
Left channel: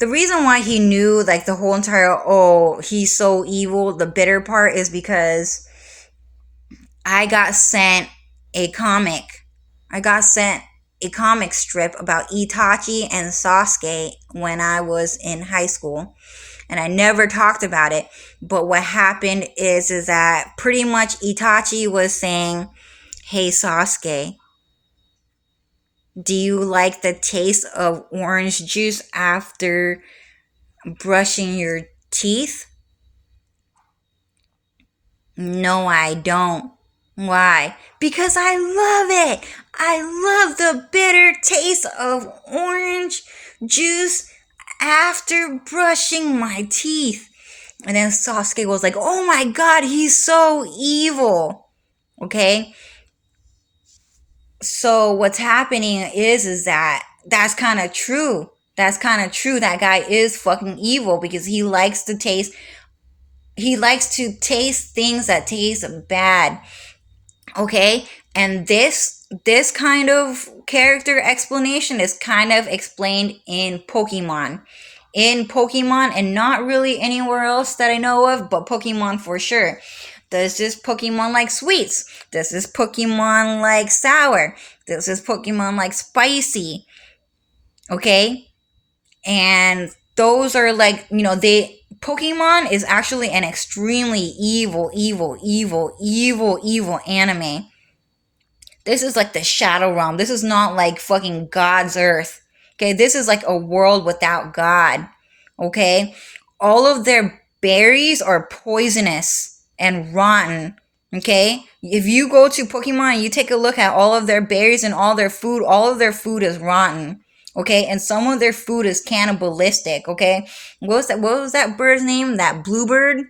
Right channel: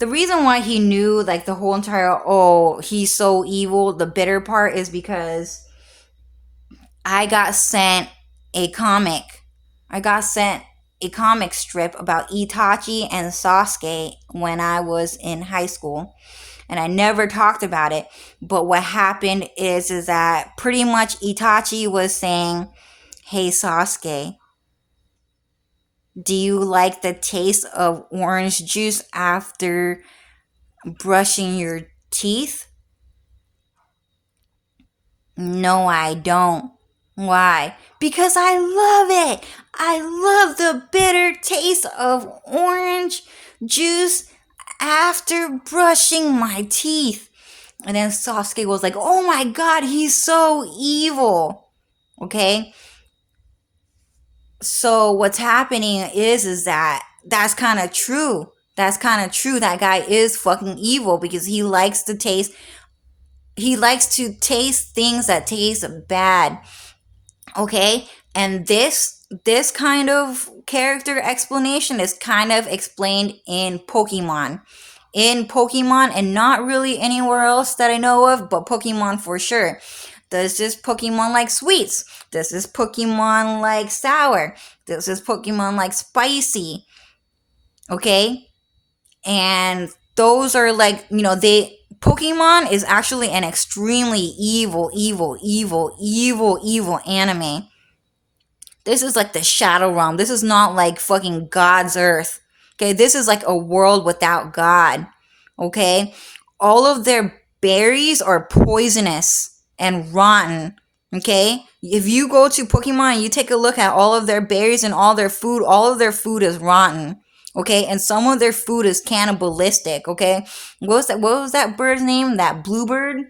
the reason why he knew like the whole entire, oh, he's so evil, the bitter part is because I got sent a comic. I got sent a comic strip about Itachi and Sasuke when I was in high school. And I never talked about it. But what happened is that pretty much Itachi was saying, hey Sasuke, do you like the taste of orange juice after brushing your teeth? No, I don't. Why? Because I love it. I love the bitter taste of orange juice after brushing my teeth. And then Sasuke was like, oh my god, he's so evil. Okay? So what's happening is that that's kind of true. That's kind of true. That guy is fucking evil because he likes to taste things that taste bad. Okay? And this kind of character explanation is kind of explained in Pokemon. In Pokemon, and not really anywhere else that I know of, but Pokemon for sure. Does this Pokemon like sweets? Does this Pokemon like sour? Does this Pokemon like spicy? Okay? And those are like, Pokemon is actually an extremely evil anime. This is like the Shadow Realm. This is not like fucking God's Earth. Okay, this is like a world without God. Okay? All of their berries are poisonous and rotten. Okay? If you go to Pokemon and you take a look at all of their berries and all of their food is rotten. Okay? And some of their food is cannibalistic. Okay? What was that bird's name? That bluebird?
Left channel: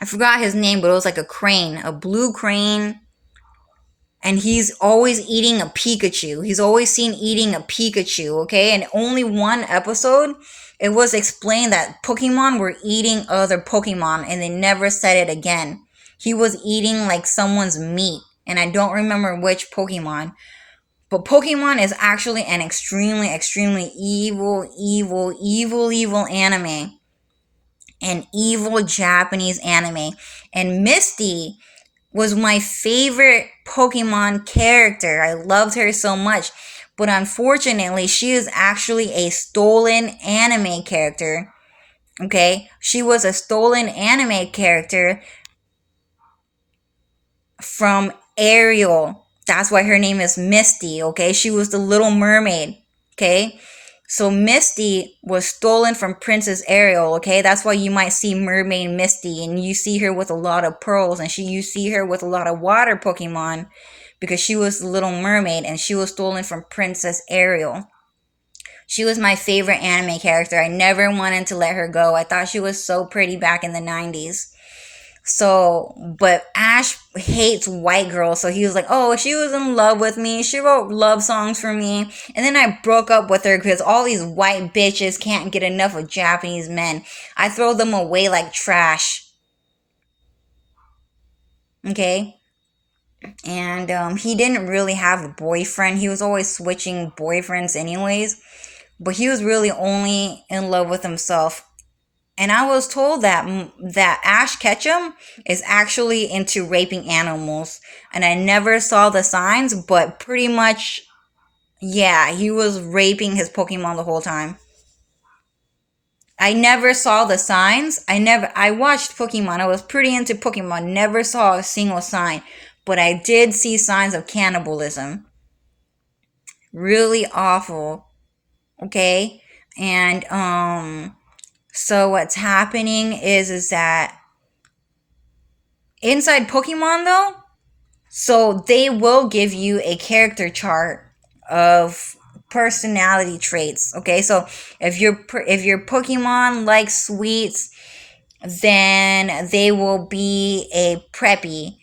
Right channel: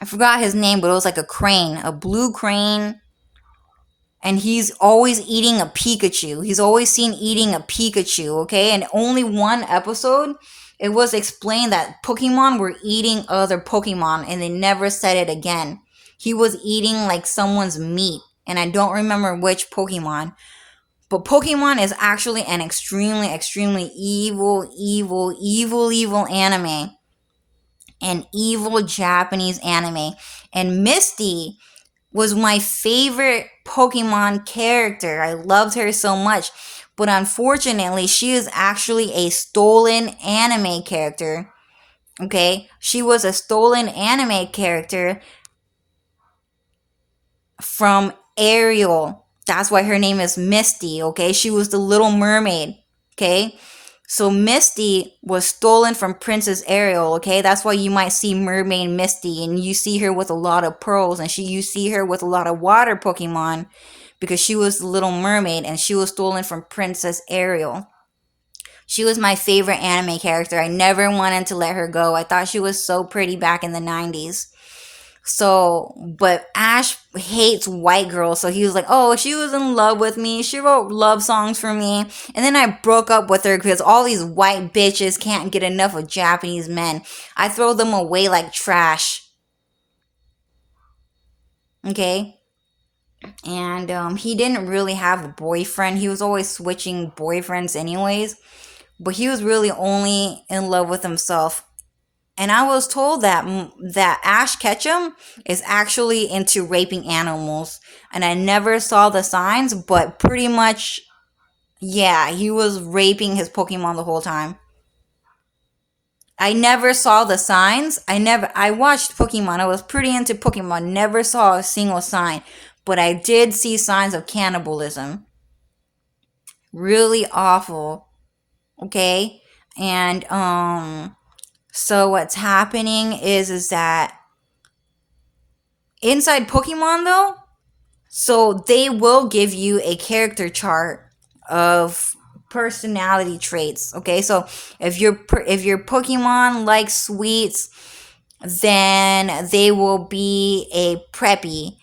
I forgot his name, but it was like a crane. A blue crane, and he's always eating a Pikachu. He's always seen eating a Pikachu, okay? And only one episode, it was explained that Pokemon were eating other Pokemon, and they never said it again. He was eating like someone's meat, and I don't remember which Pokemon. But Pokemon is actually an extremely evil anime. An evil Japanese anime. And Misty was my favorite Pokemon character. I loved her so much. But unfortunately, she is actually a stolen anime character. Okay? She was a stolen anime character from Ariel. That's why her name is Misty. Okay? She was the Little Mermaid. Okay? So Misty was stolen from Princess Ariel, okay? That's why you might see Mermaid Misty, and you see her with a lot of pearls, and you see her with a lot of water Pokemon, because she was the Little Mermaid, and she was stolen from Princess Ariel. She was my favorite anime character. I never wanted to let her go. I thought she was so pretty back in the 90s. So, but Ash hates white girls, so he was like, oh, she was in love with me. She wrote love songs for me. And then I broke up with her because all these white bitches can't get enough of Japanese men. I throw them away like trash. Okay? And he didn't really have a boyfriend. He was always switching boyfriends anyways. But he was really only in love with himself. And I was told that Ash Ketchum is actually into raping animals. And I never saw the signs, but pretty much, yeah, he was raping his Pokemon the whole time. I never saw the signs. I watched Pokemon. I was pretty into Pokemon. Never saw a single sign. But I did see signs of cannibalism. Really awful. Okay? And, so what's happening is that inside Pokemon though, so they will give you a character chart of personality traits. Okay, so if your Pokemon likes sweets, then they will be a preppy.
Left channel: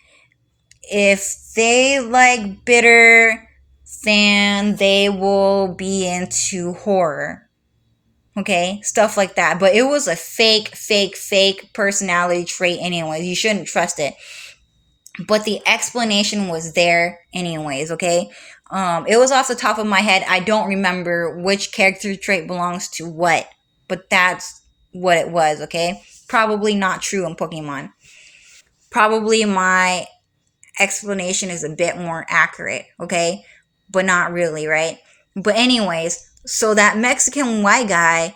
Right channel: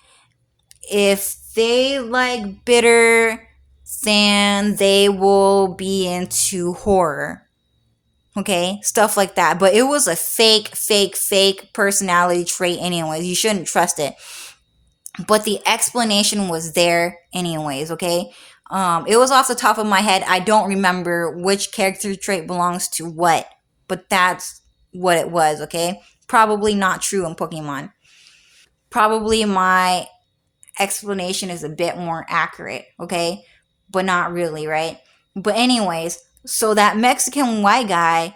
If they like bitter, then they will be into horror. Okay, stuff like that. But it was a fake personality trait, anyways. You shouldn't trust it. But the explanation was there, anyways. Okay, it was off the top of my head. I don't remember which character trait belongs to what, but that's what it was. Okay, probably not true in Pokemon. Probably my explanation is a bit more accurate. Okay, but not really, right? But anyways, so that Mexican white guy.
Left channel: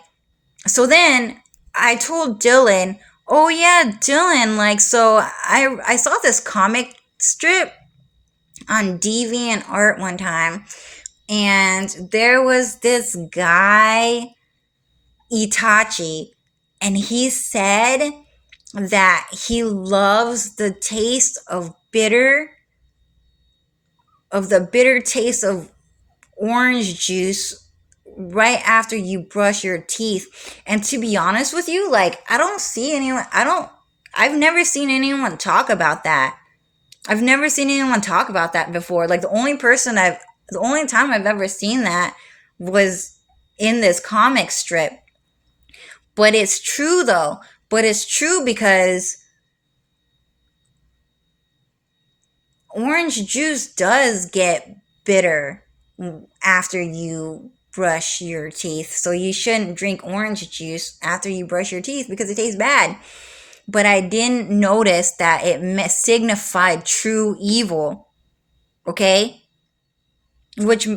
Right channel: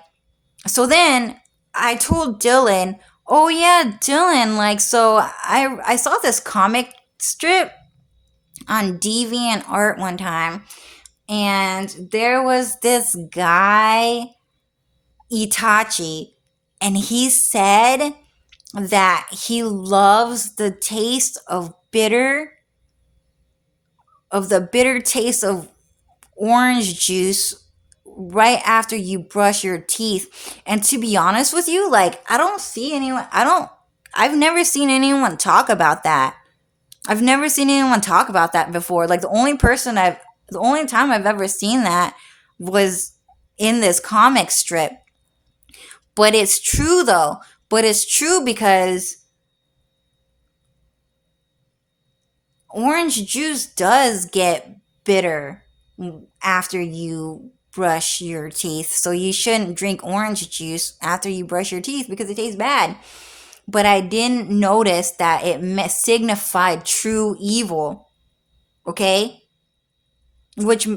So then I told Dylan, oh yeah, Dylan, like, so I saw this comic strip on DeviantArt one time, and there was this guy, Itachi, and he said that he loves the taste of the bitter taste of orange juice right after you brush your teeth. And to be honest with you, like, I've never seen anyone talk about that. I've never seen anyone talk about that before. Like, the only time I've ever seen that was in this comic strip. But it's true though. But it's true because orange juice does get bitter after you brush your teeth. So you shouldn't drink orange juice after you brush your teeth because it tastes bad. But I didn't notice that it signified true evil. Okay? Which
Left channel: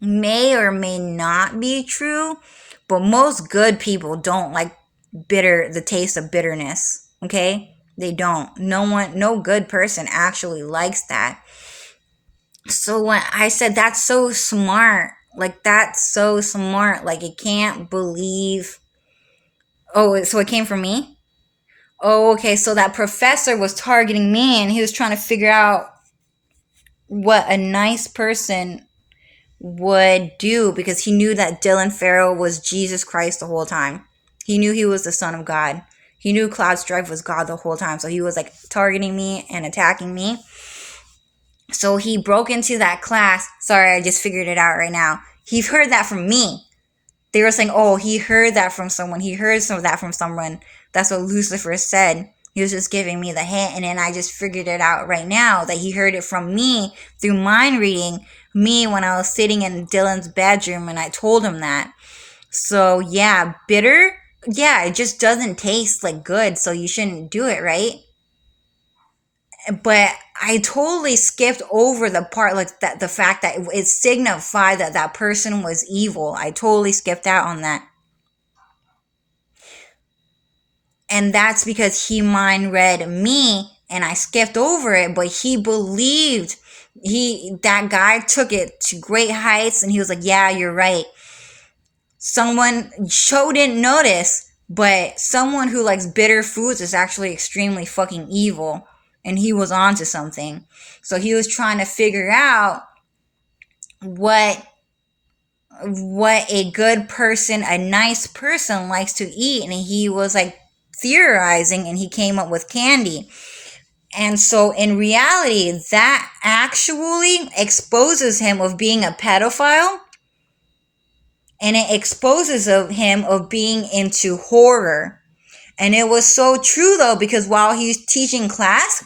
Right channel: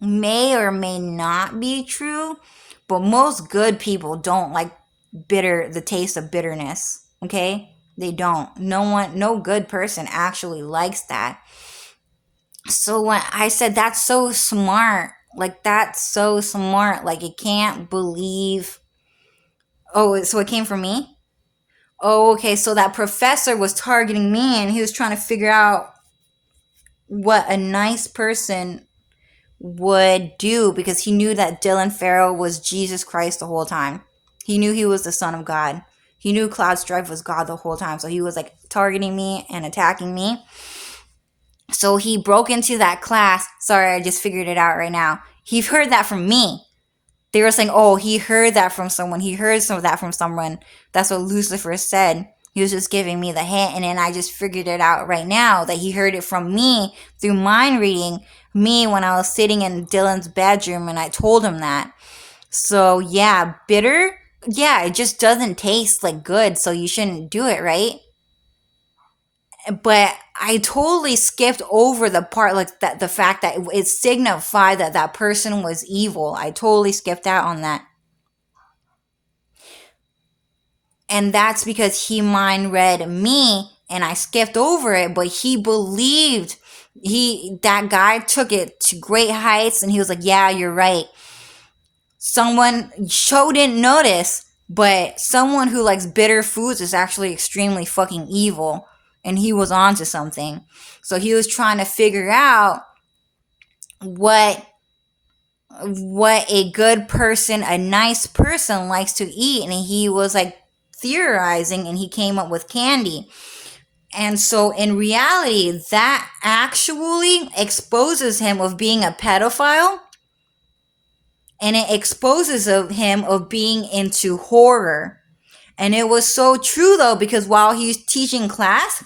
may or may not be true, but most good people don't like the taste of bitterness. Okay? They don't. No good person actually likes that. So when I said that's so smart, like, that's so smart, like, it can't believe. Oh, so it came from me? Oh, okay. So that professor was targeting me and he was trying to figure out what a nice person would do because he knew that Dylan Farrell was Jesus Christ the whole time. He knew he was the Son of God. He knew Cloud Strife was God the whole time. So he was like targeting me and attacking me. So he broke into that class. Sorry, I just figured it out right now. He heard that from me. They were saying, oh, he heard that from someone. He heard some of that from someone. That's what Lucifer said. He was just giving me the hint. And then I just figured it out right now that he heard it from me through mind reading me when I was sitting in Dylan's bedroom and I told him that. So yeah, bitter. Yeah, it just doesn't taste like good. So you shouldn't do it, right? But I totally skipped over the part, like, that the fact that it signified that that person was evil. I totally skipped out on that. And that's because he mind read me and I skipped over it, but he believed that guy took it to great heights and he was like, yeah, you're right. Someone Cho didn't notice, but someone who likes bitter foods is actually extremely fucking evil. And he was onto something. So he was trying to figure out what a good person, a nice person likes to eat. And he was like theorizing and he came up with candy. And so in reality, that actually exposes him of being a pedophile. And it exposes him of being into horror. And it was so true though, because while he was teaching class,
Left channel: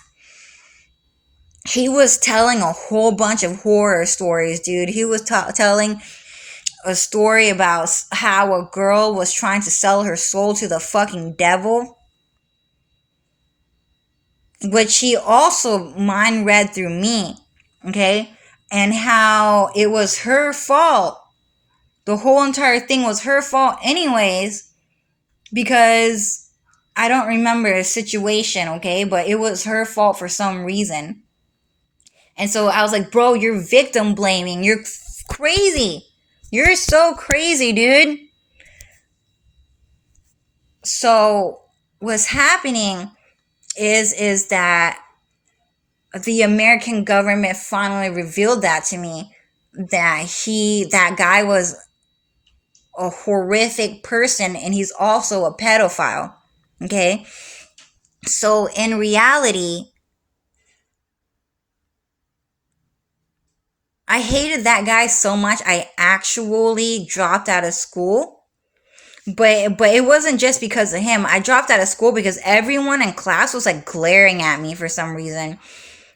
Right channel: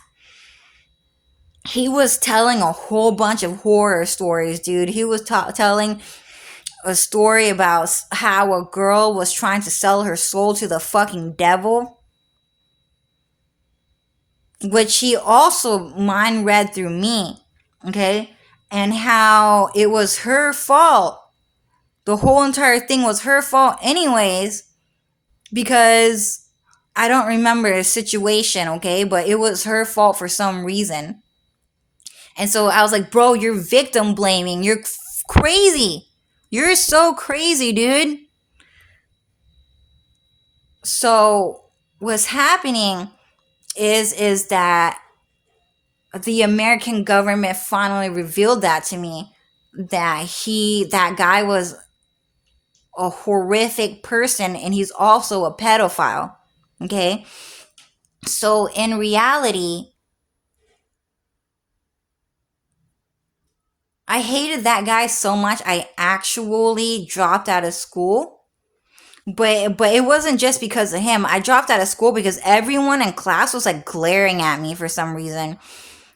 he was telling a whole bunch of horror stories, dude. He was telling a story about how a girl was trying to sell her soul to the fucking devil, which he also mind read through me, okay? And how it was her fault The whole entire thing was her fault, anyways, because I don't remember the situation, okay? But it was her fault for some reason. And so I was like, bro, you're victim blaming. You're crazy. You're so crazy, dude. So what's happening is that the American government finally revealed that to me, that guy was a horrific person and he's also a pedophile. Okay? So in reality, I hated that guy so much I actually dropped out of school. But it wasn't just because of him. I dropped out of school because everyone in class was like glaring at me for some reason.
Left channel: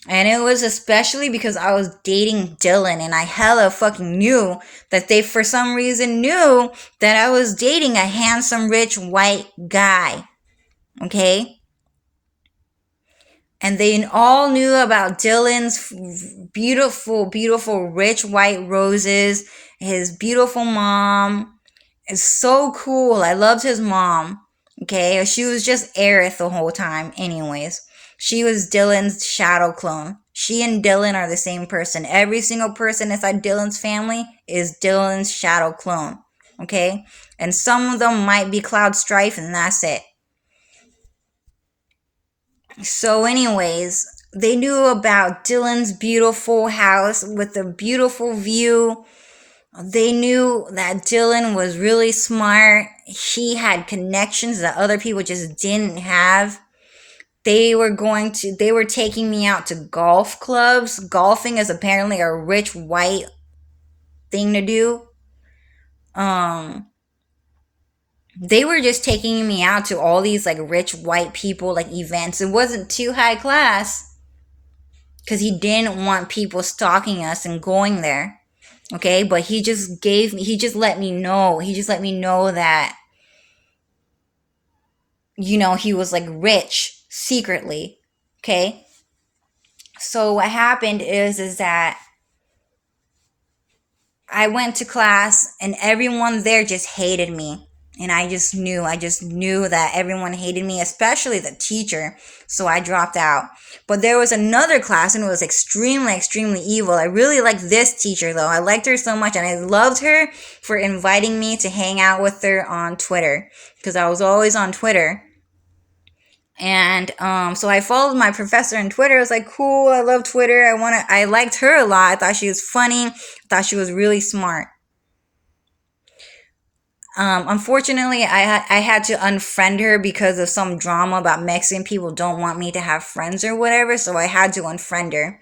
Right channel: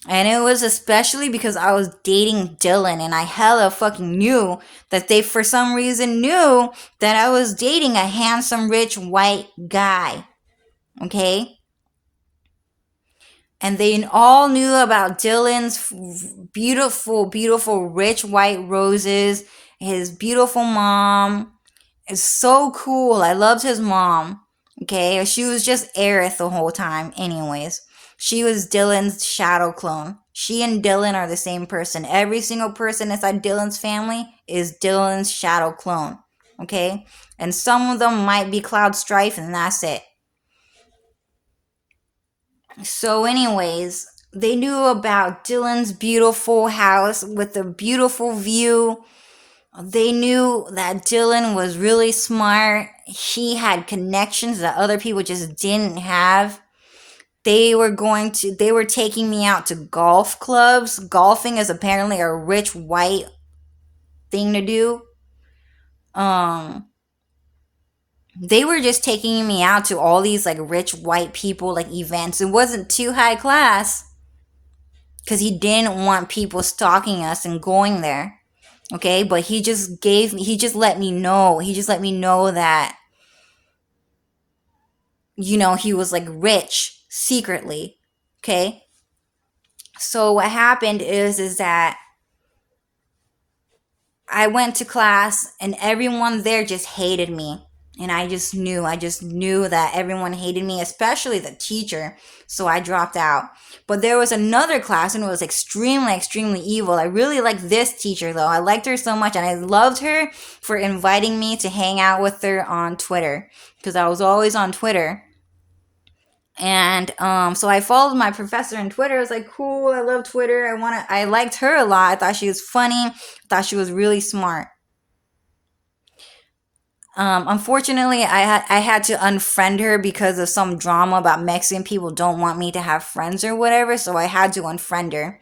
And it was especially because I was dating Dylan and I hella fucking knew that they for some reason knew that I was dating a handsome rich white guy. Okay? And they all knew about Dylan's beautiful, beautiful rich white roses, his beautiful mom. It's so cool. I loved his mom. Okay? She was just Aerith the whole time, anyways. She was Dylan's shadow clone. She and Dylan are the same person. Every single person inside Dylan's family is Dylan's shadow clone. Okay? And some of them might be Cloud Strife, and that's it. So, anyways, they knew about Dylan's beautiful house with a beautiful view. They knew that Dylan was really smart. He had connections that other people just didn't have. They were taking me out to golf clubs. Golfing is apparently a rich white thing to do. They were just taking me out to all these like rich white people like events. It wasn't too high class because he didn't want people stalking us and going there. Okay, but he just let me know that, he was like rich secretly. Okay, so what happened is that I went to class and everyone there just hated me. And I just knew that everyone hated me, especially the teacher. So I dropped out. But there was another class and it was extremely, extremely evil. I really liked this teacher though. I liked her so much and I loved her for inviting me to hang out with her on Twitter. Because I was always on Twitter. And so I followed my professor on Twitter. I was like, cool, I love Twitter. I liked her a lot. I thought she was funny. I thought she was really smart. Unfortunately, I had to unfriend her because of some drama about Mexican people don't want me to have friends or whatever. So I had to unfriend her,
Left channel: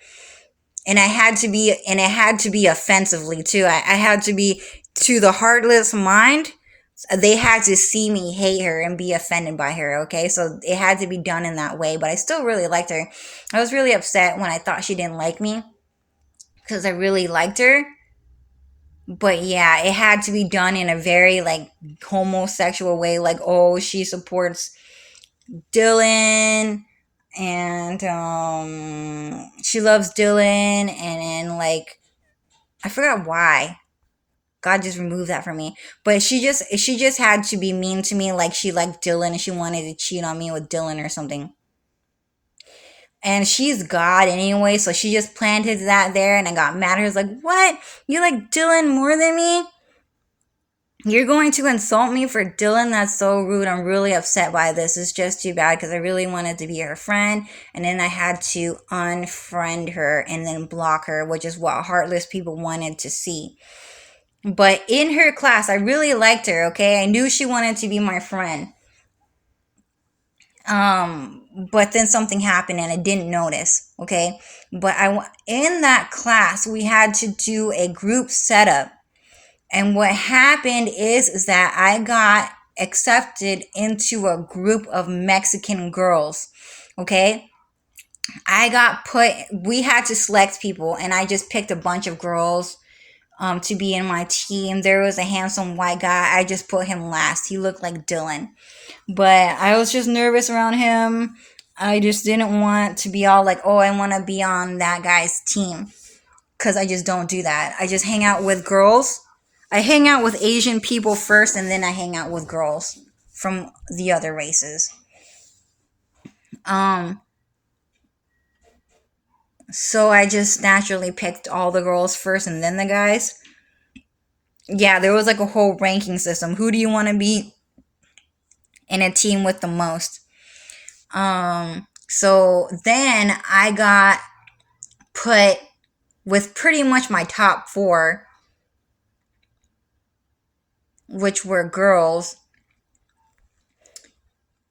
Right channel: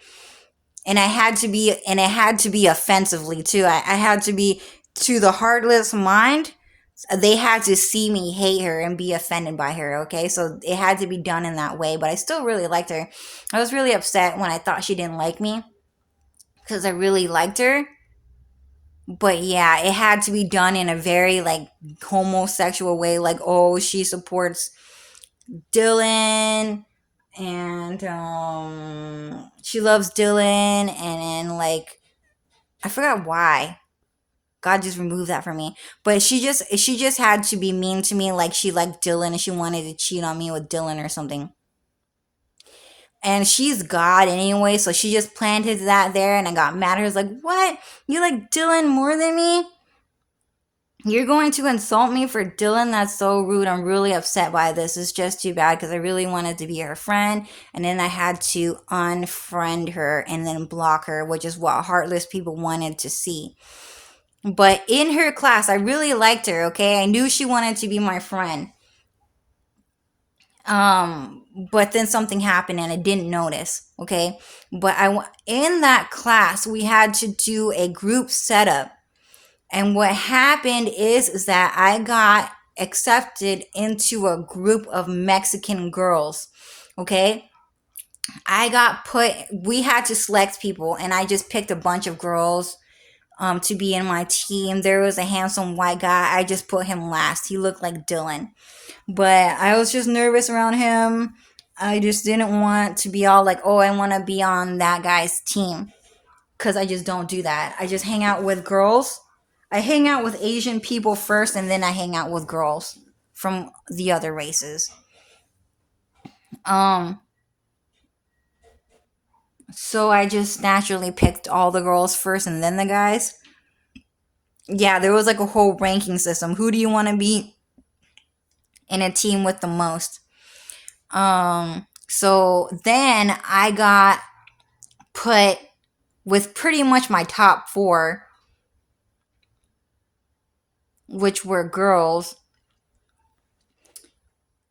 and it had to be offensively too. I had to be to the heartless mind. They had to see me hate her and be offended by her. Okay, so it had to be done in that way. But I still really liked her. I was really upset when I thought she didn't like me because I really liked her. But yeah, it had to be done in a very like homosexual way. Like, oh, she supports Dylan and she loves Dylan, and then like I forgot why. God just removed that from me. But she just had to be mean to me, like she liked Dylan and she wanted to cheat on me with Dylan or something. And she's God anyway, so she just planted that there, and I got mad. I was like, "What? You like Dylan more than me? You're going to insult me for Dylan? That's so rude. I'm really upset by this. It's just too bad because I really wanted to be her friend. And then I had to unfriend her and then block her, which is what heartless people wanted to see. But in her class, I really liked her, okay? I knew she wanted to be my friend. But then something happened and I didn't notice, okay? But in that class, we had to do a group setup. And what happened is that I got accepted into a group of Mexican girls, okay? We had to select people, and I just picked a bunch of girls to be in my team. There was a handsome white guy. I just put him last. He looked like Dylan. But I was just nervous around him. I just didn't want to be all like, oh, I want to be on that guy's team. Because I just don't do that. I just hang out with girls. I hang out with Asian people first, and then I hang out with girls from the other races. So I just naturally picked all the girls first and then the guys. Yeah, there was like a whole ranking system. Who do you want to be in a team with the most? So then I got put with pretty much my top four, which were girls.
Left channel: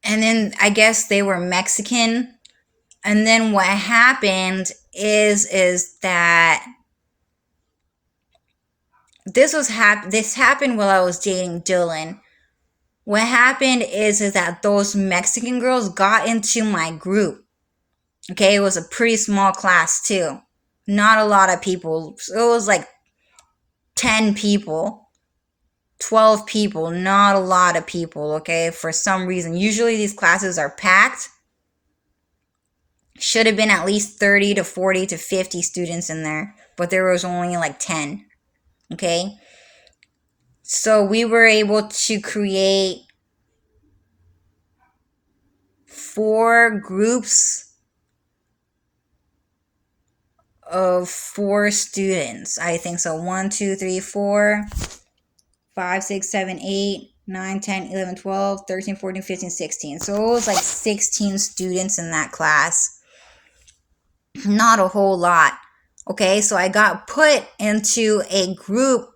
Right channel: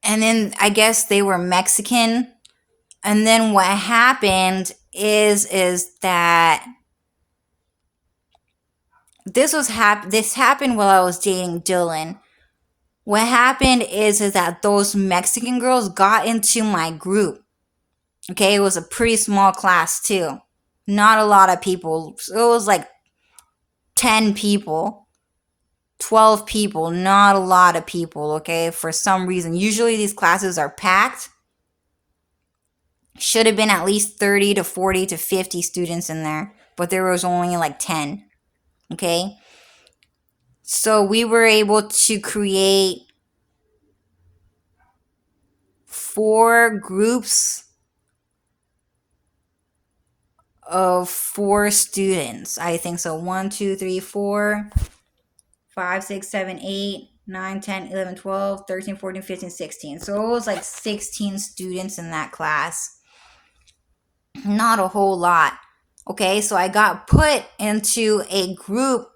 And then I guess they were Mexican. And then what happened is that this happened while I was dating Dylan. What happened is that those Mexican girls got into my group. Okay, it was a pretty small class too. Not a lot of people. It was like 10 people, 12 people, not a lot of people, okay? For some reason. Usually these classes are packed. Should have been at least 30 to 40 to 50 students in there, but there was only like 10. Okay? So we were able to create 4 groups of 4 students. I think so. 1, 2, 3, 4, 5, 6, 7, 8, 9, 10, 11, 12, 13, 14, 15, 16. So it was like 16 students in that class. Not a whole lot. Okay, so I got put into a group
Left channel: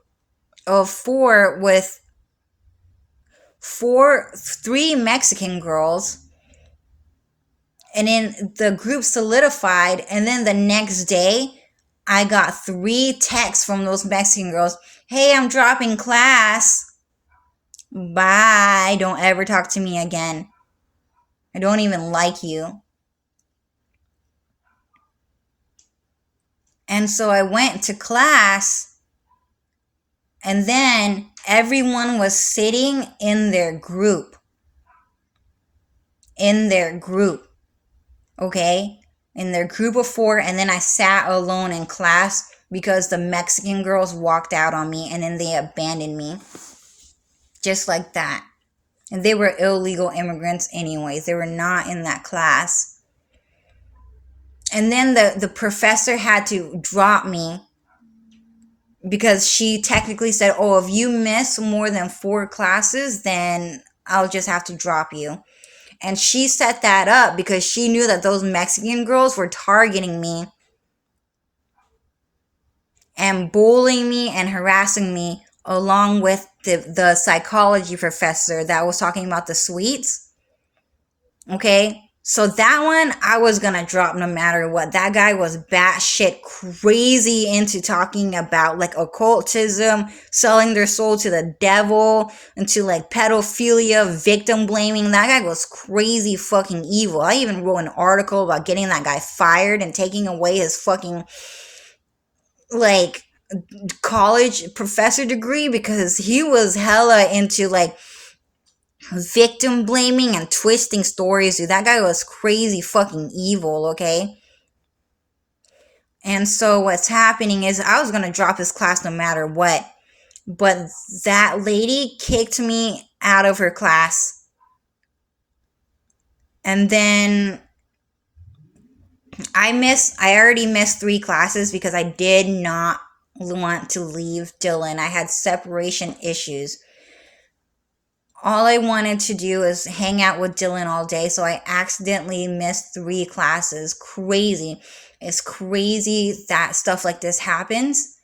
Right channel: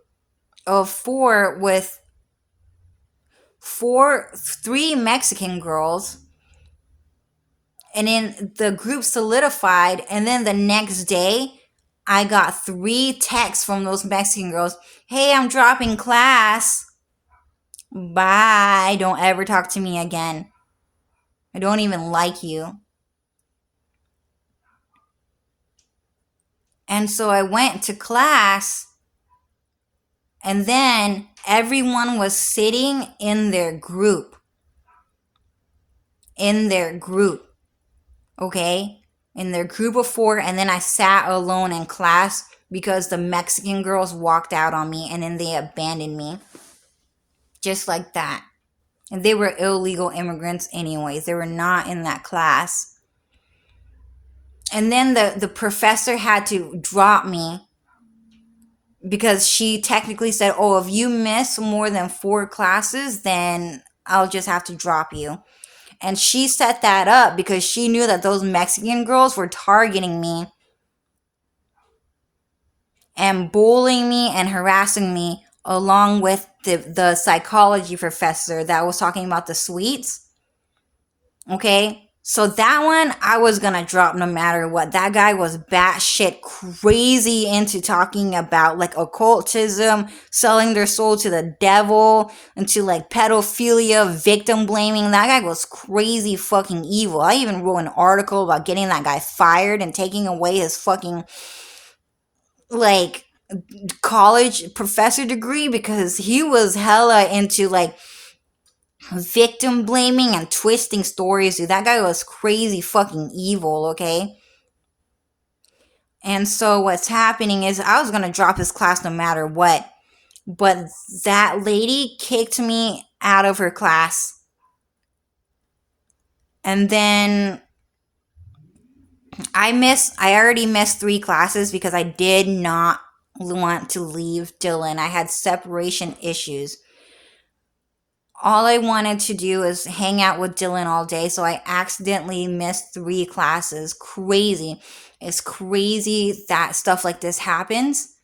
of 4 with 3 Mexican girls. And then the group solidified, and then the next day I got 3 texts from those Mexican girls. Hey, I'm dropping class. Bye. Don't ever talk to me again. I don't even like you. And so I went to class, and then everyone was sitting in their group. Okay? In their group of 4, and then I sat alone in class because the Mexican girls walked out on me, and then they abandoned me. Just like that. And they were illegal immigrants anyways. They were not in that class. And then the professor had to drop me because she technically said, oh, if you miss more than 4 classes, then I'll just have to drop you. And she set that up because she knew that those Mexican girls were targeting me and bullying me and harassing me, along with the psychology professor that was talking about the sweets. Okay? So that one, I was gonna drop no matter what. That guy was batshit crazy into talking about like occultism, selling their soul to the devil, into like pedophilia, victim blaming. That guy was crazy fucking evil. I even wrote an article about getting that guy fired and taking away his fucking like college professor degree because he was hella into like victim blaming and twisting stories, dude. That guy was crazy fucking evil, okay? And so what's happening is I was gonna drop his class no matter what. But that lady kicked me out of her class. And then I already missed 3 classes because I did not want to leave Dylan. I had separation issues. All I wanted to do is hang out with Dylan all day, so I accidentally missed 3 classes. Crazy. It's crazy that stuff like this happens,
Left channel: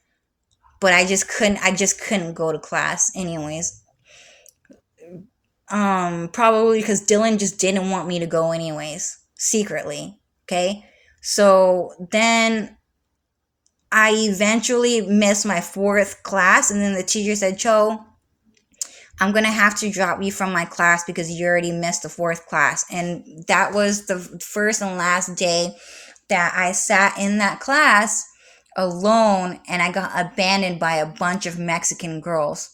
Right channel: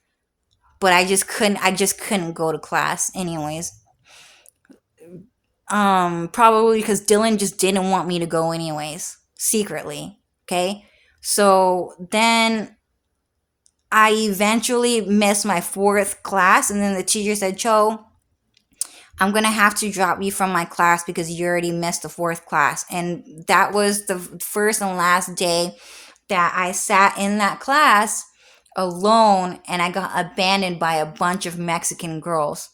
but I just couldn't go to class anyways. Probably because Dylan just didn't want me to go anyways, secretly. Okay? So then I eventually missed my 4th class, and then the teacher said, Cho, I'm going to have to drop you from my class because you already missed the 4th class. And that was the first and last day that I sat in that class alone, and I got abandoned by a bunch of Mexican girls.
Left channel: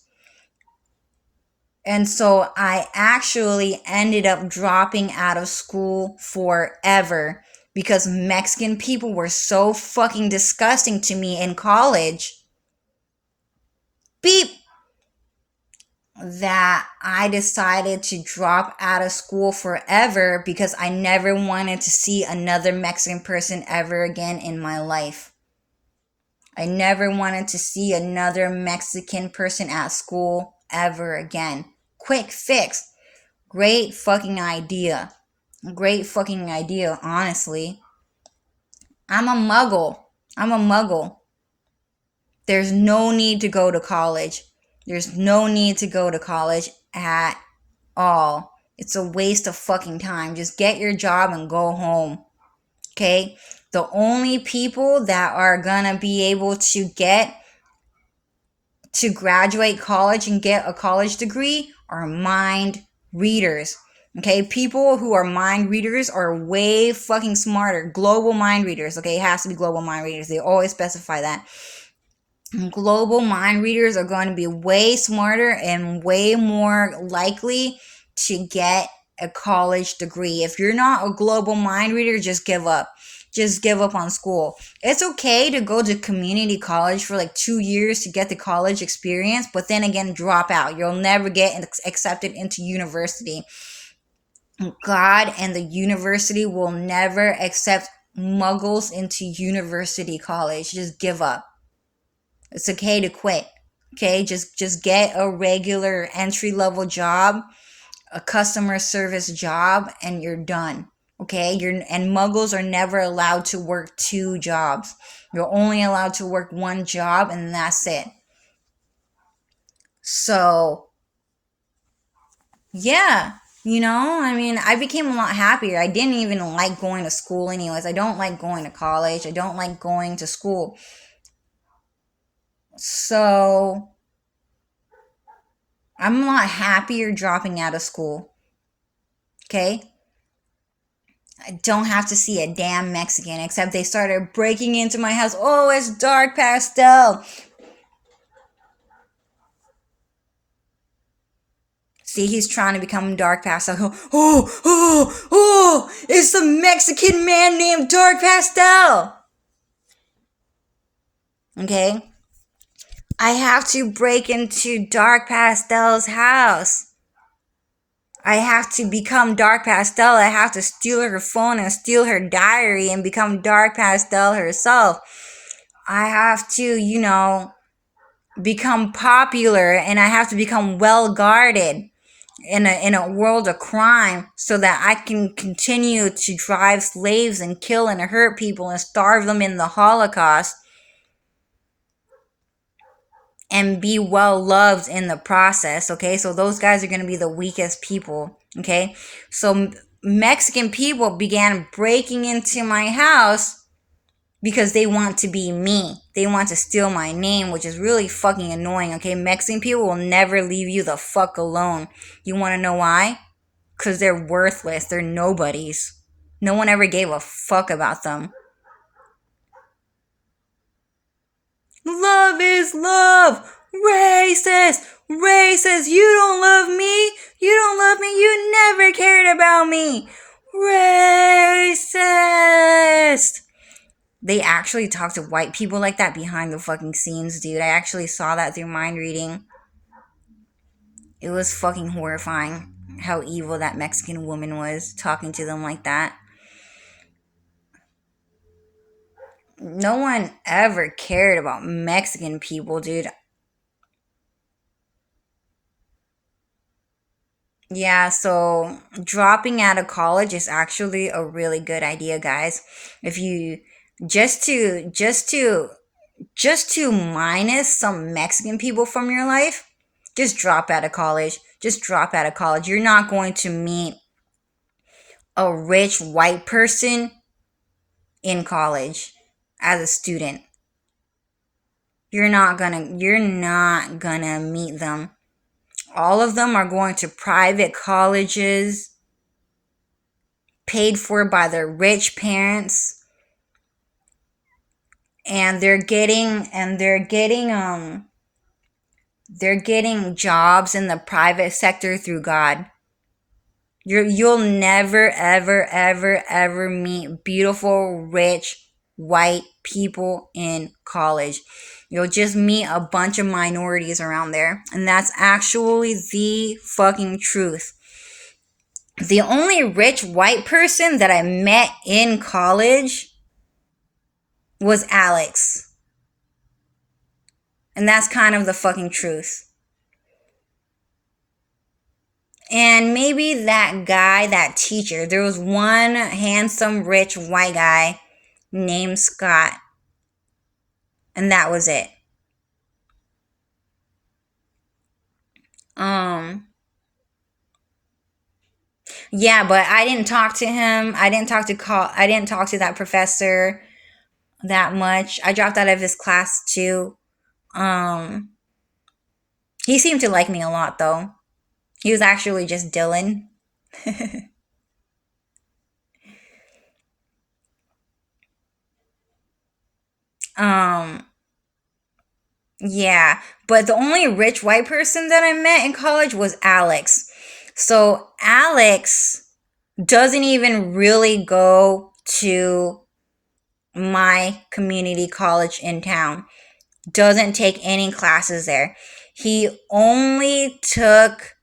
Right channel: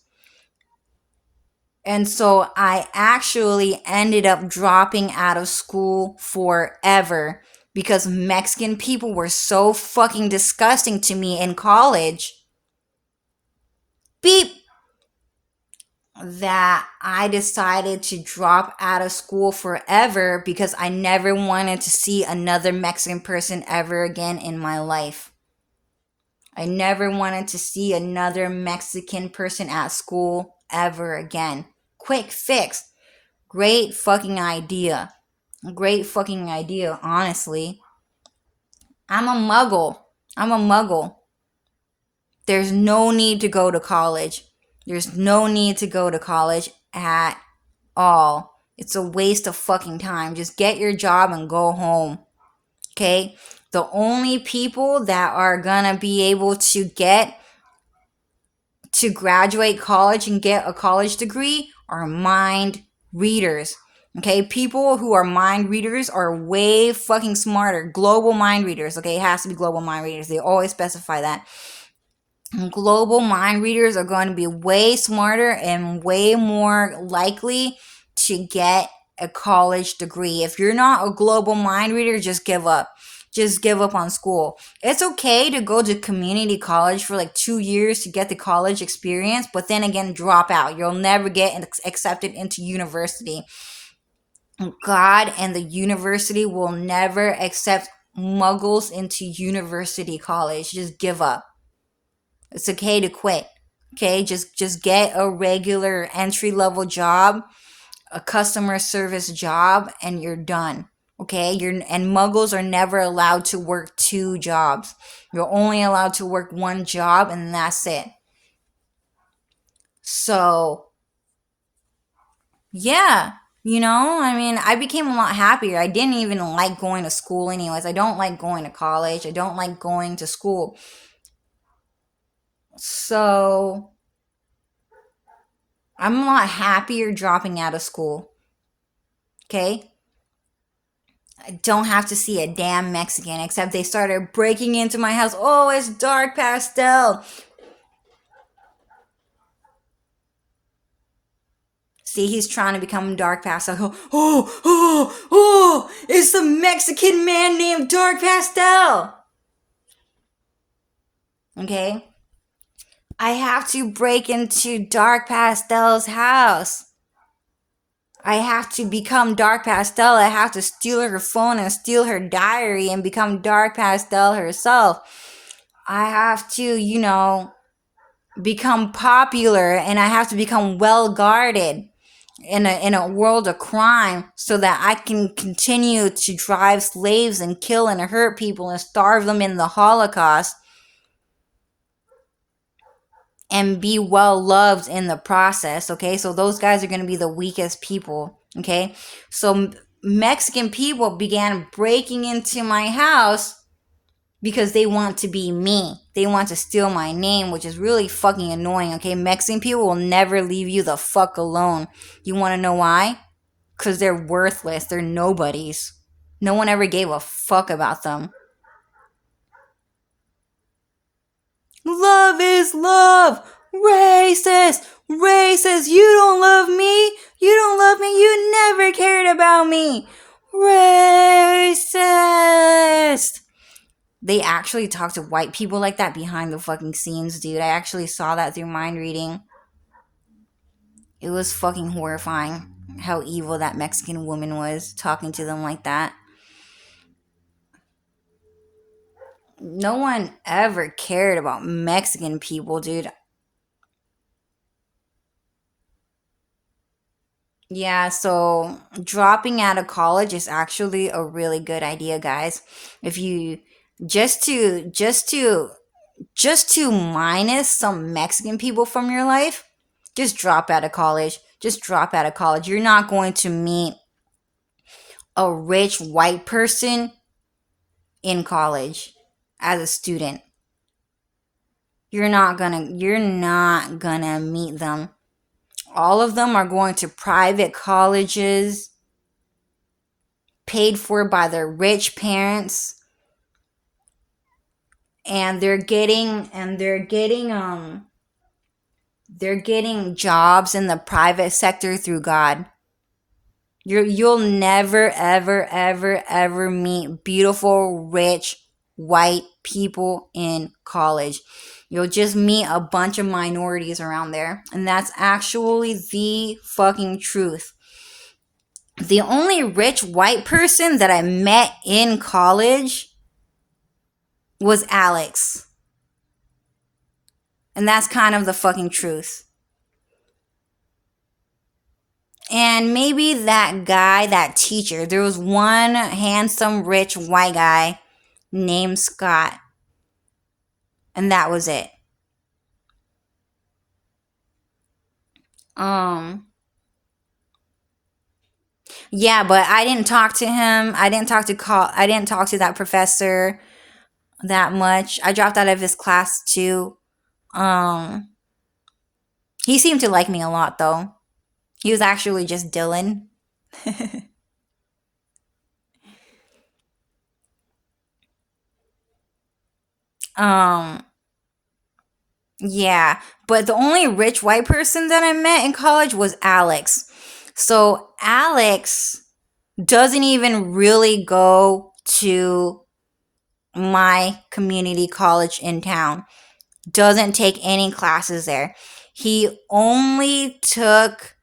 And so I actually ended up dropping out of school forever because Mexican people were so fucking disgusting to me in college. Beep. that I decided to drop out of school forever because I never wanted to see another Mexican person ever again in my life. I never wanted to see another Mexican person at school ever again. Quick fix. Great fucking idea. Great fucking idea, honestly. I'm a muggle. I'm a muggle. There's no need to go to college. There's no need to go to college at all. It's a waste of fucking time. Just get your job and go home. Okay? The only people that are gonna be able to get to graduate college and get a college degree are mind readers. Okay, people who are mind readers are way fucking smarter. Global mind readers. Okay, it has to be global mind readers. They always specify that. Global mind readers are going to be way smarter and way more likely to get a college degree. If you're not a global mind reader, just give up. Just give up on school. It's okay to go to community college for like 2 years to get the college experience, but then again, drop out. You'll never get accepted into university. God and the university will never accept muggles into university college. Just give up. It's okay to quit. Okay, just get a regular entry level job, a customer service job, and you're done. Okay, and muggles are never allowed to work 2 jobs. You're only allowed to work 1 job, and that's it. So, yeah, I mean, I became a lot happier. I didn't even like going to school, anyways. I don't like going to college. I don't like going to school. So, I'm a lot happier dropping out of school. Okay? I don't have to see a damn Mexican, except they started breaking into my house. Oh, it's dark pastel. See, he's trying to become dark pastel. Oh, it's the Mexican man named Dark Pastel. Okay? I have to break into Dark Pastel's house. I have to become Dark Pastel. I have to steal her phone and steal her diary and become Dark Pastel herself. I have to, become popular, and I have to become well guarded in a world of crime so that I can continue to drive slaves and kill and hurt people and starve them in the Holocaust and be well loved in the process. Okay, so those guys are going to be the weakest people. Okay, so Mexican people began breaking into my house because they want to be me. They want to steal my name, which is really fucking annoying. Okay, Mexican people will never leave you the fuck alone. You want to know why? Because they're worthless. They're nobodies. No one ever gave a fuck about them. Love is love. Racist. Racist. You don't love me. You don't love me. You never cared about me. Racist. They actually talk to white people like that behind the fucking scenes, dude. I actually saw that through mind reading. It was fucking horrifying how evil that Mexican woman was talking to them like that. No one ever cared about Mexican people, dude. Yeah, so dropping out of college is actually a really good idea, guys. If you just to minus some Mexican people from your life, just drop out of college. Just drop out of college. You're not going to meet a rich white person in college as a student. You're not gonna meet them. All of them are going to private colleges paid for by their rich parents, and they're getting jobs in the private sector through God. You'll never ever ever ever meet beautiful rich white people in college. You'll just meet a bunch of minorities around there. And that's actually the fucking truth. The only rich white person that I met in college was Alex. And that's kind of the fucking truth. And maybe that guy, that teacher, there was one handsome, rich white guy named Scott. And that was it. Yeah, but I didn't talk to him. I didn't talk to that professor that much. I dropped out of his class too. He seemed to like me a lot though. He was actually just Dylan. um yeah, but the only rich white person that I met in college was Alex. So Alex doesn't even really go to my community college in town. Doesn't take any classes there. He only took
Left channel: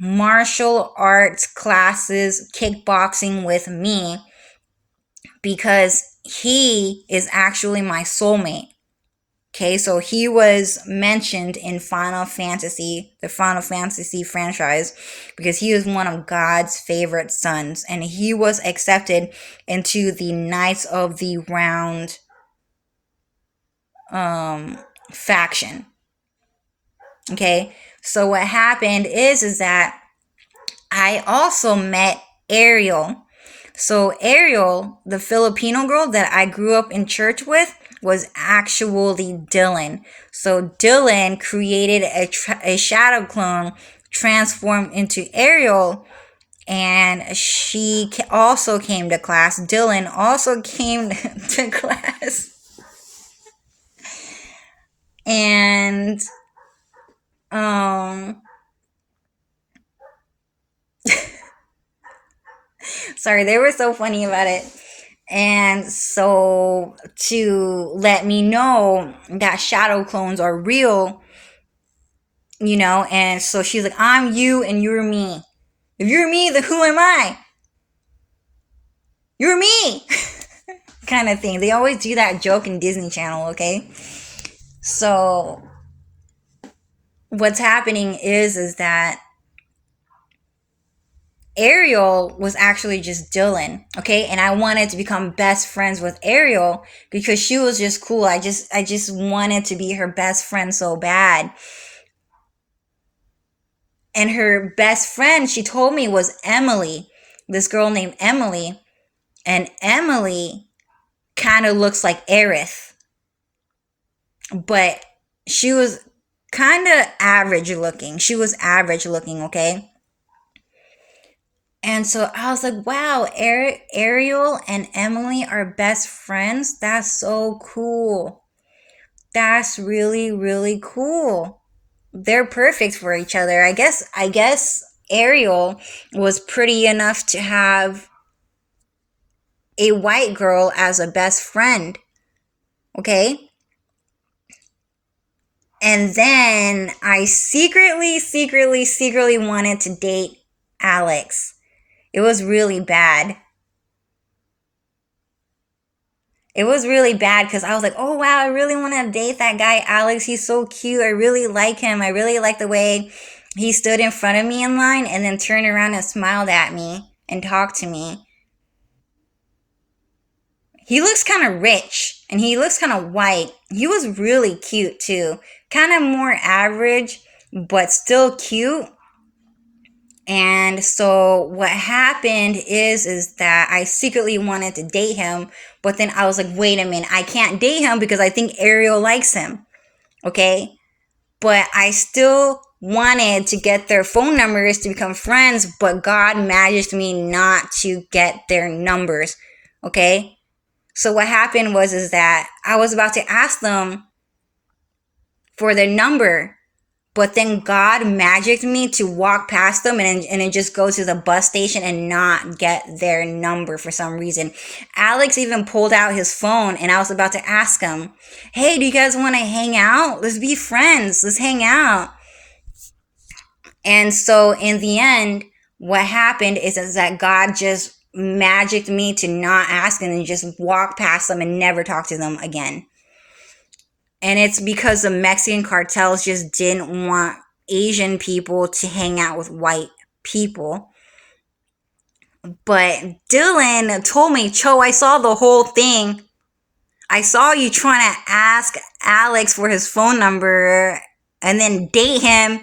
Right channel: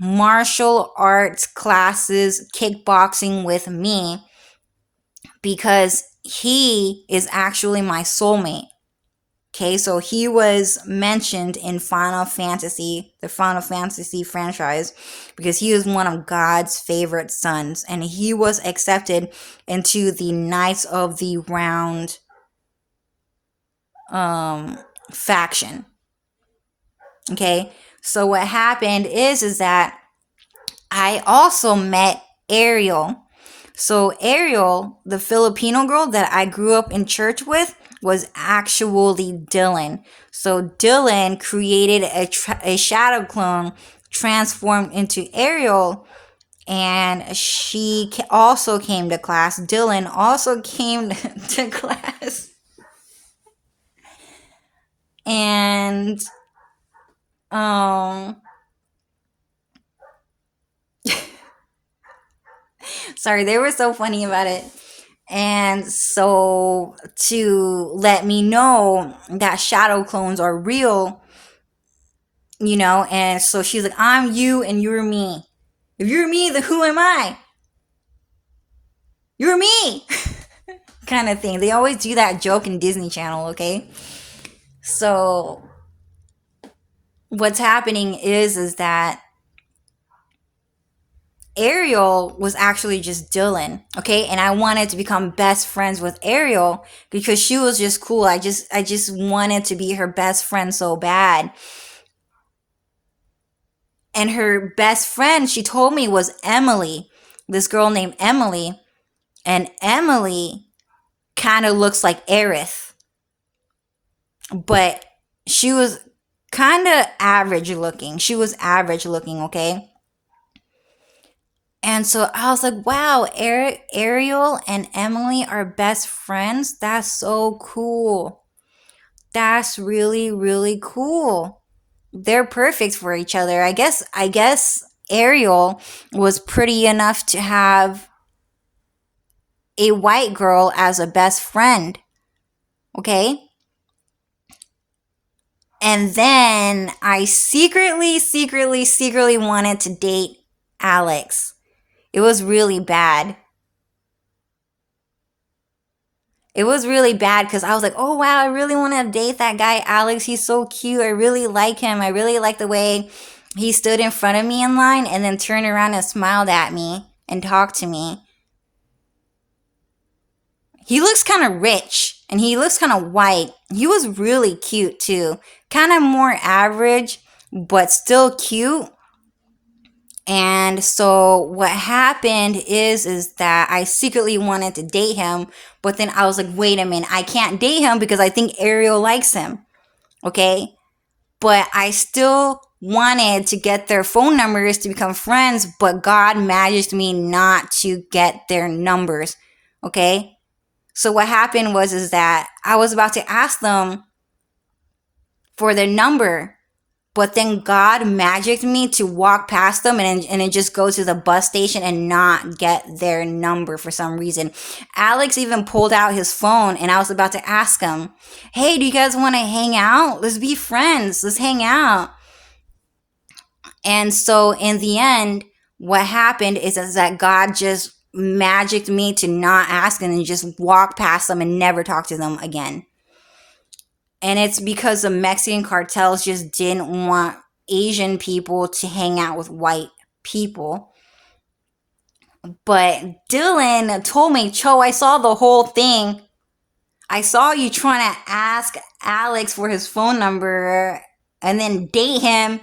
martial arts classes, kickboxing with me because he is actually my soulmate. Okay, so he was mentioned in Final Fantasy, the Final Fantasy franchise, because he was one of God's favorite sons, and he was accepted into the Knights of the Round faction. Okay, so what happened is that I also met Ariel. So Ariel, the Filipino girl that I grew up in church with, was actually Dylan. So Dylan created a shadow clone transformed into Ariel, and she also came to class. Dylan also came to class. And sorry, they were so funny about it. And so to let me know that shadow clones are real, and so she's like, I'm you and you're me. If you're me, then who am I? You're me. Kind of thing. They always do that joke in Disney Channel, okay? So what's happening is that Ariel was actually just Dylan, okay? And I wanted to become best friends with Ariel because she was just cool. I just wanted to be her best friend so bad. And her best friend, she told me, was Emily. This girl named Emily. And Emily kind of looks like Aerith. But she was kind of average looking. She was average looking, okay? And so I was like, wow, Ariel and Emily are best friends? That's so cool. That's really, really cool. They're perfect for each other. I guess Ariel was pretty enough to have a white girl as a best friend. Okay? And then I secretly wanted to date Alex. It was really bad. It was really bad because I was like, oh wow, I really want to date that guy, Alex. He's so cute. I really like him. I really like the way he stood in front of me in line and then turned around and smiled at me and talked to me. He looks kind of rich and he looks kind of white. He was really cute too. Kind of more average, but still cute. And so what happened is that I secretly wanted to date him, but then I was like, wait a minute, I can't date him because I think Ariel likes him. Okay? But I still wanted to get their phone numbers to become friends, but God managed me not to get their numbers. Okay? So what happened is that I was about to ask them for their number, But then God magicked me to walk past them and then just go to the bus station and not get their number for some reason. Alex even pulled out his phone and I was about to ask him, hey, do you guys want to hang out? Let's be friends. Let's hang out. And so in the end, what happened is that God just magicked me to not ask them and just walk past them and never talk to them again. And it's because the Mexican cartels just didn't want Asian people to hang out with white people. But Dylan told me, Cho, I saw the whole thing. I saw you trying to ask Alex for his phone number and then date him.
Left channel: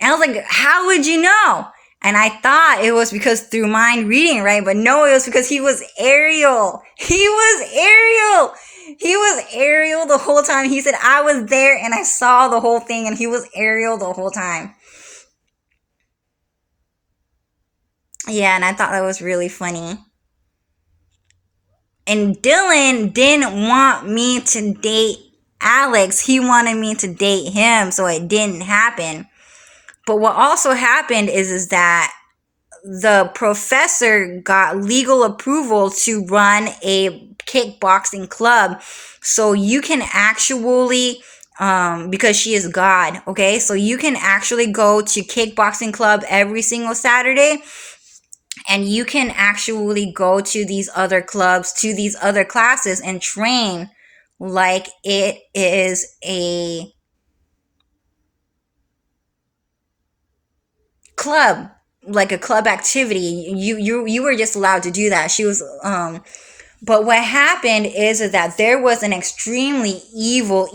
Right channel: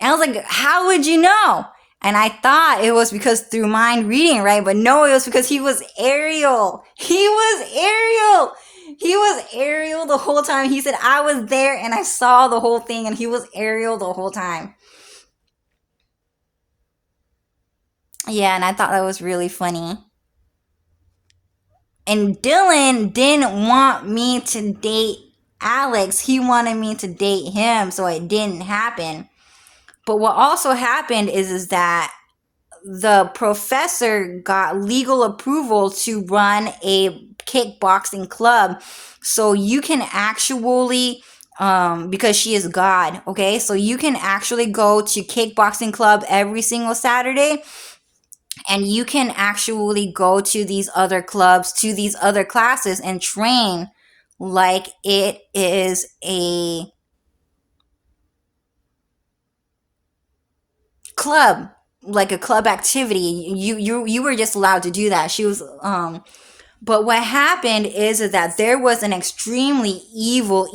And I was like, how would you know? And I thought it was because through mind reading, right? But no, it was because he was Ariel. He was Ariel. He was Ariel the whole time. He said, I was there and I saw the whole thing, and he was Ariel the whole time. Yeah, and I thought that was really funny. And Dylan didn't want me to date Alex. He wanted me to date him, so it didn't happen. But what also happened is that the professor got legal approval to run a kickboxing club. So you can actually, because she is God, okay? So you can actually go to kickboxing club every single Saturday. And you can actually go to these other clubs, to these other classes and train like it is a club, like a club activity. You were just allowed to do that. She was but what happened is that there was an extremely evil,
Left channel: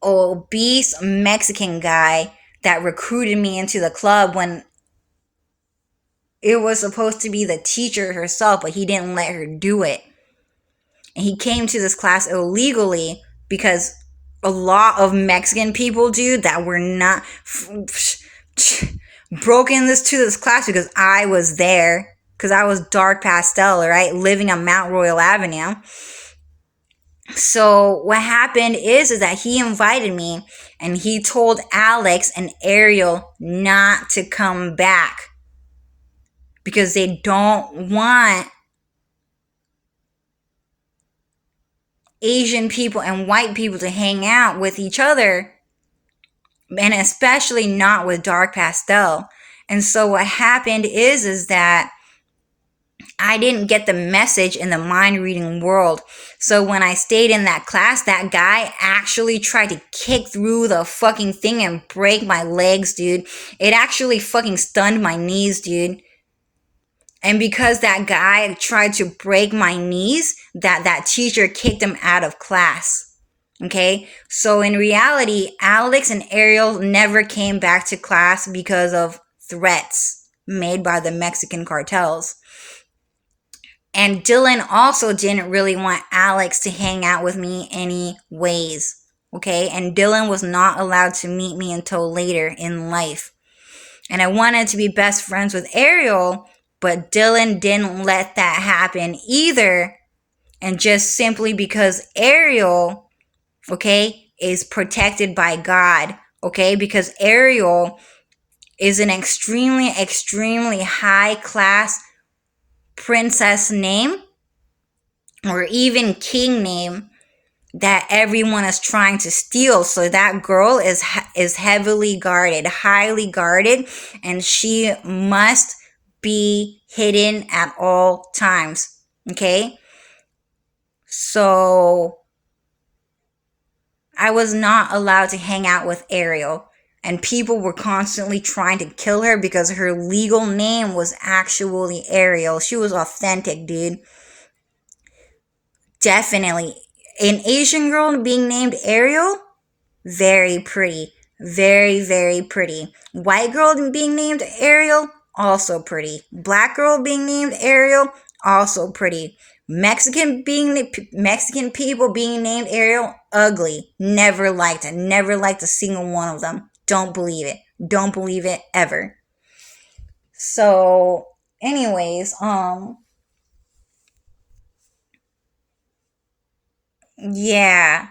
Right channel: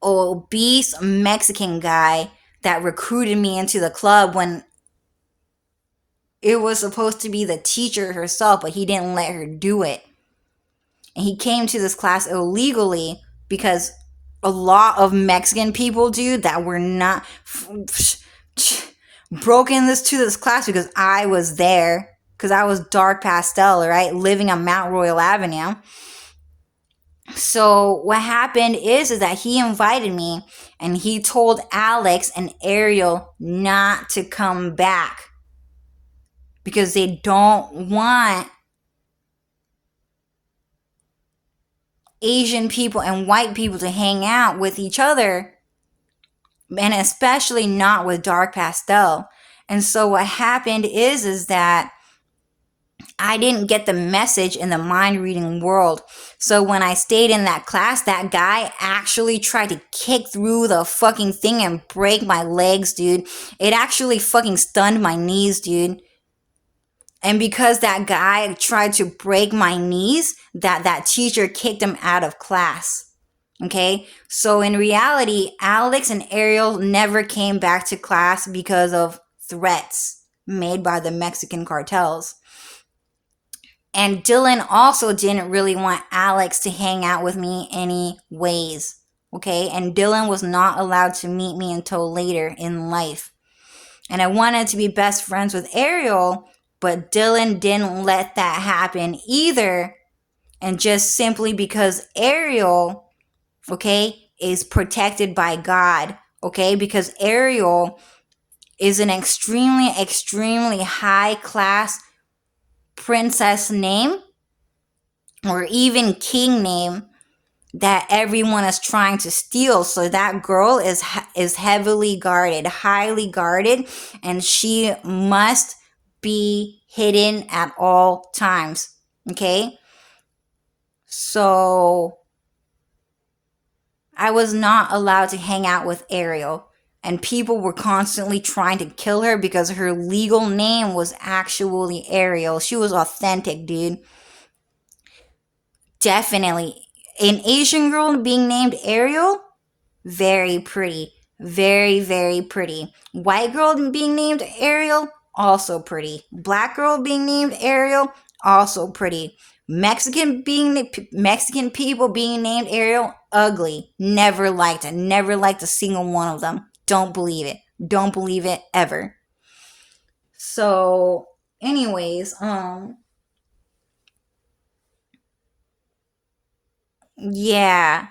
obese Mexican guy that recruited me into the club when it was supposed to be the teacher herself, but he didn't let her do it. And he came to this class illegally because a lot of Mexican people, dude, that were not broken to this class because I was there, because I was dark pastel, right, living on Mount Royal Avenue. So what happened is that he invited me and he told Alex and Ariel not to come back because they don't want Asian people and white people to hang out with each other, and especially not with dark pastel. And so what happened is that I didn't get the message in the mind reading world. So when I stayed in that class, that guy actually tried to kick through the fucking thing and break my legs, dude. It actually fucking stunned my knees, dude. And because that guy tried to break my knees, that teacher kicked him out of class. Okay? So in reality, Alex and Ariel never came back to class because of threats made by the Mexican cartels. And Dylan also didn't really want Alex to hang out with me anyways. Okay? And Dylan was not allowed to meet me until later in life. And I wanted to be best friends with Ariel, but Dylan didn't let that happen either. And just simply because Ariel, okay, is protected by God, okay, because Ariel is an extremely high class princess name or even king name that everyone is trying to steal. So that girl is heavily guarded, highly guarded, and she must be hidden at all times. Okay? So I was not allowed to hang out with Ariel, and people were constantly trying to kill her because her legal name was actually Ariel. She was authentic, dude. Definitely. An Asian girl being named Ariel, very pretty. Very pretty. White girl being named Ariel, also pretty. Black girl being named Ariel, also pretty. Mexican people being named Ariel, ugly. Never liked it. Never liked a single one of them. Don't believe it. Don't believe it ever. So, anyways, yeah.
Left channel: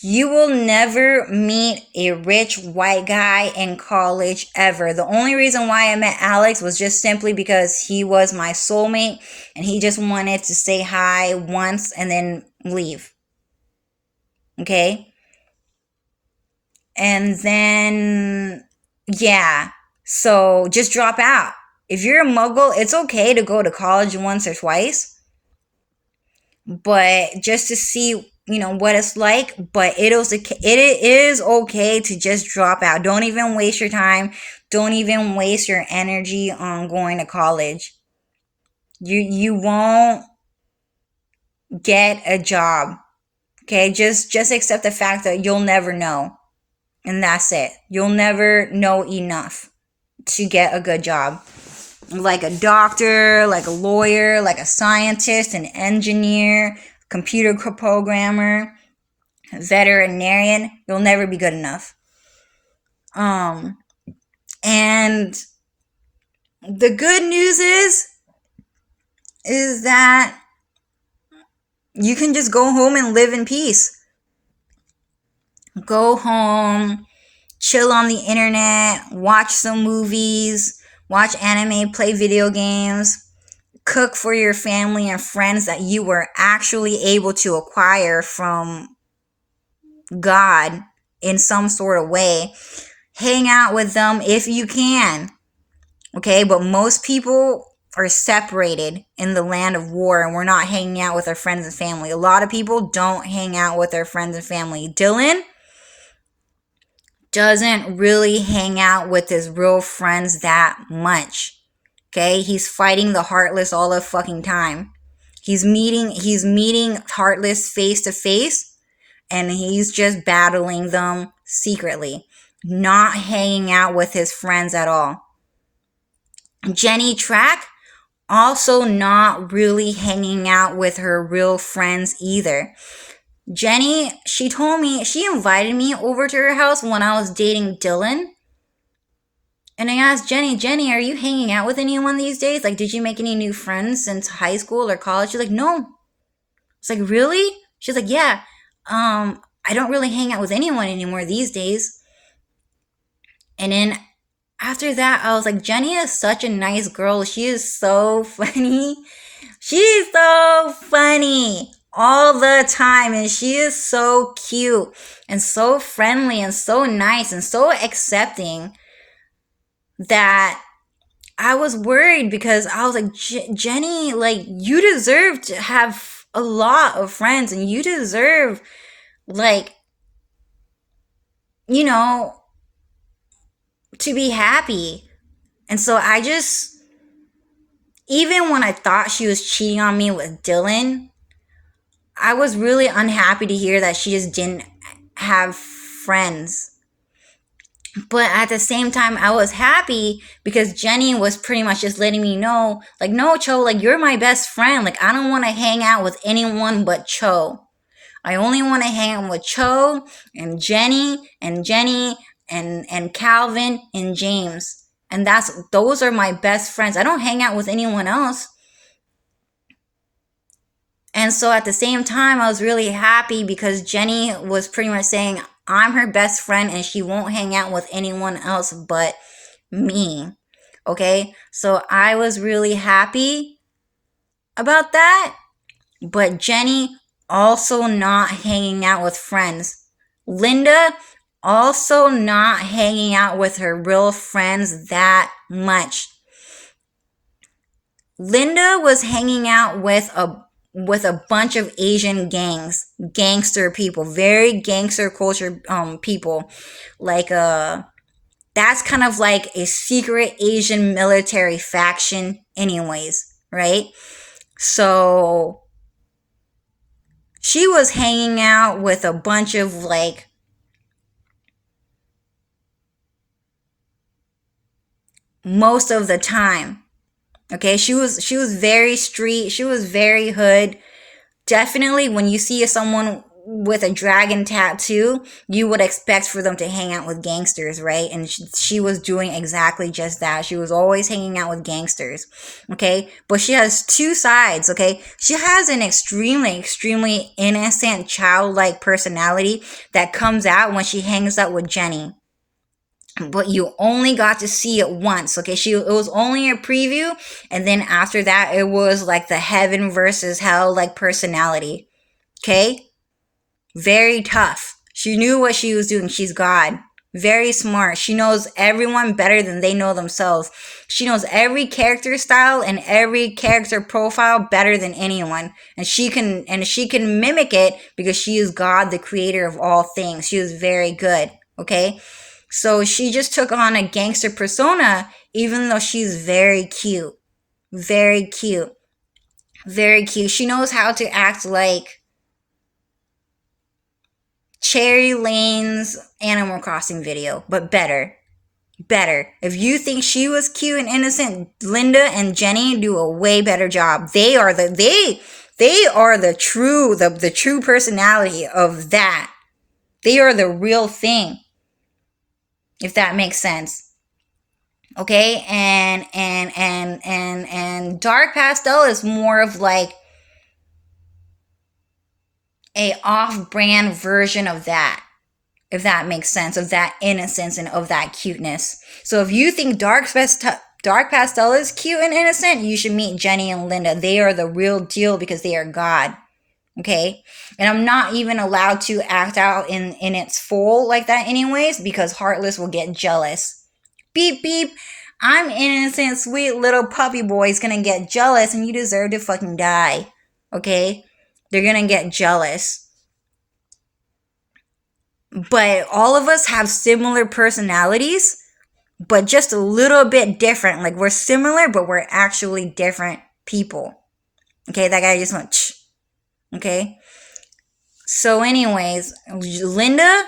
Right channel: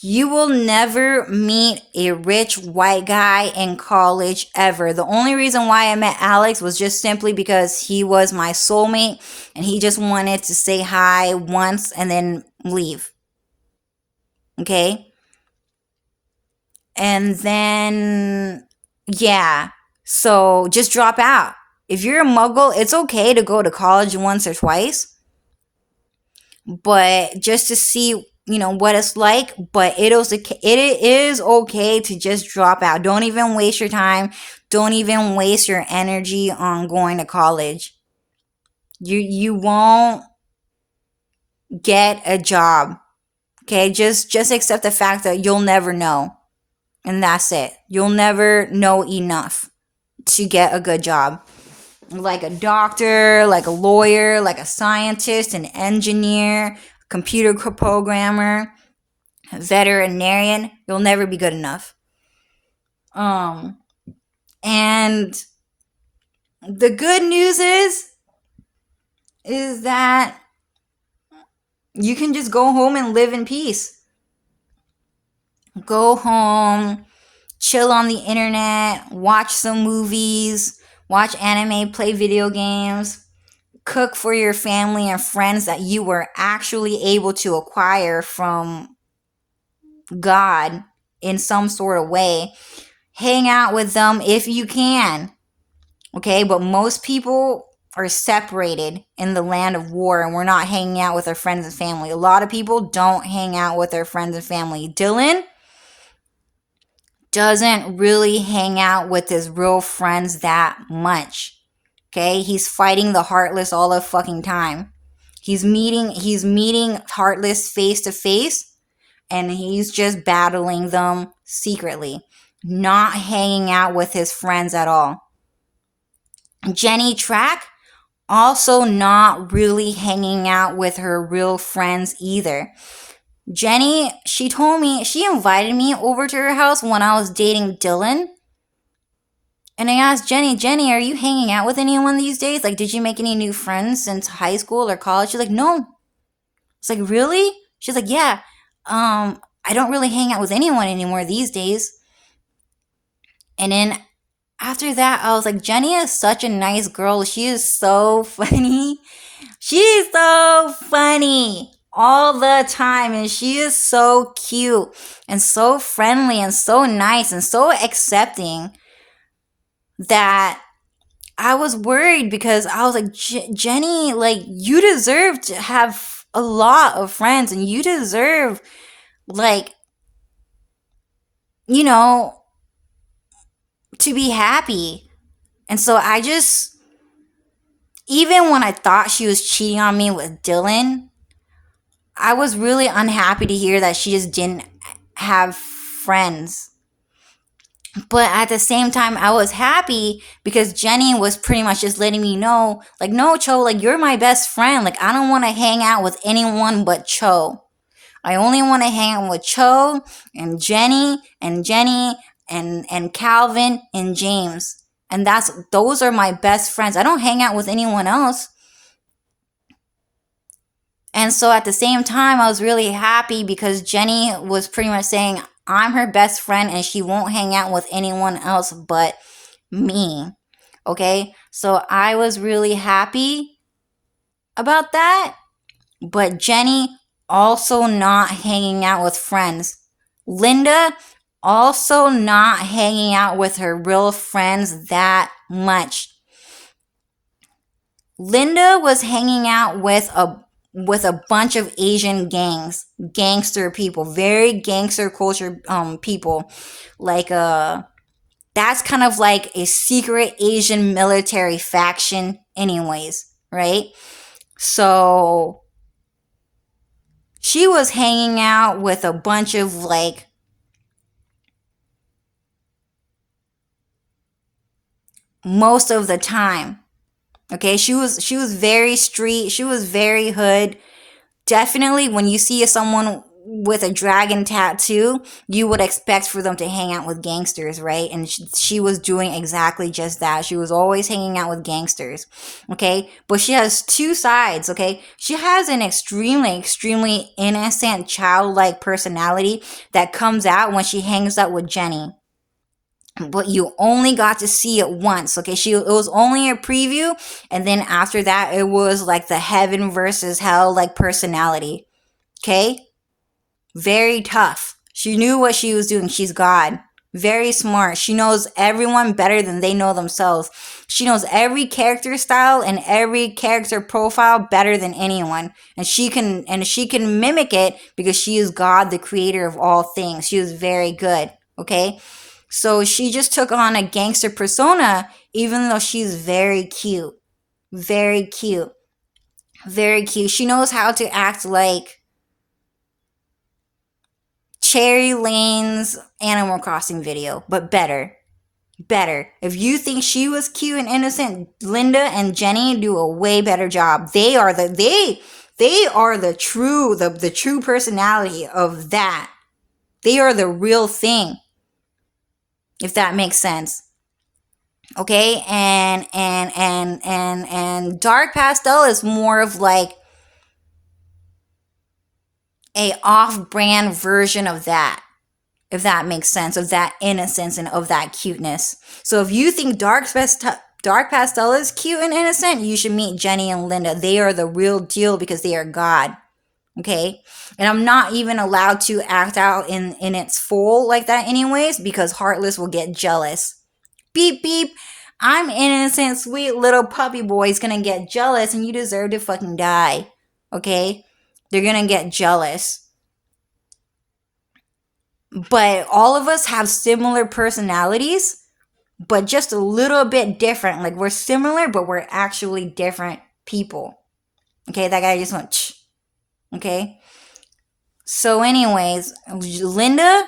You will never meet a rich white guy in college ever. The only reason why I met Alex was just simply because he was my soulmate and he just wanted to say hi once and then leave. Okay? And then, yeah. So just drop out. If you're a muggle, it's okay to go to college once or twice, but just to see, what it's like. But it is okay to just drop out. Don't even waste your time. Don't even waste your energy on going to college. You won't get a job. Okay, just accept the fact that you'll never know. And that's it. You'll never know enough to get a good job. Like a doctor, like a lawyer, like a scientist, an engineer, computer programmer, a veterinarian, you'll never be good enough. And the good news is that you can just go home and live in peace. Go home, chill on the internet, watch some movies, watch anime, play video games, cook for your family and friends that you were actually able to acquire from God in some sort of way. Hang out with them if you can. Okay, but most people are separated in the land of war and we're not hanging out with our friends and family. A lot of people don't hang out with their friends and family. Dylan doesn't really hang out with his real friends that much. Okay, he's fighting the Heartless all the fucking time. He's meeting Heartless face to face, and he's just battling them secretly, not hanging out with his friends at all. Jenny Track also not really hanging out with her real friends either. Jenny, she told me, she invited me over to her house when I was dating Dylan. And I asked Jenny, are you hanging out with anyone these days? Like, did you make any new friends since high school or college? She's like, no. It's like, really? She's like, yeah. I don't really hang out with anyone anymore these days. And then after that, I was like, Jenny is such a nice girl. She is so funny. She's so funny all the time. And she is so cute and so friendly and so nice and so accepting that I was worried because I was like, Jenny, like, you deserve to have a lot of friends and you deserve, like, to be happy. And so I just, even when I thought she was cheating on me with Dylan, I was really unhappy to hear that she just didn't have friends. But at the same time, I was happy because Jenny was pretty much just letting me know, like, no, Cho, like, you're my best friend. Like, I don't want to hang out with anyone but Cho. I only want to hang out with Cho and Jenny and Calvin and James. And those are my best friends. I don't hang out with anyone else. And so at the same time, I was really happy because Jenny was pretty much saying, I'm her best friend and she won't hang out with anyone else but me. Okay? So I was really happy about that. But Jenny also not hanging out with friends. Linda also not hanging out with her real friends that much. Linda was hanging out with a bunch of Asian gangster people, very gangster culture people. Like that's kind of like a secret Asian military faction anyways, right? So she was hanging out with a bunch of like most of the time. Okay, she was very street, she was very hood. Definitely when you see someone with a dragon tattoo, you would expect for them to hang out with gangsters, right? And she was doing exactly just that. She was always hanging out with gangsters, okay? But she has two sides, okay? She has an extremely innocent, childlike personality that comes out when she hangs out with Jenny. But you only got to see it once, okay? It was only a preview, and then after that, it was like the heaven versus hell like personality, okay? Very tough. She knew what she was doing. She's God. Very smart. She knows everyone better than they know themselves. She knows every character style and every character profile better than anyone. And she can mimic it because she is God, the creator of all things. She was very good. Okay? So she just took on a gangster persona, even though she's very cute. Very cute. Very cute. She knows how to act like Cherry Lane's Animal Crossing video, but better. Better. If you think she was cute and innocent, Linda and Jenny do a way better job. They are the true personality of that. They are the real thing. If that makes sense. Okay? And Dark Pastel is more of like a off-brand version of that, if that makes sense, of that innocence and of that cuteness. So if you think Dark Pastel is cute and innocent, you should meet Jenny and Linda. They are the real deal because they are God. Okay? And I'm not even allowed to act out in its full like that anyways, because Heartless will get jealous. Beep beep. I'm innocent, sweet little puppy boy's gonna get jealous and you deserve to fucking die. Okay? They're gonna get jealous. But all of us have similar personalities, but just a little bit different. Like we're similar, but we're actually different people. Okay, that guy just went, Ch. Okay. So anyways, Linda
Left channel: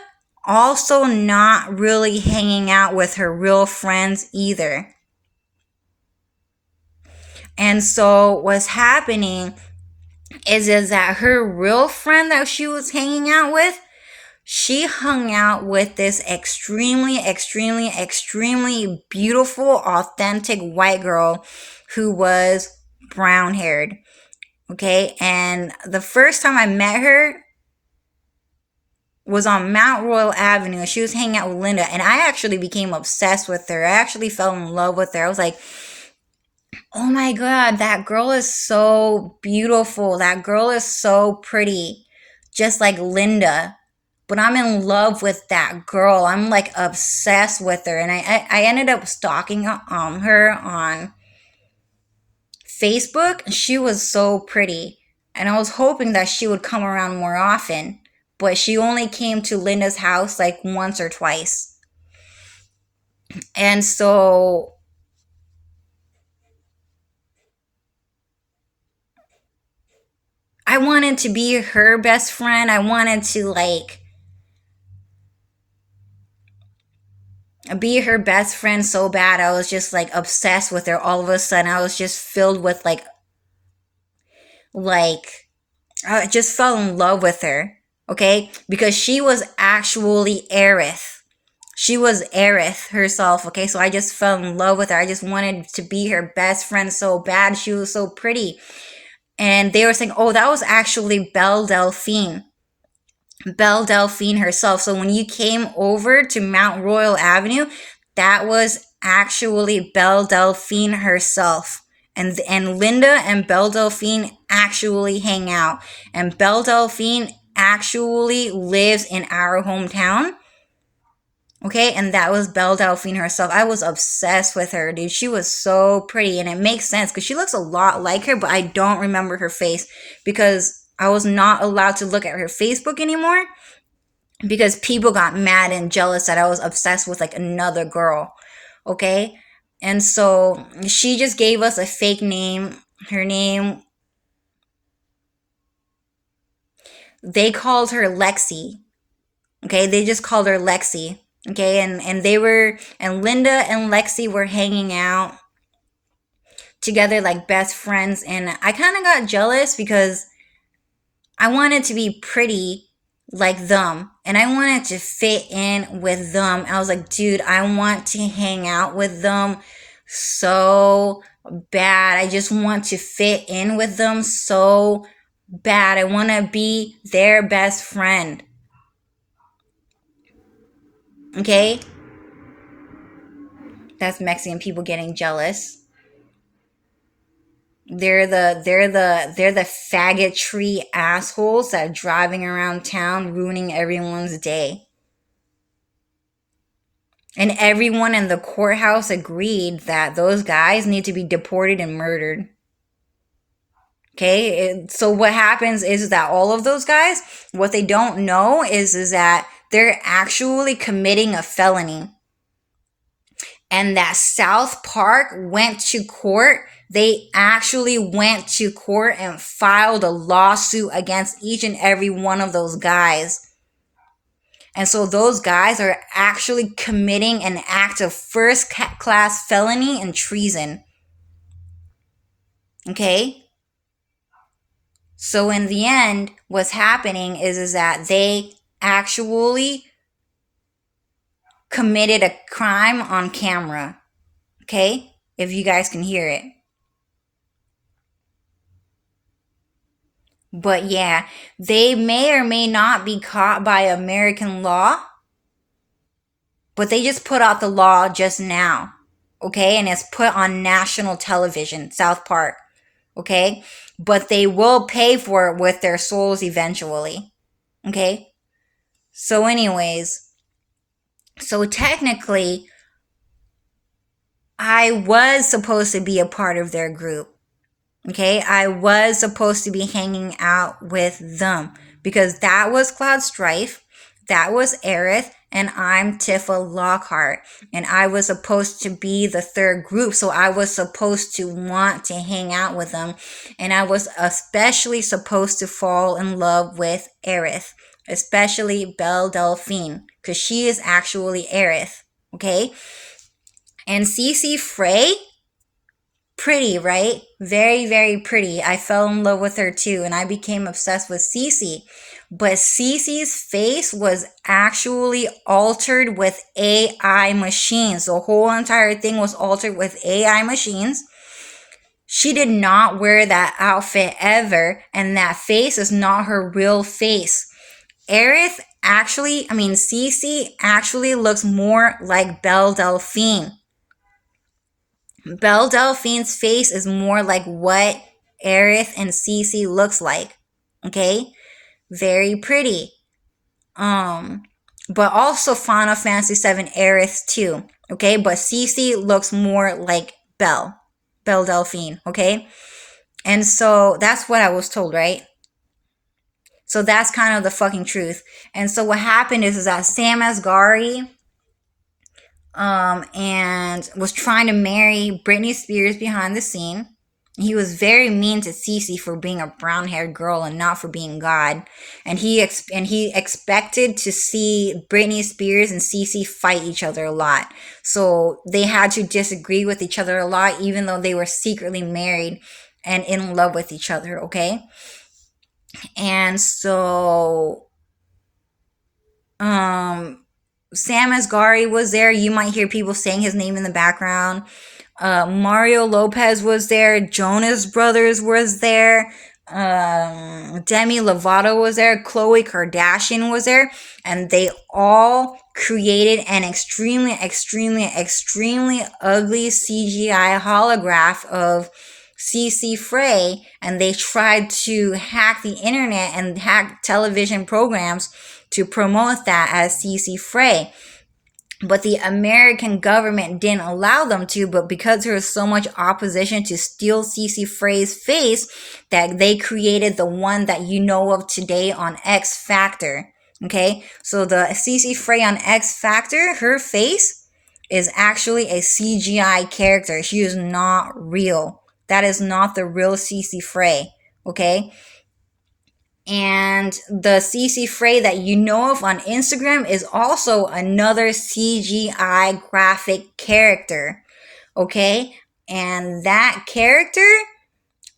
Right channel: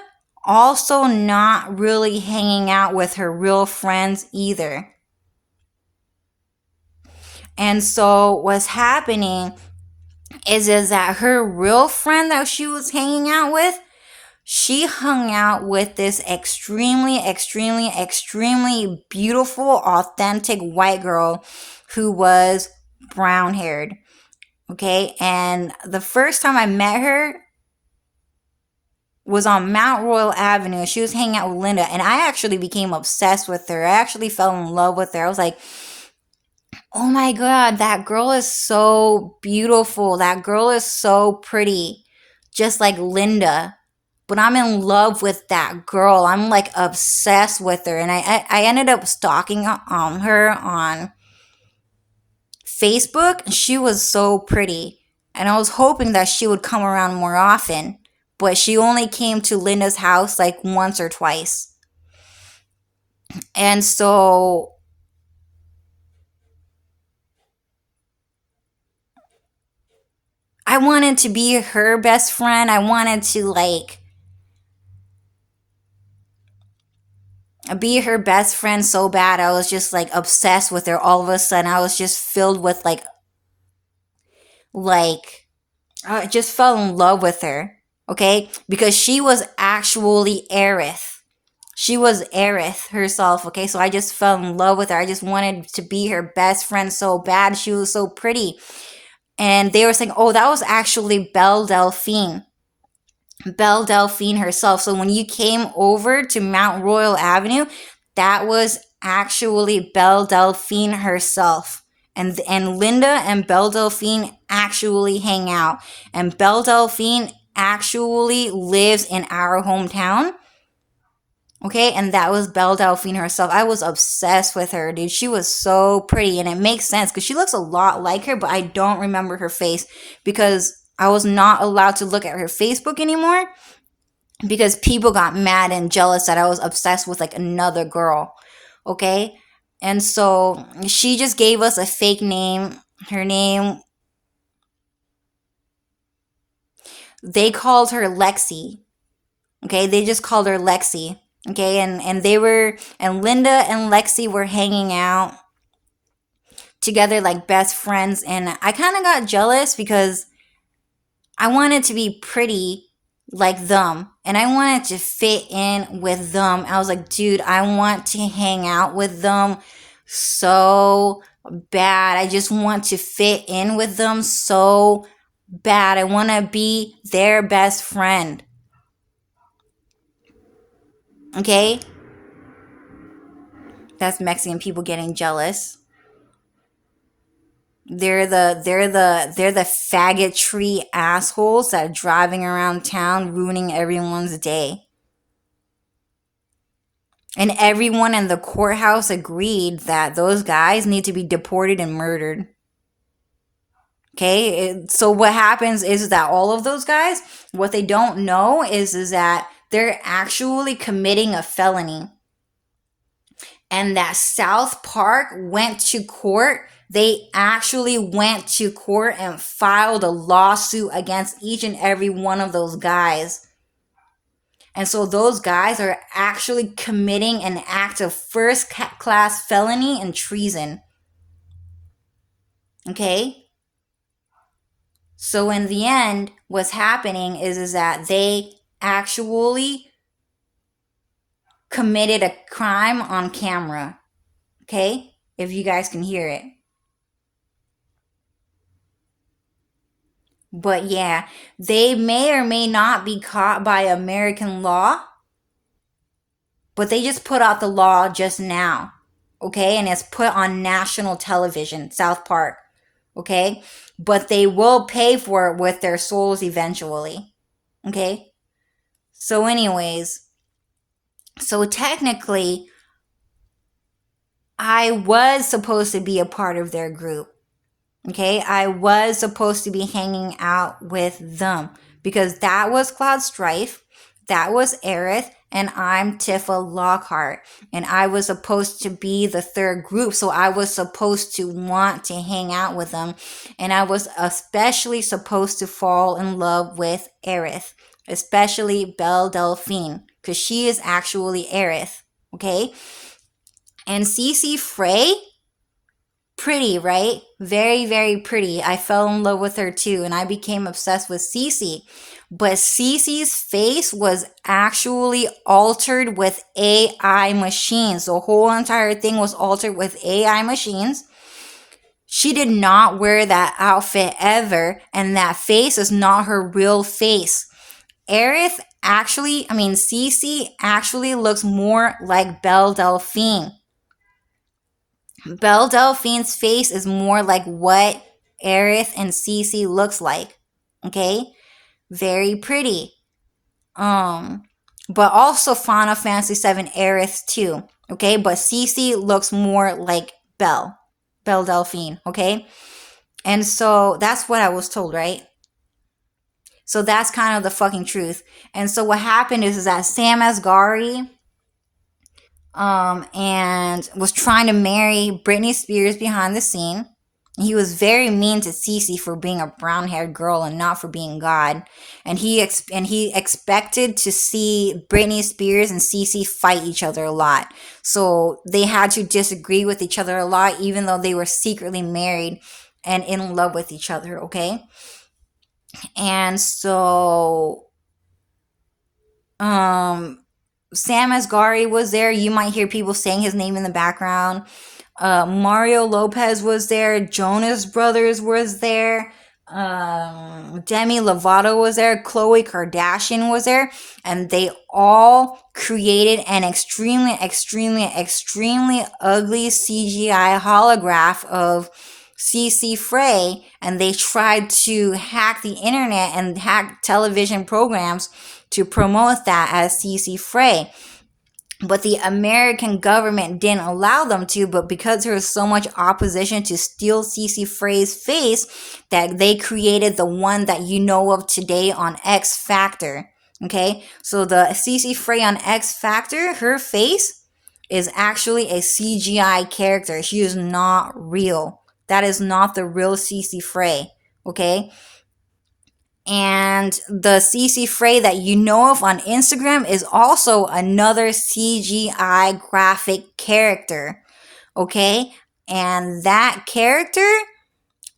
also not really hanging out with her real friends either. And so what's happening is that her real friend that she was hanging out with, she hung out with this extremely beautiful, authentic white girl who was brown haired. Okay, and the first time I met her was on Mount Royal Avenue. She was hanging out with Linda, and I actually became obsessed with her. I actually fell in love with her. I was like, oh my god, that girl is so beautiful. That girl is so pretty. Just like Linda. But I'm in love with that girl. I'm like obsessed with her. And I ended up stalking her on Facebook. She was so pretty. And I was hoping that she would come around more often. But she only came to Linda's house like once or twice. And so I wanted to be her best friend. I wanted to like be her best friend so bad. I was just like obsessed with her. All of a sudden, I was just filled with like I just fell in love with her. Okay, because she was actually Aerith. She was Aerith herself. Okay, so I just fell in love with her. I just wanted to be her best friend so bad. She was so pretty, and they were saying, "Oh, that was actually Belle Delphine." Belle Delphine herself. So when you came over to Mount Royal Avenue, that was actually Belle Delphine herself. And Linda and Belle Delphine actually hang out. And Belle Delphine actually lives in our hometown. Okay, and that was Belle Delphine herself. I was obsessed with her, dude. She was so pretty, and it makes sense because she looks a lot like her, but I don't remember her face because I was not allowed to look at her Facebook anymore because people got mad and jealous that I was obsessed with like another girl. Okay? And so she just gave us a fake name. Her name, they called her Lexi. Okay? They just called her Lexi. Okay? And Linda and Lexi were hanging out together like best friends, and I kind of got jealous because I wanted to be pretty like them, and I wanted to fit in with them. I was like, dude, I want to hang out with them so bad. I just want to fit in with them so bad. I want to be their best friend. Okay? That's Mexican people getting jealous. They're the faggotry assholes that are driving around town ruining everyone's day. And everyone in the courthouse agreed that those guys need to be deported and murdered. Okay? So what happens is that all of those guys, what they don't know is that they're actually committing a felony. And that South Park went to court. They actually went to court and filed a lawsuit against each and every one of those guys. And so those guys are actually committing an act of first class felony and treason. Okay? So in the end, what's happening is that they actually committed a crime on camera. Okay? If you guys can hear it. But yeah, they may or may not be caught by American law, but they just put out the law just now, okay? And it's put on national television, South Park, okay? But they will pay for it with their souls eventually, okay? So anyways, so technically, I was supposed to be a part of their group. Okay, I was supposed to be hanging out with them because that was Cloud Strife, that was Aerith, and I'm Tifa Lockhart. And I was supposed to be the third group, so I was supposed to want to hang out with them. And I was especially supposed to fall in love with Aerith, especially Belle Delphine, because she is actually Aerith. Okay? And CC Frey, pretty, right? Very, very pretty. I fell in love with her too, and I became obsessed with Cece. But Cece's face was actually altered with AI machines. The whole entire thing was altered with AI machines. She did not wear that outfit ever, and that face is not her real face. Cece actually looks more like Belle Delphine. Belle Delphine's face is more like what Aerith and Cece looks like. Okay? Very pretty. But also Final Fantasy VII Aerith too. Okay? But Cece looks more like Belle Delphine. Okay? And so that's what I was told, right? So that's kind of the fucking truth. And so what happened is that Sam Asghari and was trying to marry Britney Spears behind the scene. He was very mean to Cece for being a brown-haired girl and not for being God. And he expected to see Britney Spears and Cece fight each other a lot. So they had to disagree with each other a lot, even though they were secretly married and in love with each other, okay? And so Sam Asghari was there. You might hear people saying his name in the background. Mario Lopez was there. Jonas Brothers was there. Demi Lovato was there. Khloe Kardashian was there. And they all created an extremely, extremely, extremely ugly CGI holograph of CC Frey. And they tried to hack the internet and hack television programs to promote that as CC Frey. But the American government didn't allow them to, but because there was so much opposition to steal CC Frey's face, that they created the one that you know of today on X Factor. Okay? So the CC Frey on X Factor, her face is actually a CGI character. She is not real. That is not the real CC Frey. Okay? And the CC Frey that you know of on Instagram is also another CGI graphic character. Okay? And that character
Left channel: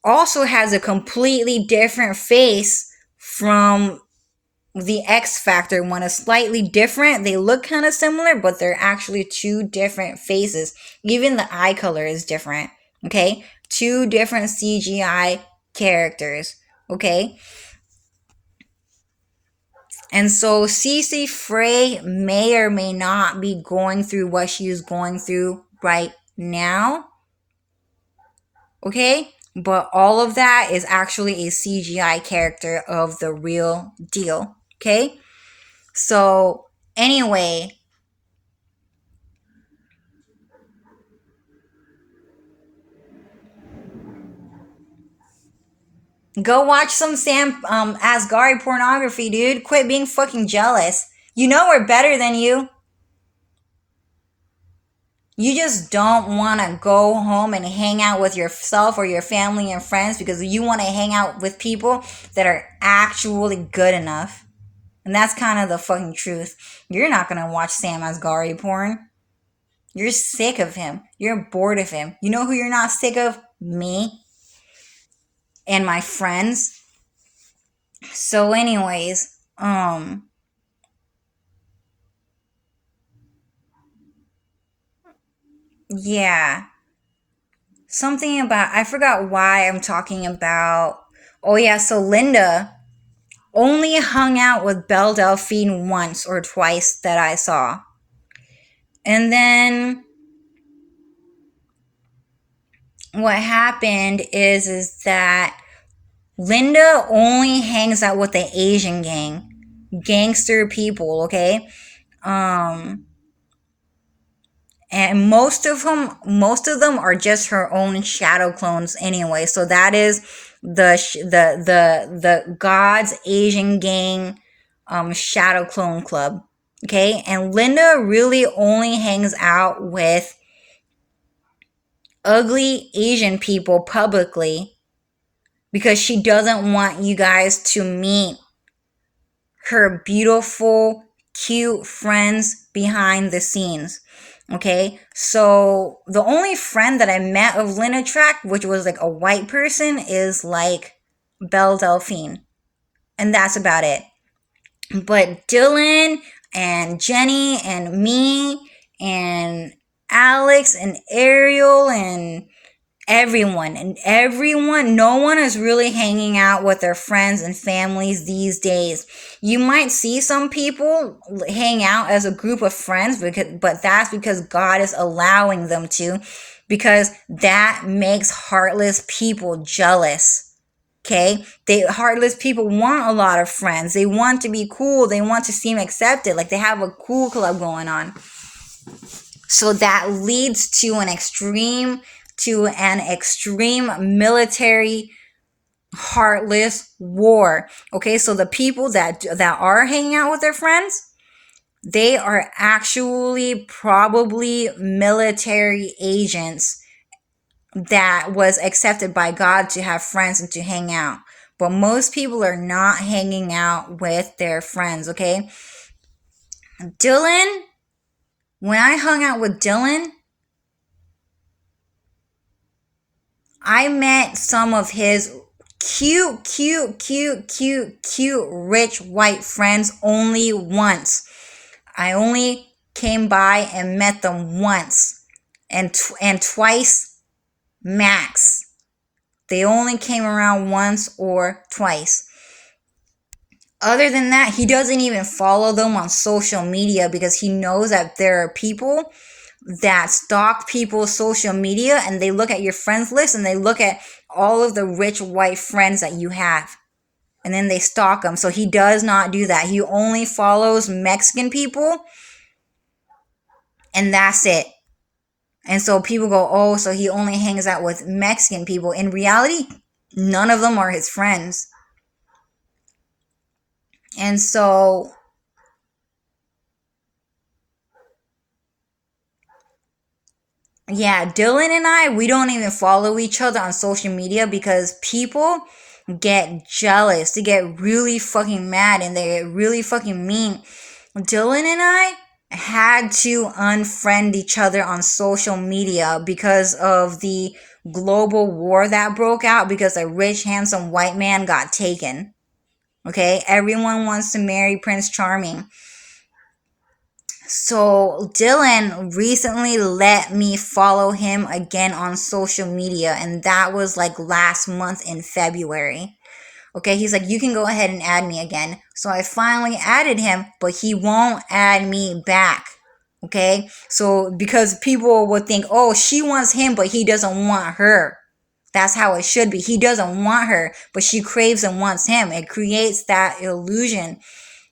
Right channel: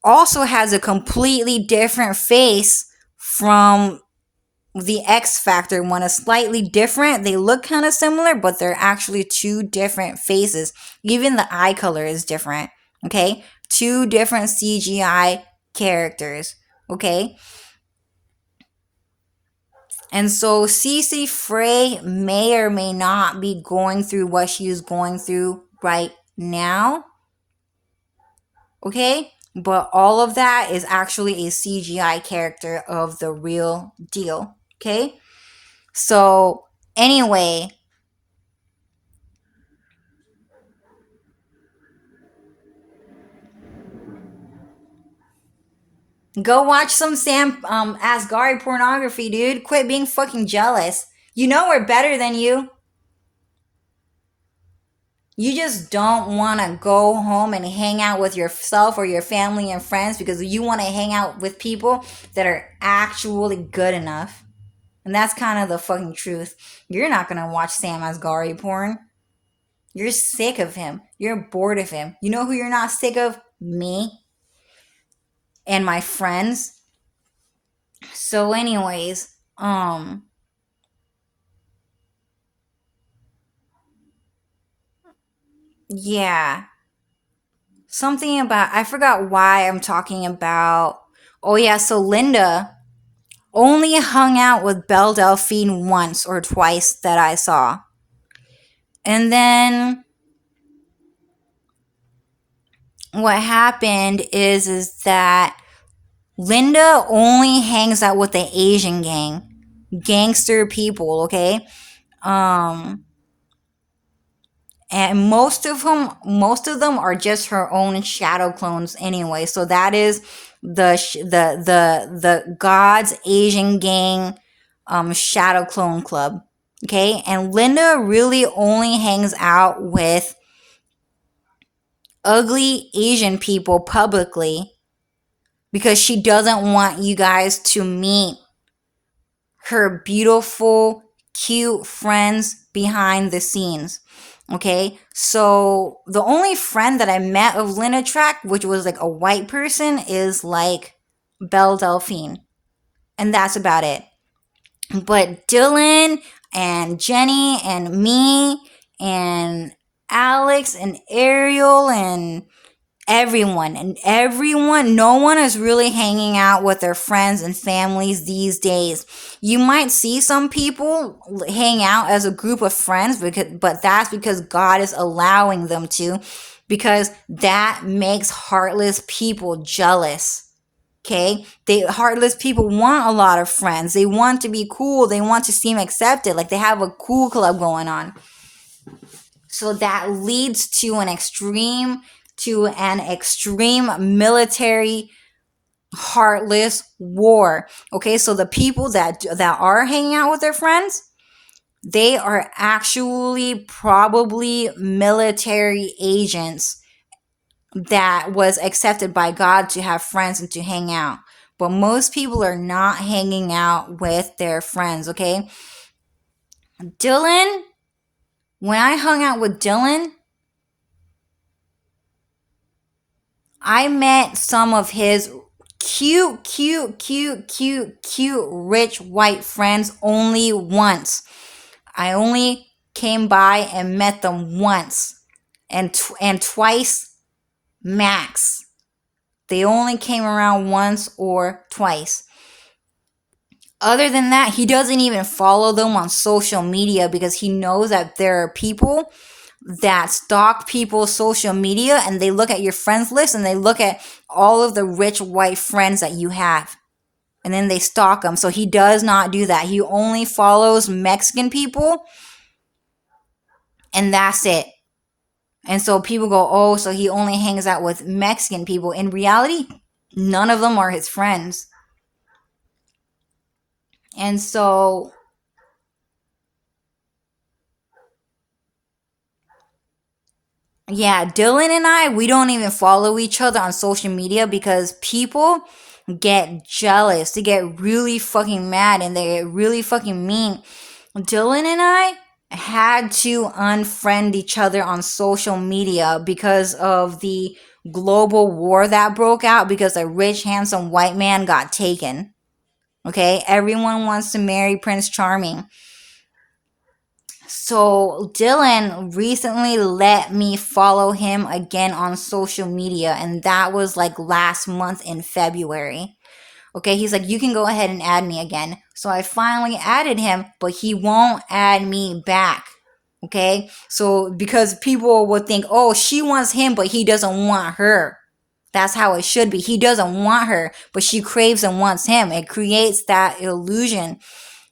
also has a completely different face from the X Factor one is slightly different. They look kind of similar, but they're actually two different faces. Even the eye color is different. Okay? Two different CGI characters. Okay? And so Cece Frey may or may not be going through what she is going through right now. Okay? But all of that is actually a CGI character of the real deal. Okay? So, anyway, go watch some Sam Asghari pornography, dude. Quit being fucking jealous. You know we're better than you. You just don't want to go home and hang out with yourself or your family and friends because you want to hang out with people that are actually good enough. And that's kind of the fucking truth. You're not going to watch Sam Asghari porn. You're sick of him. You're bored of him. You know who you're not sick of? Me and my friends. So anyways, yeah. Something about, I forgot why I'm talking about. Oh yeah, so Linda only hung out with Belle Delphine once or twice that I saw. And then what happened is that Linda only hangs out with the Asian gang, gangster people, okay? Um and most of them are just her own shadow clones anyway. So that is the God's Asian Gang shadow clone club. Okay? And Linda really only hangs out with ugly Asian people publicly because she doesn't want you guys to meet her beautiful, cute friends behind the scenes. Okay, so the only friend that I met of Linda Track, which was like a white person, is like Belle Delphine. And that's about it. But Dylan and Jenny and me and Alex and Ariel and everyone, no one is really hanging out with their friends and families these days. You might see some people hang out as a group of friends, but that's because God is allowing them to, because that makes heartless people jealous. Okay? Heartless people want a lot of friends. They want to be cool. They want to seem accepted. Like they have a cool club going on. So that leads to an extreme military heartless war. Okay, so the people that are hanging out with their friends, they are actually probably military agents that was accepted by God to have friends and to hang out. But most people are not hanging out with their friends, okay? Dylan, when I hung out with Dylan, I met some of his cute, rich white friends only once. I only came by and met them once and twice max. They only came around once or twice. Other than that, he doesn't even follow them on social media because he knows that there are people that stalk people's social media and they look at your friends list and they look at all of the rich white friends that you have. And then they stalk them. So he does not do that. He only follows Mexican people. And that's it. And so people go, oh, so he only hangs out with Mexican people. In reality, none of them are his friends. And so yeah, Dylan and I, we don't even follow each other on social media because people get jealous. They get really fucking mad and they get really fucking mean. Dylan and I had to unfriend each other on social media because of the global war that broke out because a rich, handsome white man got taken. Okay, everyone wants to marry Prince Charming. So Dylan recently let me follow him again on social media, and that was like last month in February. Okay, he's like, you can go ahead and add me again. So I finally added him, but he won't add me back. Okay, so because people would think, oh, she wants him, but he doesn't want her. That's how it should be. He doesn't want her, but she craves and wants him. It creates that illusion.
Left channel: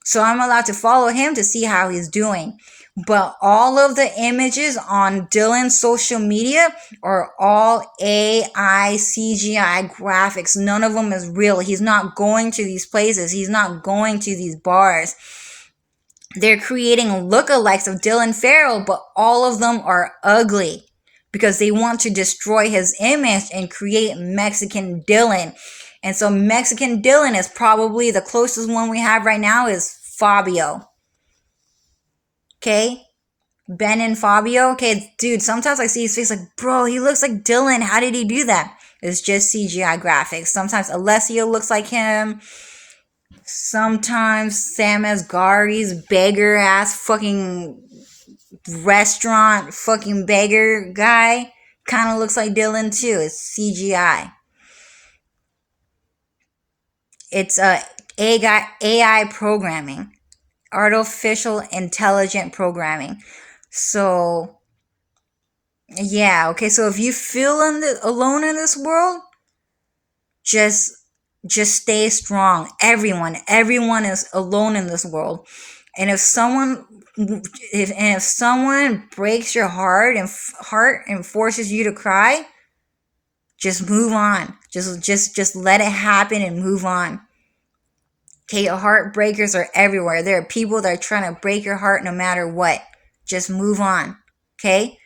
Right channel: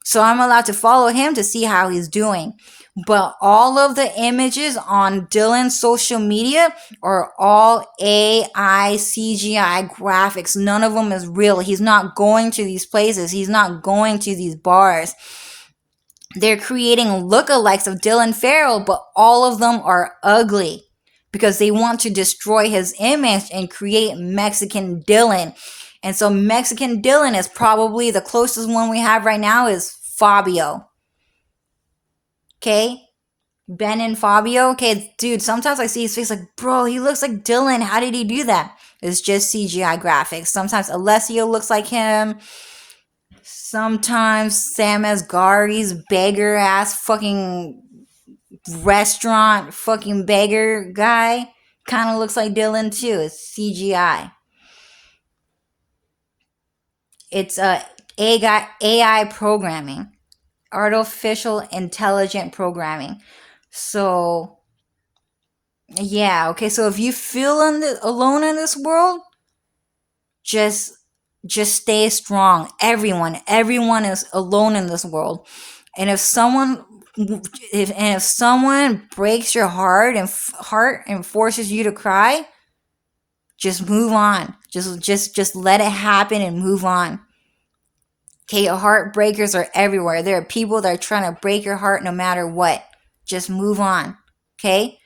So I'm allowed to follow him to see how he's doing. But all of the images on Dylan's social media are all AI CGI graphics. None of them is real. He's not going to these places. He's not going to these bars. They're creating lookalikes of Dylan Farrell, but all of them are ugly because they want to destroy his image and create Mexican Dylan. And so Mexican Dylan is probably the closest one we have right now is Fabio. Okay? Ben and Fabio. Okay, dude, sometimes I see his face like, bro, he looks like Dylan. How did he do that? It's just CGI graphics. Sometimes Alessio looks like him. Sometimes Sam Asghari's beggar ass fucking restaurant fucking beggar guy kind of looks like Dylan too. It's CGI. It's AI programming, artificial intelligent programming. So yeah, okay. So if you feel alone in this world, just stay strong. Everyone is alone in this world. And if someone breaks your heart and forces you to cry, just move on. Just let it happen and move on. Okay, heartbreakers are everywhere. There are people that are trying to break your heart no matter what. Just move on. Okay?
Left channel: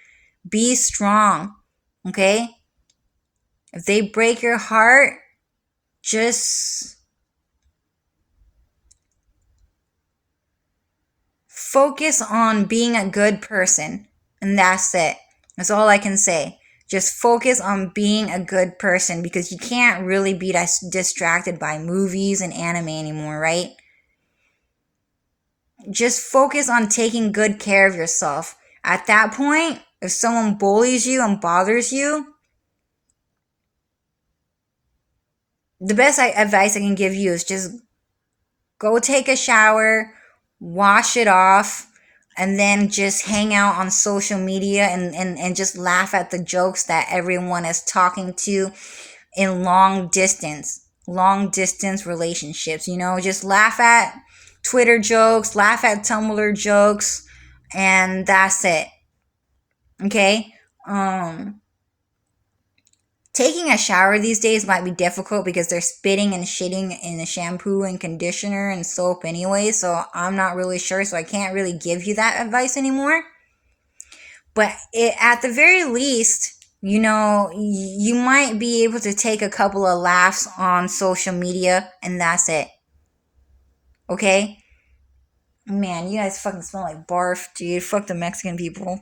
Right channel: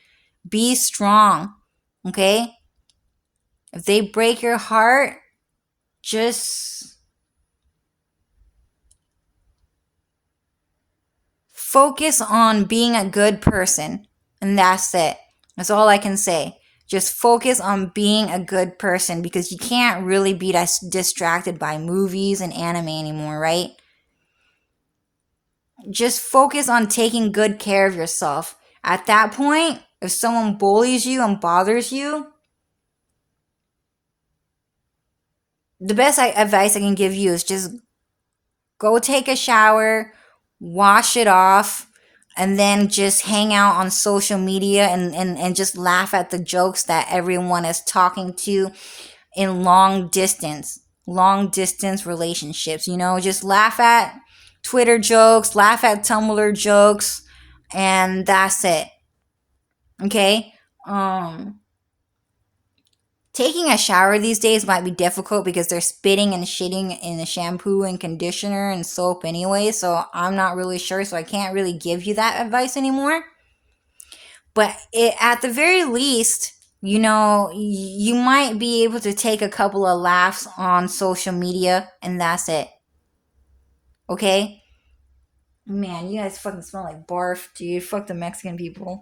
Be strong. Okay? If they break your heart, just focus on being a good person. And that's it. That's all I can say. Just focus on being a good person because you can't really be distracted by movies and anime anymore, right? Just focus on taking good care of yourself. At that point, if someone bullies you and bothers you, the best advice I can give you is just go take a shower, wash it off, and then just hang out on social media and just laugh at the jokes that everyone is talking to in long distance relationships. Just laugh at Twitter jokes, laugh at Tumblr jokes, and that's it. Okay? Taking a shower these days might be difficult because they're spitting and shitting in the shampoo and conditioner and soap anyway, so I'm not really sure, so I can't really give you that advice anymore. But at the very least, you might be able to take a couple of laughs on social media, and that's it. Okay? Man, you guys fucking smell like barf, dude. Fuck the Mexican people.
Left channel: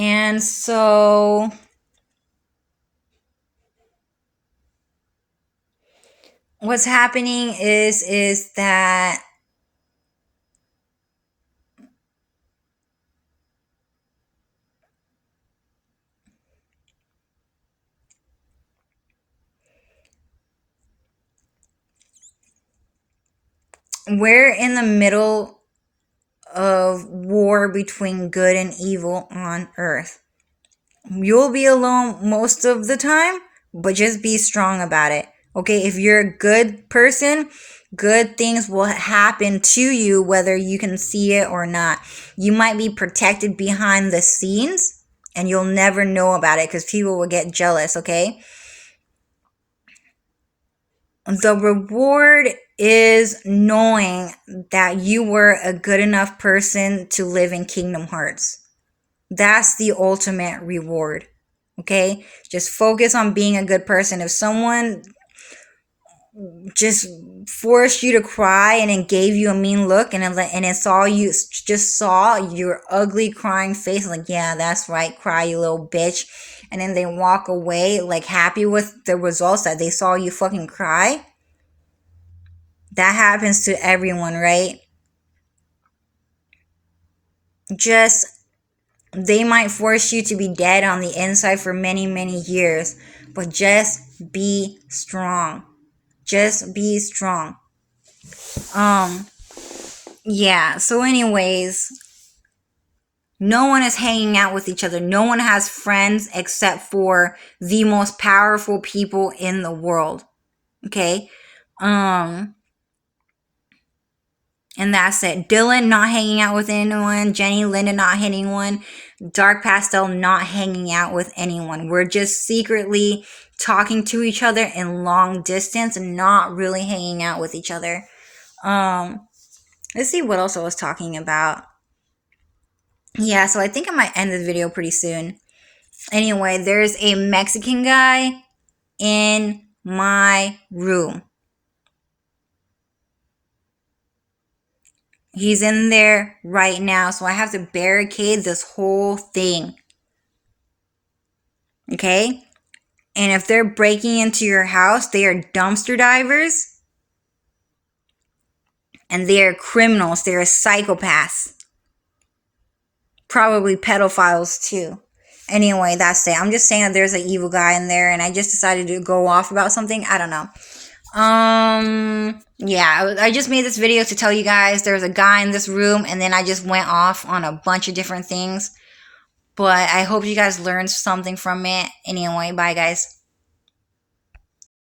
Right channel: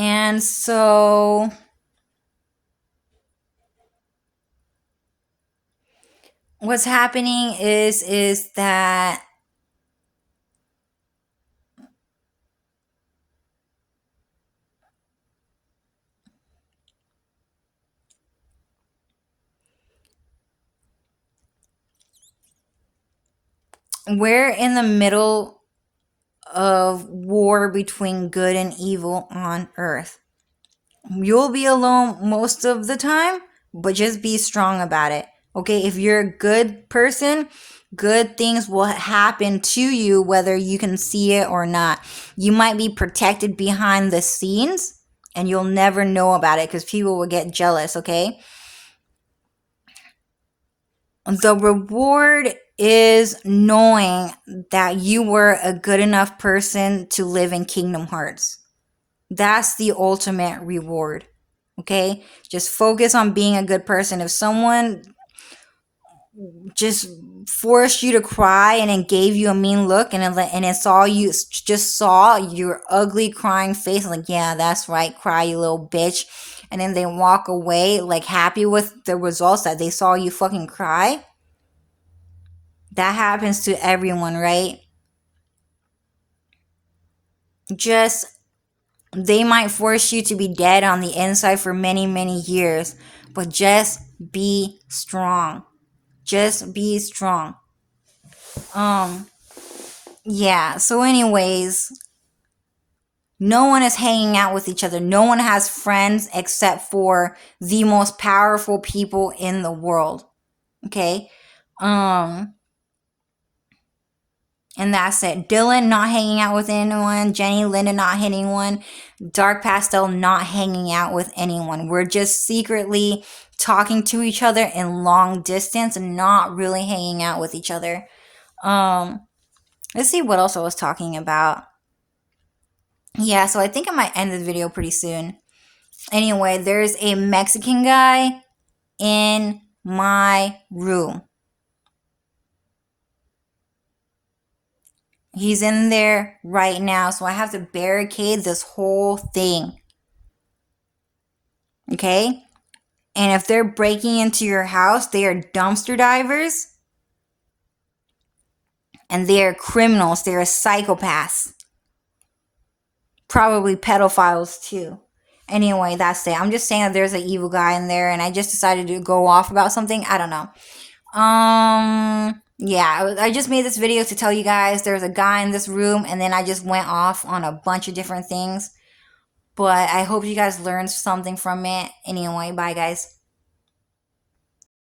And so what's happening is that we're in the middle of war between good and evil on Earth. You'll be alone most of the time, but just be strong about it. Okay, if you're a good person, good things will happen to you whether you can see it or not. You might be protected behind the scenes and you'll never know about it because people will get jealous, okay? The reward is knowing that you were a good enough person to live in Kingdom Hearts. That's the ultimate reward. Okay? Just focus on being a good person. If someone just forced you to cry and then gave you a mean look and it saw your ugly crying face, like, yeah, that's right, cry, you little bitch. and then they walk away like happy with the results that they saw you fucking cry. That happens to everyone, right? Just, they might force you to be dead on the inside for many, many years, but just be strong. Just be strong. Yeah, so anyways, no one is hanging out with each other. No one has friends except for the most powerful people in the world. Okay? And that's it. Dylan not hanging out with anyone. Jenny, Linda not hitting anyone. Dark Pastel not hanging out with anyone. We're just secretly talking to each other in long distance and not really hanging out with each other. Let's see what else I was talking about. Yeah, so I think I might end this video pretty soon. Anyway, there's a Mexican guy in my room. He's in there right now, so I have to barricade this whole thing. Okay? And if they're breaking into your house, they are dumpster divers. And they are criminals. They are psychopaths. Probably pedophiles too. Anyway, that's it. I'm just saying that there's an evil guy in there, and I just decided to go off about something. I don't know. Yeah, I just made this video to tell you guys there's a guy in this room, and then I just went off on a bunch of different things. But I hope you guys learned something from it. Anyway, bye guys.